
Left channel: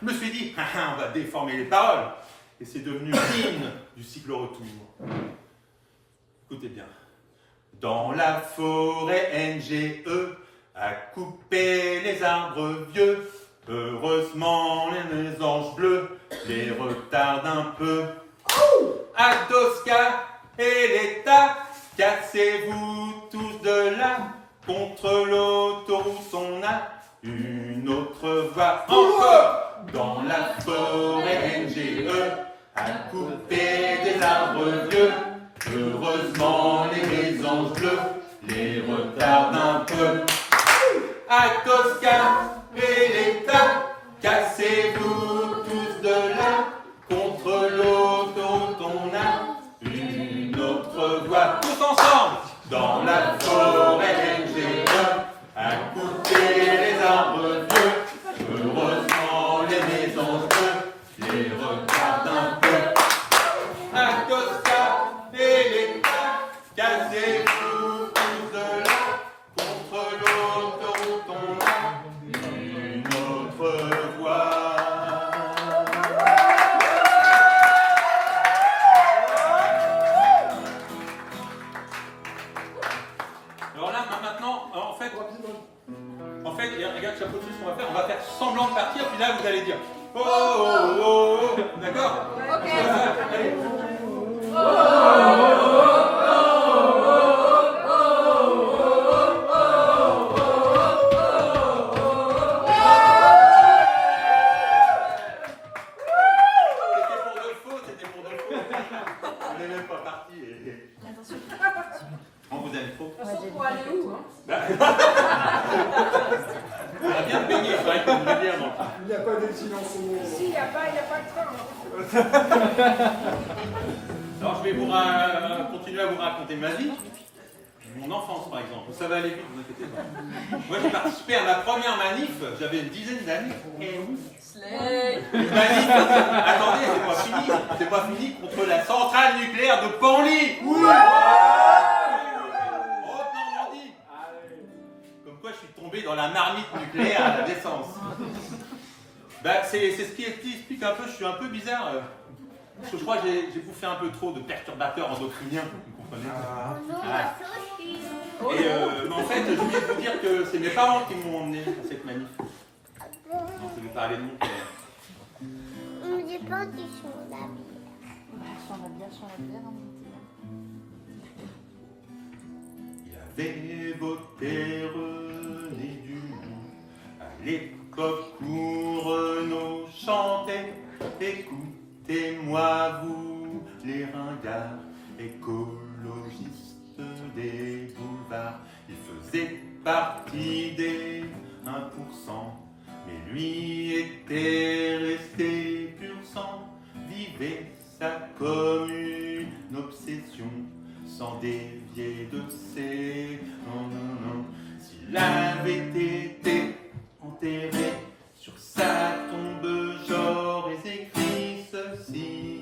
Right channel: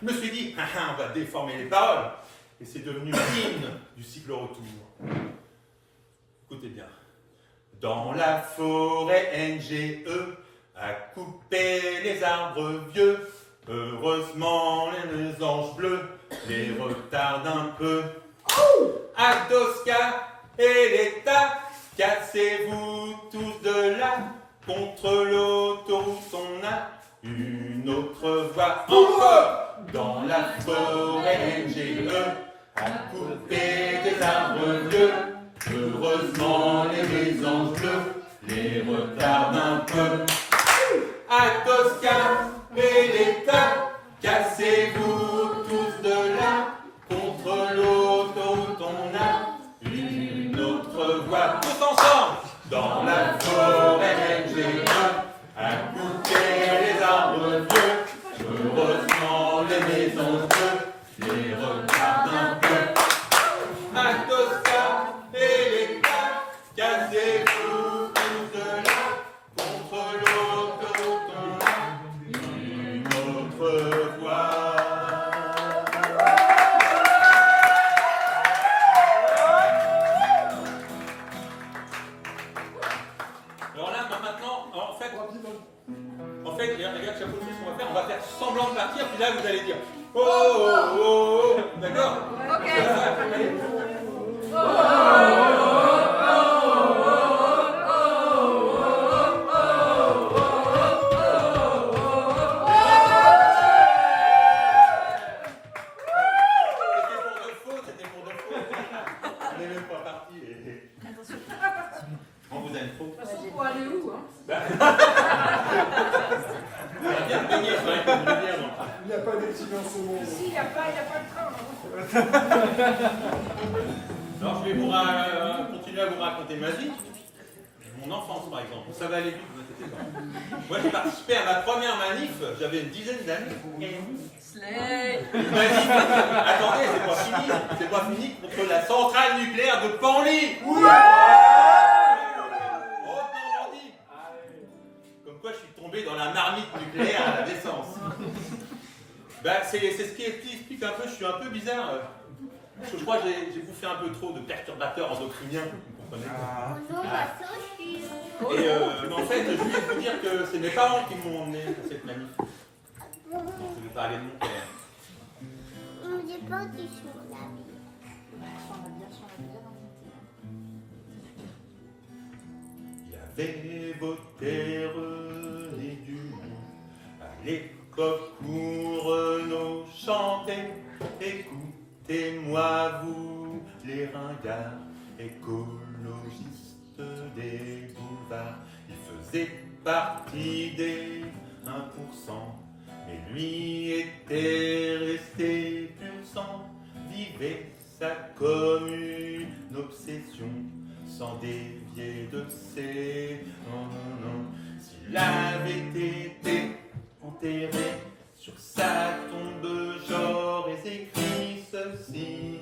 Je me suis dit, on va déformer les paroles. Et c'est devenu l'hymne du cycle-retour. Écoutez bien. Dans la forêt NGE, à couper les arbres vieux, heureusement les anges bleus les retardent un peu. À Tosca et l'État, cassez-vous tous de là, contre l'autoroute on a une autre voie. Encore dans la forêt NGE, à couper des arbres vieux, heureusement les mésanges bleus les retardent un peu. À Tosca et l'État, cassez-vous tous de là, contre l'autoroute on a une autre voie. Tous ensemble, dans la forêt NGE, à couper les arbres vieux, heureusement les mésanges bleues les retardent un peu. À Tosca et l'État, cassez-vous tous de là, contre l'autoroute on a une autre voie. Alors là, maintenant, en fait, regarde, chapeau, ce qu'on va faire, on va faire semblant de partir, puis là, vous allez dire oh, oh, oh, oh, d'accord? Ok. Allez. C'était pour de faux. On n'est même pas parti. On vous aime trop. Pour aller où, hein? On a bien baigné, il faudrait que vous le dire. Il n'y a pas de silence au monde. Ici, il n'y a pas de temps. Alors je vais continuer à vous raconter ma vie, mon enfance par exemple. Ça va aller vite, vous inquiétez pas. Moi j'ai participé à ma première manif, j'avais une dizaine d'années. Une manif, attendez, c'est pas fini contre la centrale nucléaire de Penly. Oui. Haute-Normandie. Comme quoi je suis tombé dans la marmite nucléaire à la naissance. Bah, c'est ce qui explique un peu, je suis un peu bizarre. Parce que je crois que j'ai bouffé un peu trop de perturbateurs endocriniens, vous comprenez. Bonjour, Ah. bonjour. Et mais en fait, je voulais vous dire que c'est mes parents qui m'ont emmené à cette manif. Non, je vais vous parler de mon père. J'ai pas dit sur la vie. Il y avait voté René Dumont à l'époque où Renaud chantait. Écoutez-moi, vous, les ringards, écologistes des boulevards. Il faisait partie des 1%, mais lui était resté pur sang, vivait ça comme une obsession, sans dévier de ses non. S'il avait été enterré sur sa tombe, j'aurais écrit ceci.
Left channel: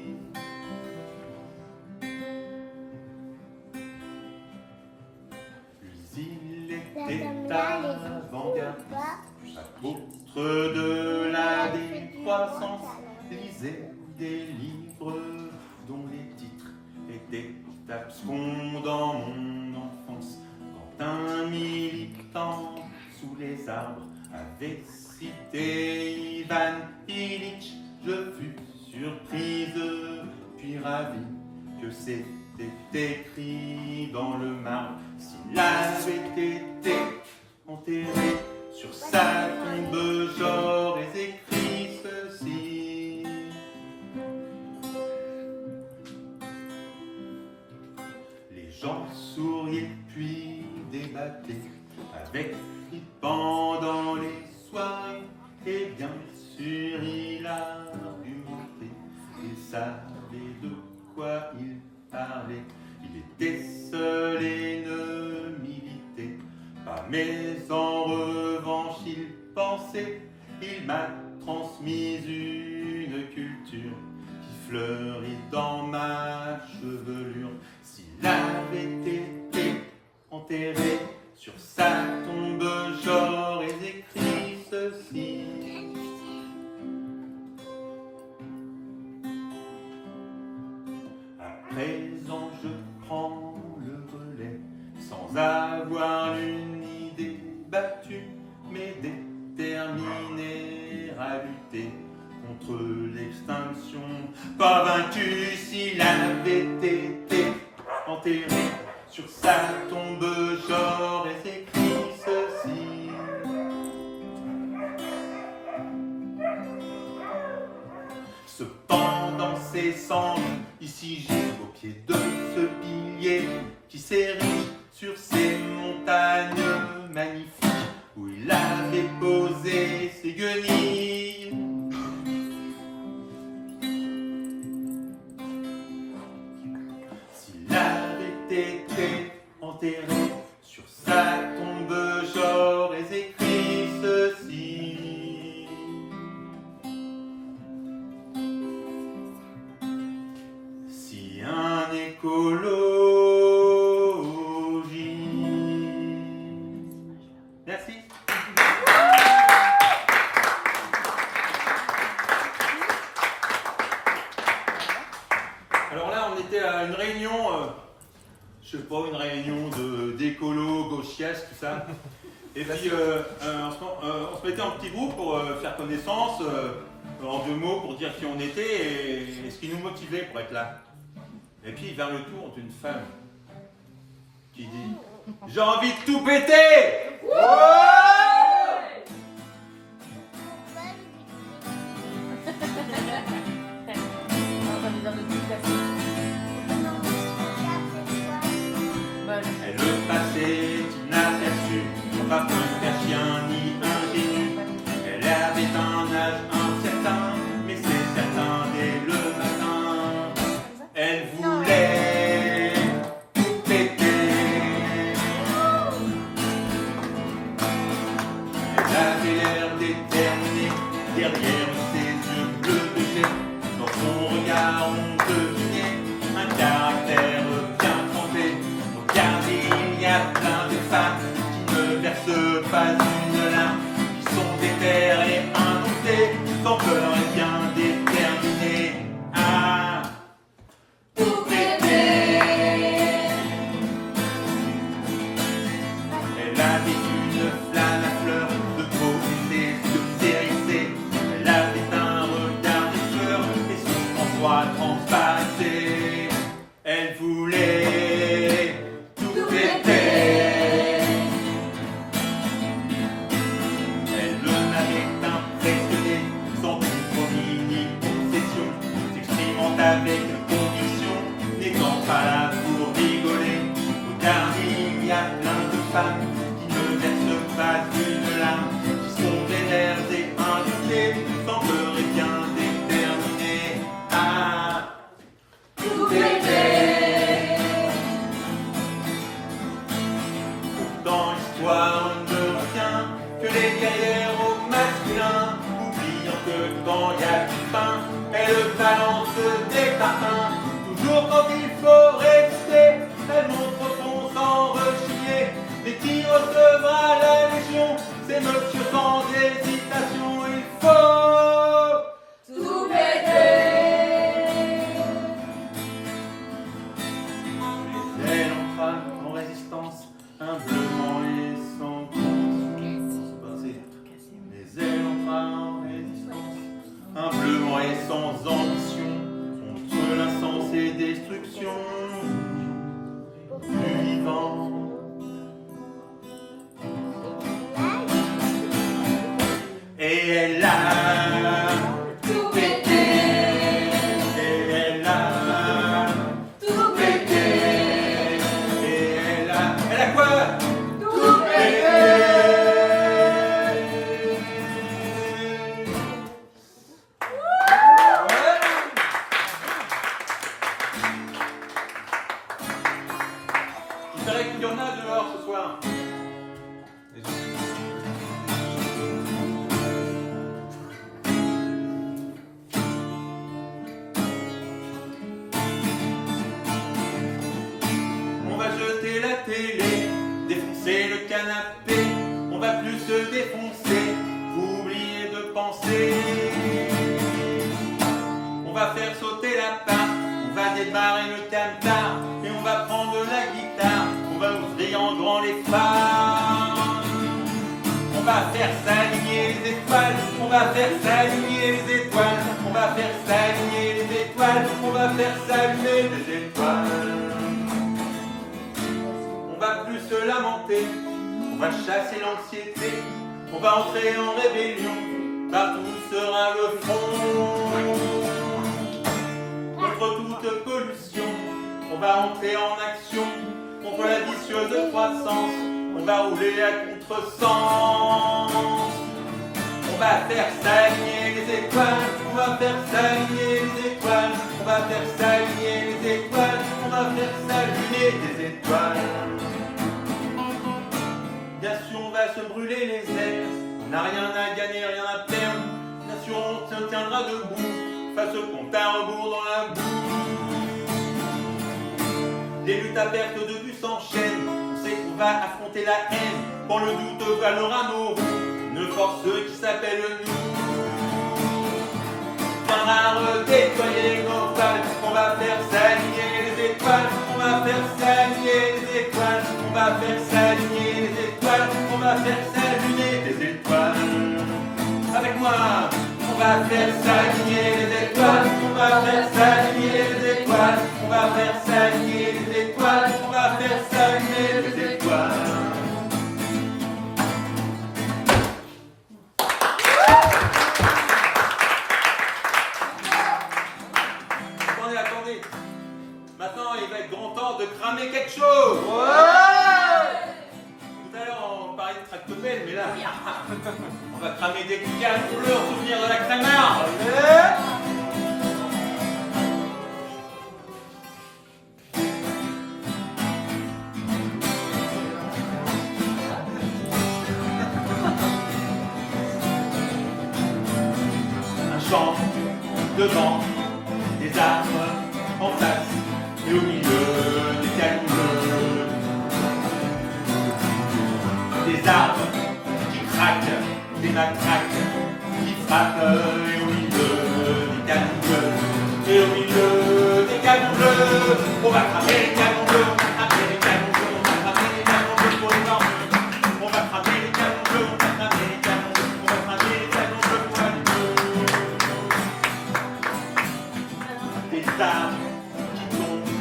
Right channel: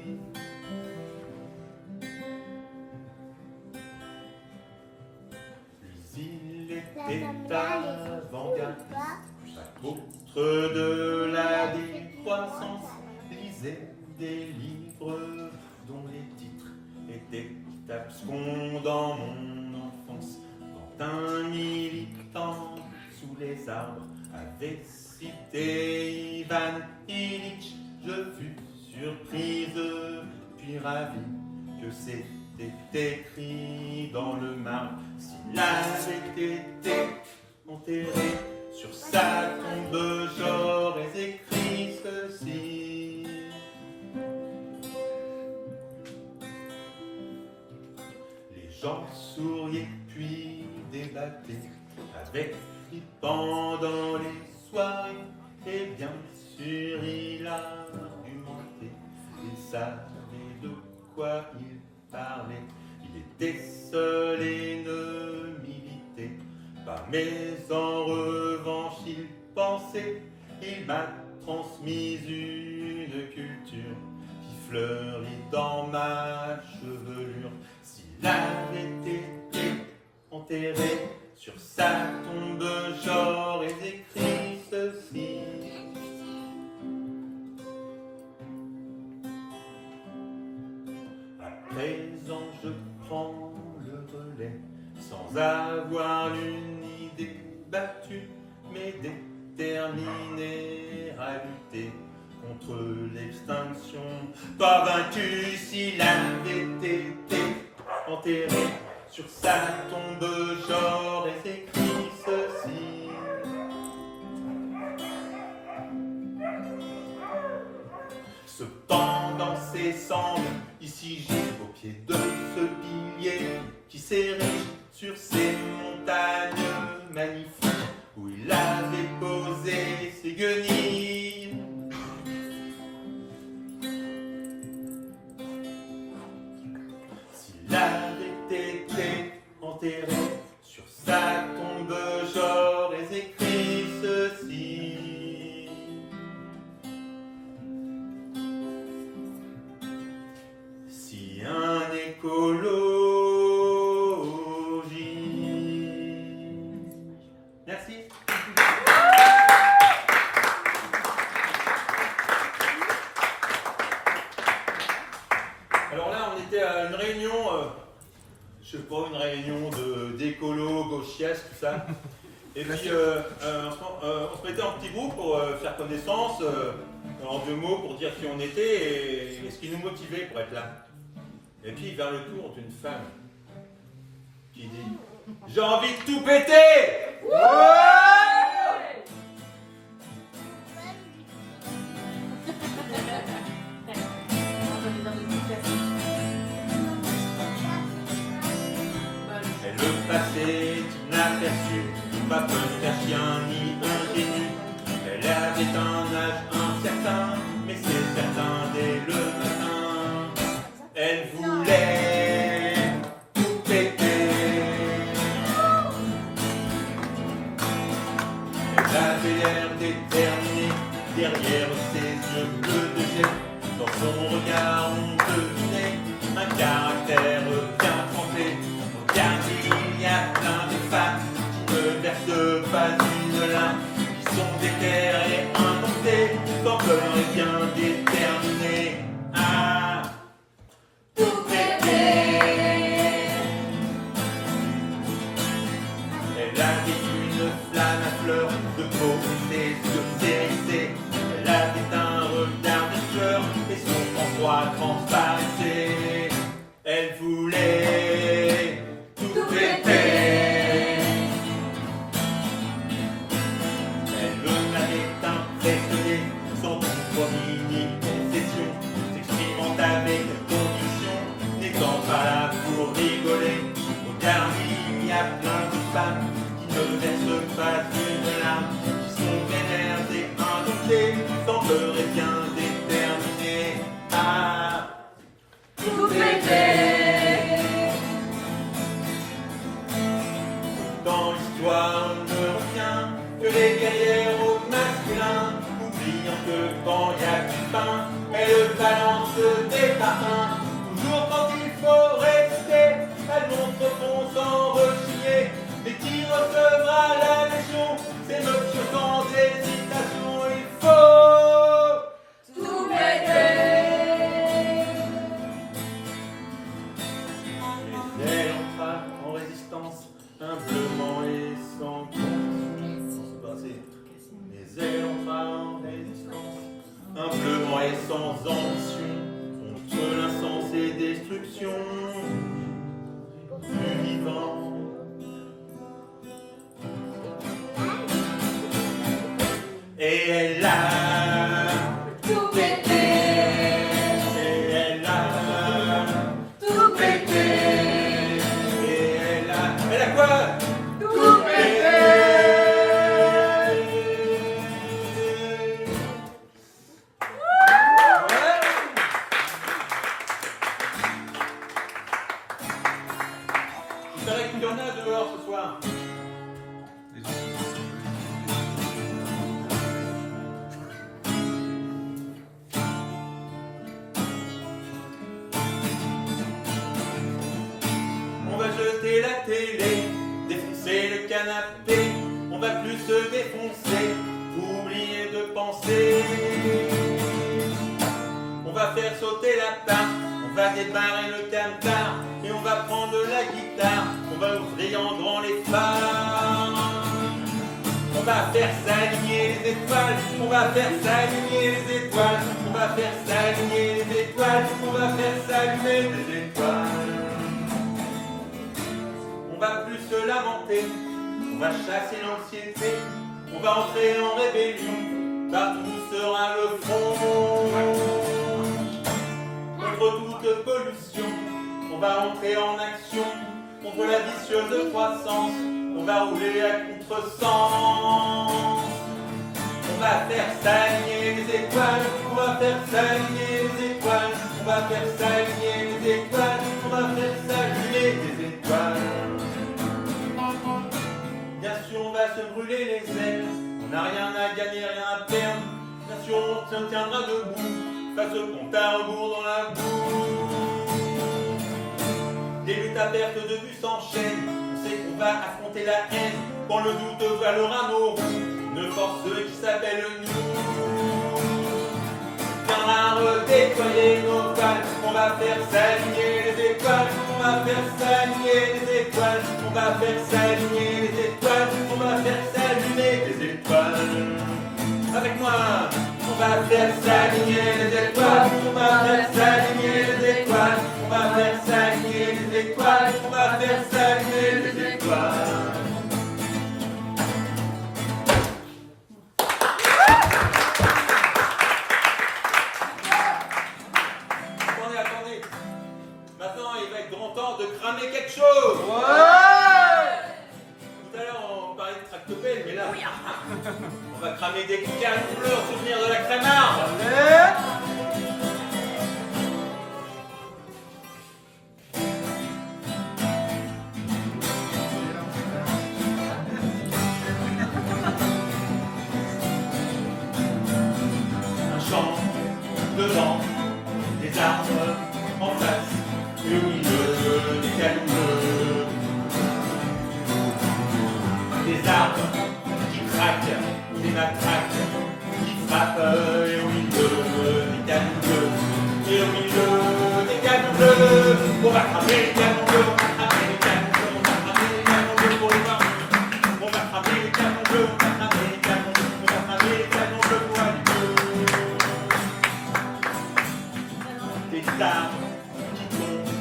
Il était avant-garde, apôtre de la décroissance, lisait des livres dont les titres étaient abscons dans mon enfance. Quand un militant sous les arbres avait cité Ivan Illich, je fus surprise puis ravie que c'était écrit dans le marbre. S'il avait été enterré sur sa tombe, j'aurais écrit ceci. Les gens souriaient puis débattaient avec lui pendant les soirées, et bien sûr il argumentait, il savait de quoi il parlait. Il était seul et ne militait pas, mais en revanche il pensait. Il m'a transmis une culture qui fleurit dans ma chevelure. S'il avait été enterré sur sa tombe, j'aurais écrit ceci. À présent je prends le relais, sans avoir une idée battue, mais déterminé à lutter contre l'extinction. Pas vaincu. S'il avait été enterré sur sa tombe, j'aurais écrit ceci. Cependant ces cendres, ici j'ai au pied de ce pilier qui s'érige sur ces montagnes magnifiques où il avait posé ses guenilles. S'il avait été enterré sur sa tombe, j'aurais écrit ceci. Si un écologiste. Merci. Alors là, on était à une réunion, je sais pas, une réunion d'écolos, gauchiestes, tout ça. Et puis, on se mettait en petit groupe pour faire connaissance, en 2 mots, pour dire qui on était et ce qui nous motivait pour être là. Et puis, vers le tour d'une femme qui dit « J'ai envie de tout péter !» Elle le passait inaperçue, pas qu'un chien ni un génie. Elle avait un âge incertain, mais c'est certain dès le matin. Elle voulait tout péter. Elle avait l'air déterminée, derrière ses yeux bleus de jet. Dans son regard on devinait un caractère bien trempé. Regarde, il y a plein de femmes qui ne versent pas une larme, qui sont déterres et indomptées, tant ne verse pas une larme, qui sont vénères et indomptés, sans peur et bien déterminés à tout péter. Dans l'histoire, on ne retient que les guerrières au masculin, oubliant que quand il y a du pain, elles balancent des parfums. Toujours quand il faut rester, elle montre son sang rechigné. Mais qui recevra la légion? C'est monsieur sans hésitation. Il faut tout péter. Mais elle entra en résistance, humblement et sans conviction. Mais elle entra en résistance, humblement et sans ambition, contre l'insensée destruction du vivant. Et elle a Tout pété. et elle a Tout pété. et elle a quoi? Tout pété. Il paraît qu'il y en a dehors ce soir. On va jeter la télé, défoncer le canapé. On va plus se défoncer, oublier de penser. On va faire sauter la part, on va débarrer le camtar et on va prendre la guitare. On va ouvrir en grand les phares. On va faire s'aligner les étoiles, on va faire s'aligner les étoiles, on va faire s'aligner les étoiles, on va faire s'allumer les étoiles. On va plus se lamenter, on va chasser l'anxiété, on va entrer en rébellion, partout sera le front. Contre toute pollution, on va entrer en action, contre la vicieuse croissance, on va rouler à contresens. On va faire s'aligner les étoiles, on va faire s'aligner les étoiles, on va faire s'aligner les étoiles, on va faire s'aligner les étoiles. Bien sûr, on va se brûler les ailes, on n'a rien à gagner, rien à perdre. Bien sûr, on se tiendra debout, face au compte à rebours dans la boue. Les luttes à perte de vue s'enchaînent, on sait qu'on va affronter la haine. Quand le doute valera nos roues, une force qui s'appelle nous viendra redéployer nos balles. On va faire s'aligner les étoiles, on va faire s'aligner les étoiles, on va faire s'aligner les étoiles, on va faire s'allumer les étoiles. Avec moi, on va faire s'aligner les étoiles, on va faire s'aligner les étoiles, on va faire s'aligner les étoiles, on va faire s'allumer les étoiles. Attendez. Maintenant, il va être grand temps de cramer quelque chose. Tout à l'heure, on parlait de tractopelle, mais là, on va cramer des canons bleus en souvenir de la crémarde. Un champ devant, des arbres en face et au milieu des canons bleus. Des arbres qui craquent, des matraques qui frappent et au milieu des canons bleus. Et au milieu des canons bleus, on va cramer les canons bleus, on va cramer les canons bleus, on va cramer les canons bleus pour les morts. On va cramer les canons bleus, on va cramer les canons bleus, on va cramer les canons bleus pour la lutte. Des arbres qui tombent,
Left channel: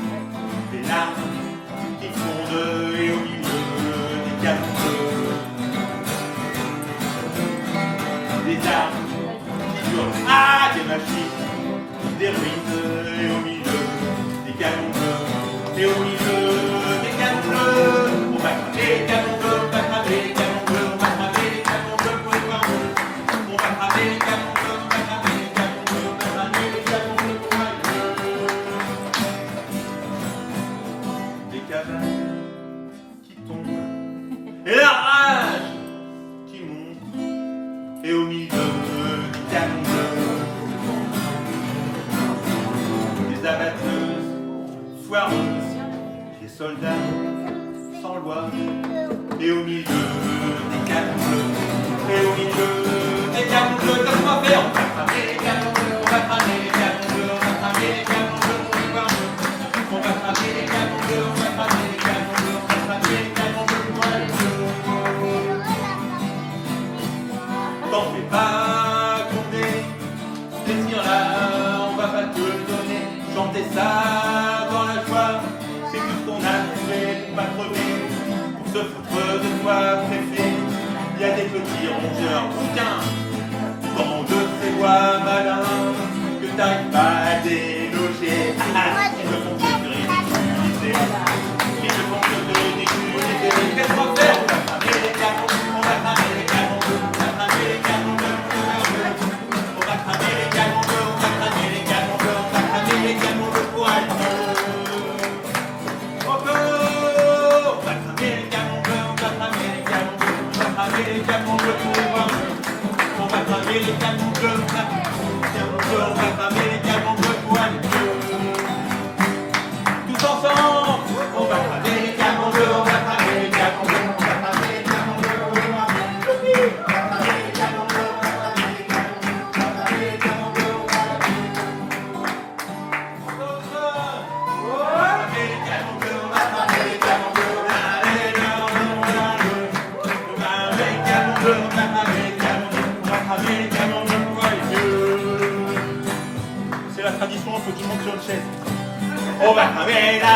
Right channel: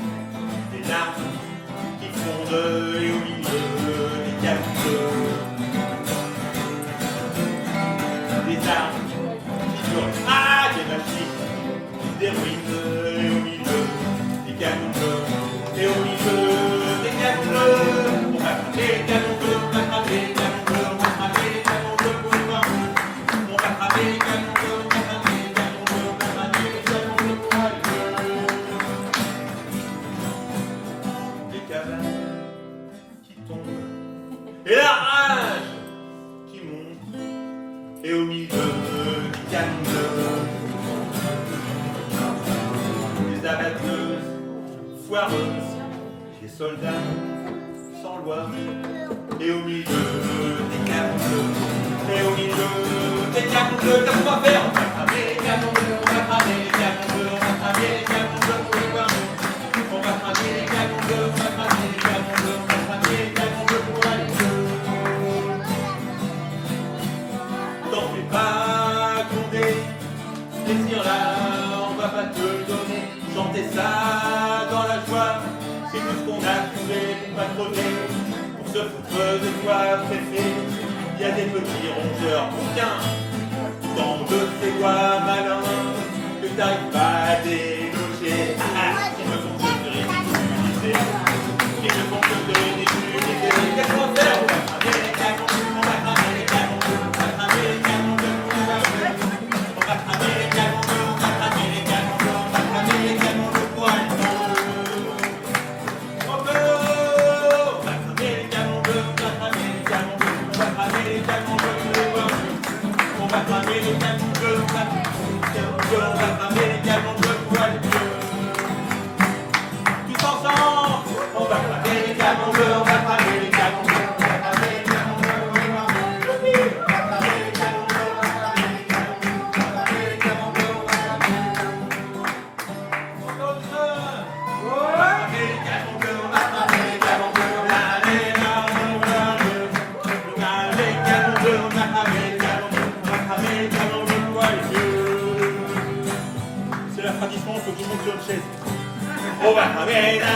des larmes qui fondent et au milieu des canons bleus. Des arbres qui durent, des machines, des ruines et au milieu des canons bleus. Et au milieu des canons bleus, on va cramer les canons bleus, on va cramer les soir, des soldats sans loi. Et au milieu des canons bleus, et au milieu des canons bleus, qu'est-ce qu'on va faire? On va cramer les canons bleus, on va cramer les canons bleus, on va cramer les canons bleus pour les voir mieux. On va cramer les canons bleus, on va cramer les canons bleus, on va cramer les canons bleus pour aller mieux. T'en fais pas, Condé, ces tirs-là, on va pas te le donner. Chanter ça dans la joie, c'est tout ce qu'on a trouvé pour pas crever. Pour se foutre de toi, préfet, il y a des petits rongeurs bouquins dans de ces bois malins que t'arrives pas à déloger. Ils ne font que te ridiculiser. Ils ne font que te ridiculiser. Qu'est-ce qu'on va faire? On va cramer les canons, on va cramer les canons bleus, on va cramer les canons bleus, on va cramer les canons bleus, on va cramer les canons bleus, on va cramer les canons bleus pour aller mieux. Encore! On va cramer les canons bleus, on va cramer les canons bleus, on va cramer les canons bleus pour les voir mieux. On va cramer les canons bleus, on va cramer les canons bleus pour aller mieux. Tous ensemble, on va cramer les canons bleus, on va cramer les canons bleus, on va cramer les canons bleus pour les voir mieux. On va cramer les canons bleus, on va cramer les canons bleus, on va cramer les canons bleus pour aller mieux. On va cramer les canons bleus, on va cramer les canons bleus, on va cramer les canons bleus, on va cramer les canons bleus, on va cramer les canons bleus, on va cramer les canons bleus pour aller mieux. C'est la tradition, il faut que tout le monde sur une chaise. On va cramer la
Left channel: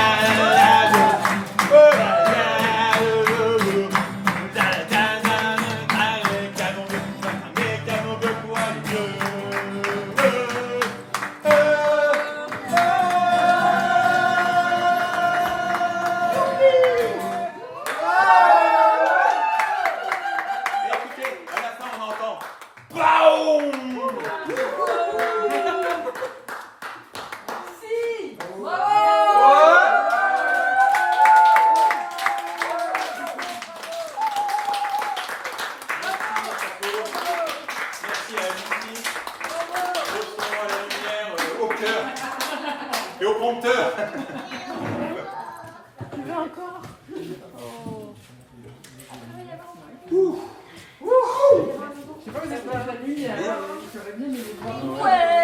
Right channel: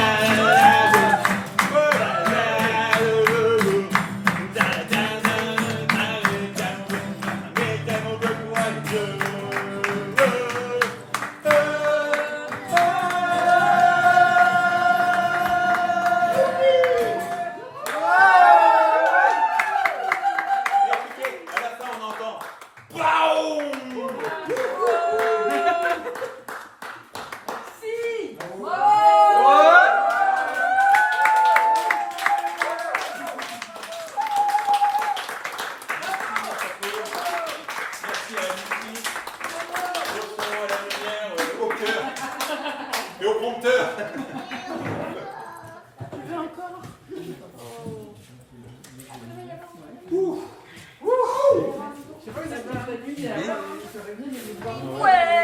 et au prompteur. Tu veux encore? Je sais pas, vous êtes voir la nuit, j'aurais bien aimé voir. Ouais.